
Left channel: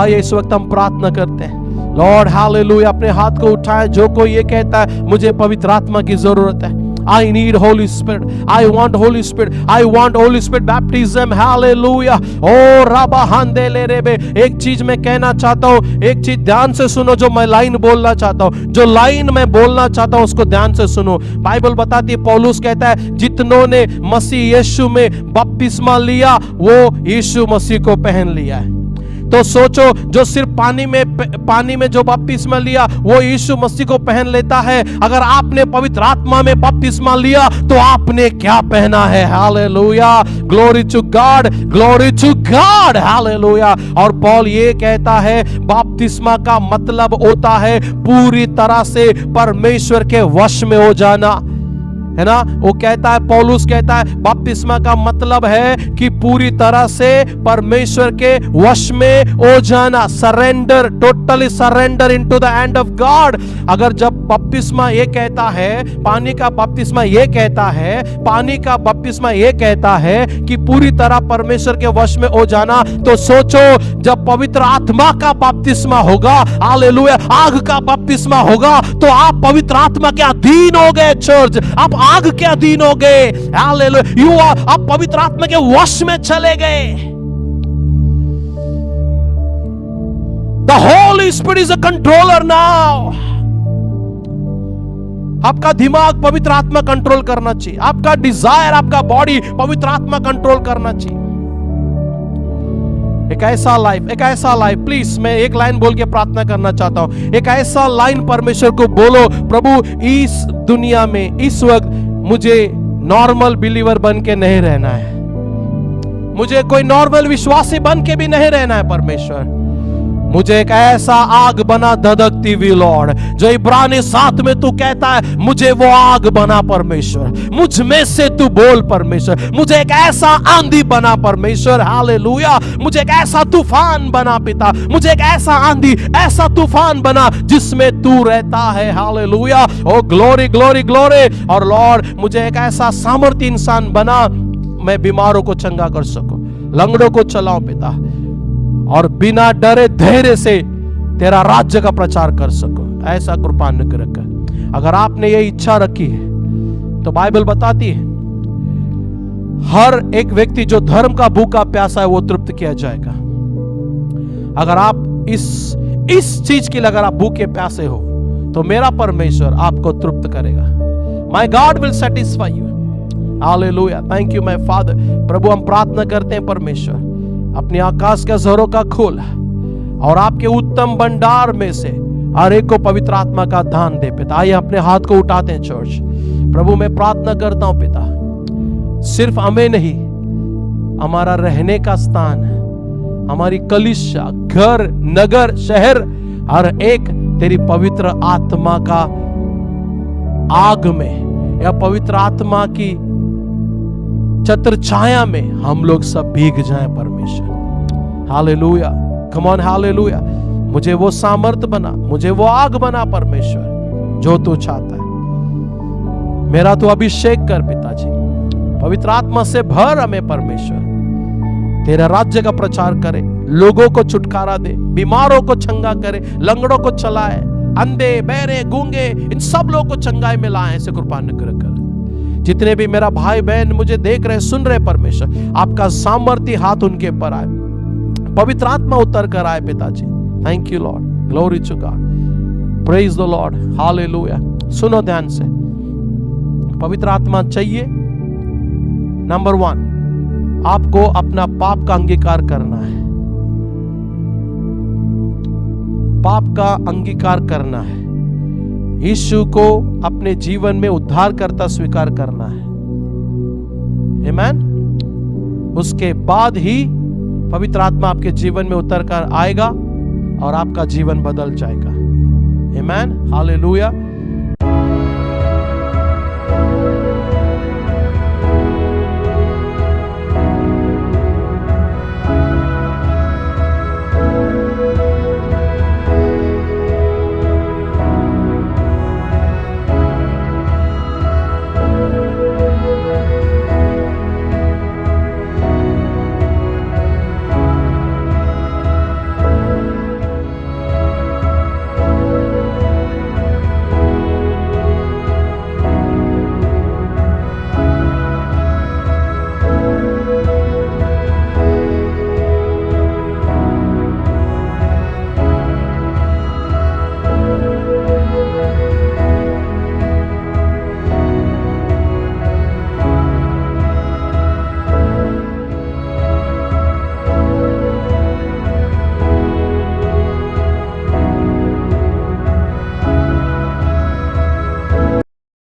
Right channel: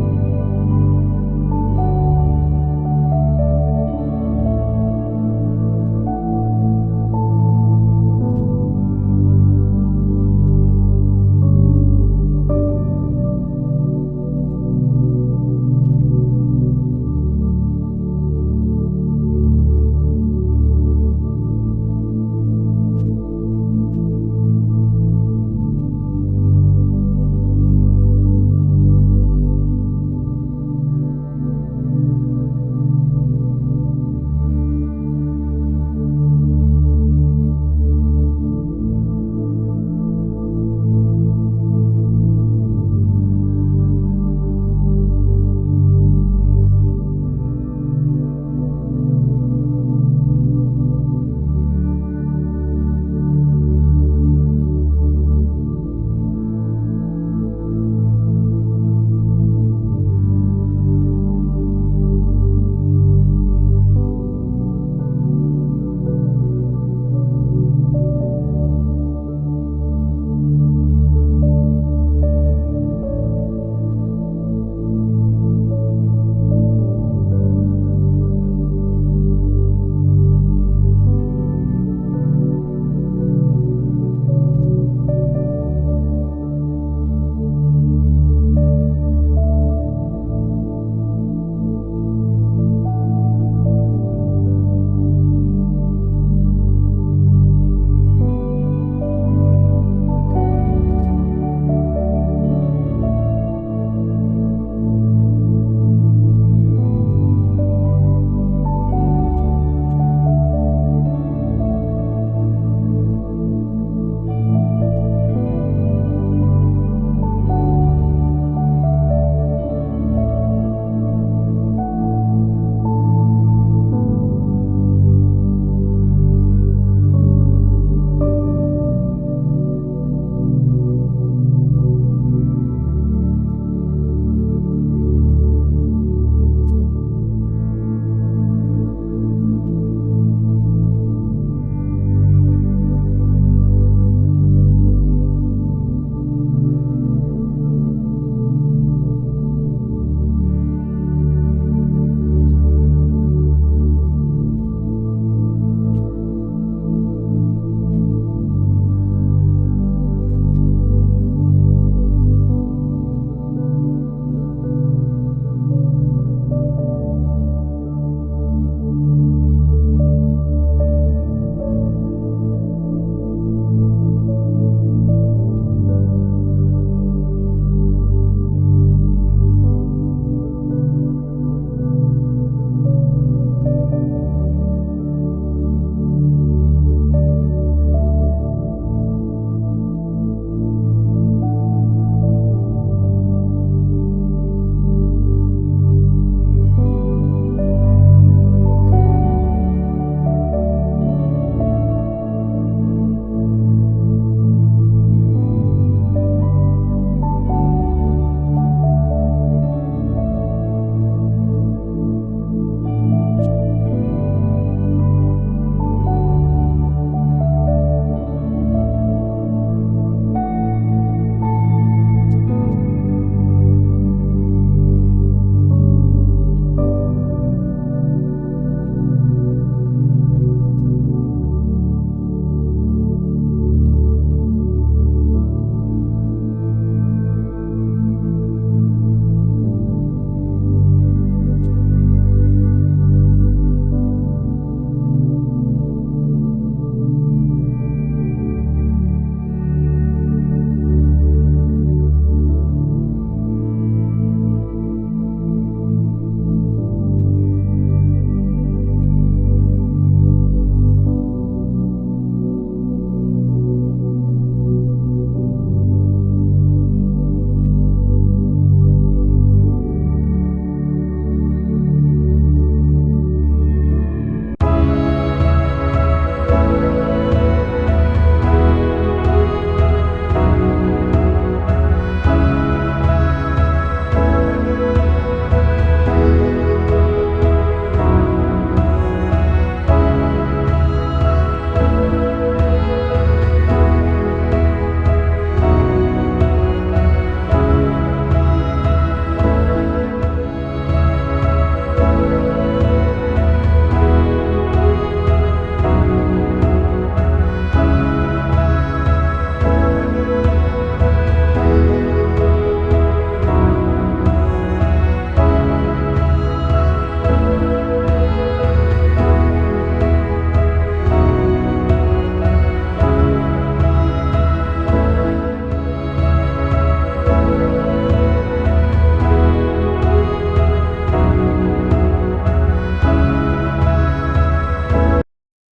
आइए इस वक्त हम प्रार्थना करते हैं। Lord hallelujah. अपने हाथ को उठाएं। जो कोई ये कहता है मुझे पवित्र आत्मा की जरूरत है, I need Holy Spirit, I want Holy Spirit, I want Holy Spirit baptism, hallelujah। ओ राबा हांदेले रेबे। एक चीज मैं कहना चाहता हूँ, एक चीज ध्यान से सुनो जो मैं लाइन बोलना चाहता हूँ, जो लाइन मैं बोलना चाहता हूँ उसको ध्यान से सुनो। बाइबल बताती है, पौलुस कहता है जितनों ने मसीह यीशु में बपतिस्मा लिया वो यीशु मसीह को पहन लिया है। तो सोचो, जो सिर्फ पानी में जो बपतिस्मा लिया वो यीशु मसीह को पहन लेता है, अगर आपने पवित्र आत्मा में बपतिस्मा लिया तो आपने क्या पहना है? Hallelujah, glory to God, glory to God, hallelujah. और पौल ये कहता है बपतिस्मा का मतलब होता है पूरी तरह से परमेश्वर के वश में हो जाना, है ना। वो कहता है, पौलुस कहता है बपतिस्मा का मतलब है कि पूरी तरह से परमेश्वर के वश में हो जाना, surrender, totally surrender into the hand of God. अगर जब बपतिस्मा ये कहता है, पानी का बपतिस्मा ये कहता है, पानी का बपतिस्मा ये कहता है कि पूरी तरह परमेश्वर के वश में हो जाना, तो सोचो जब पवित्र आत्मा का बपतिस्मा होगा, हालेलुया, आग का बपतिस्मा होगा, तो आप पवित्र आत्मा के अधीन हो गए चर्च, आप आग के अधीन हो गए, हालेलुया, आप पवित्र आत्मा के वश में चले गए। The Holy Spirit is a controller now. आपका दिमाग पवित्र आत्मा कंट्रोल करना चाहिए, आपका डिजायर, आपका बॉडी पवित्र आत्मा कंट्रोल करना चाहिए। एक ऐसा लाइफ, प्लीज मैं एक लाइन बोल के प्रार्थना करना चाहता हूं। एक ऐसा लाइन परमेश्वर को बोलो, प्रभु इस दुनिया में इस वक्त मुझे नॉर्मल बिलीवर बन के नहीं रहना है, मुझे कोई नॉर्मल विश्वासी बन के भी नहीं रहना है परमेश्वर, मुझे एक ऐसा आग बना धधकती हुई लॉर्ड, जो इब्रानी 7 में तू कहता है मुझे वो आग बना परमेश्वर, मुझ में से तू बोल परमेश्वर, मुझे एक ऐसा आंधी बना परमेश्वर, हालेलुया, मुझे एक ऐसा तूफान बना पिता, मुझे एक ऐसा आंधी, ऐसा तूफान बना जिसमें तू रहता है, हालेलुया, ओ ग्लोरी ग्लोरी ग्लोरी। और लॉर्ड मुझे एक ऐसा सामर्थ्य इंसान बना, मैं बीमारों को चंगा कर सकूं, लंगड़ों को चलाऊं पिता, और बिना डरे धैर्य से तेरा राज्य का प्रचार कर सको, ऐसा कृपा अनुग्रह कर। अगर आपने ये इच्छा रखी है तो बाइबल बताती है हर एक व्यक्ति जो धर्म का भूखा प्यासा है वो तृप्त किया जाएगा। अगर आप इस चीज के लिए अगर आप भूखे प्यासे हो तो मेरा परमेश्वर आपको तृप्त करेगा। My God will satisfy you, hallelujah, thank you my father. प्रभु हम प्रार्थना करते हैं परमेश्वर अपने आकाश के ज़रों का खोल और आपके उत्तम भंडार में से हर एक को पवित्र आत्मा का दान दे पिता। आइए अपने हाथ को उठाते हैं चर्च। प्रभु मैं प्रार्थना करता हूं पिता, सिर्फ हमें नहीं, हमारा रहने का स्थान, हमारी कलीसिया, घर, नगर, शहर, हर एक तेरी पवित्र आत्मा का आग में या पवित्र आत्मा की छत्र छाया में हम लोग सब भीग जाएं परमेश्वर। Hallelujah, come on, hallelujah. मुझे वो सामर्थ बना, मुझे वो आग बना परमेश्वर जो तू चाहता है। मेरा तो अभिषेक कर पिताजी, पवित्र आत्मा से भर हमें परमेश्वर, तेरे राज्य का प्रचार करे, लोगों को छुटकारा दे, बीमारों को चंगा करे, लंगड़ों को चलाए, अंधे, बहरे, गूंगे, इन सब लोगों को चंगाई में लाए, ऐसे कृपा अनुग्रह कर। जितने भी मेरा भाई बहन मुझे देख रहे, सुन रहे परमेश्वर, आपका सामर्थ्य हाथ उनके पर आए, पवित्र आत्मा उतर कर आए पिताजी। Thank you Lord, glory to God, praise the Lord, hallelujah. सुनो ध्यान से, पवित्र आत्मा चाहिए। नंबर 1, आपको अपना पाप का अंगीकार करना है, पाप का अंगीकार करना है, यीशु को अपने जीवन में उद्धारकर्ता स्वीकार करना है, आमीन। उसके बाद ही पवित्र आत्मा आपके जीवन में उतर कर आएगा और आपका जीवन बदल जाएगा, आमीन, हालेलुया।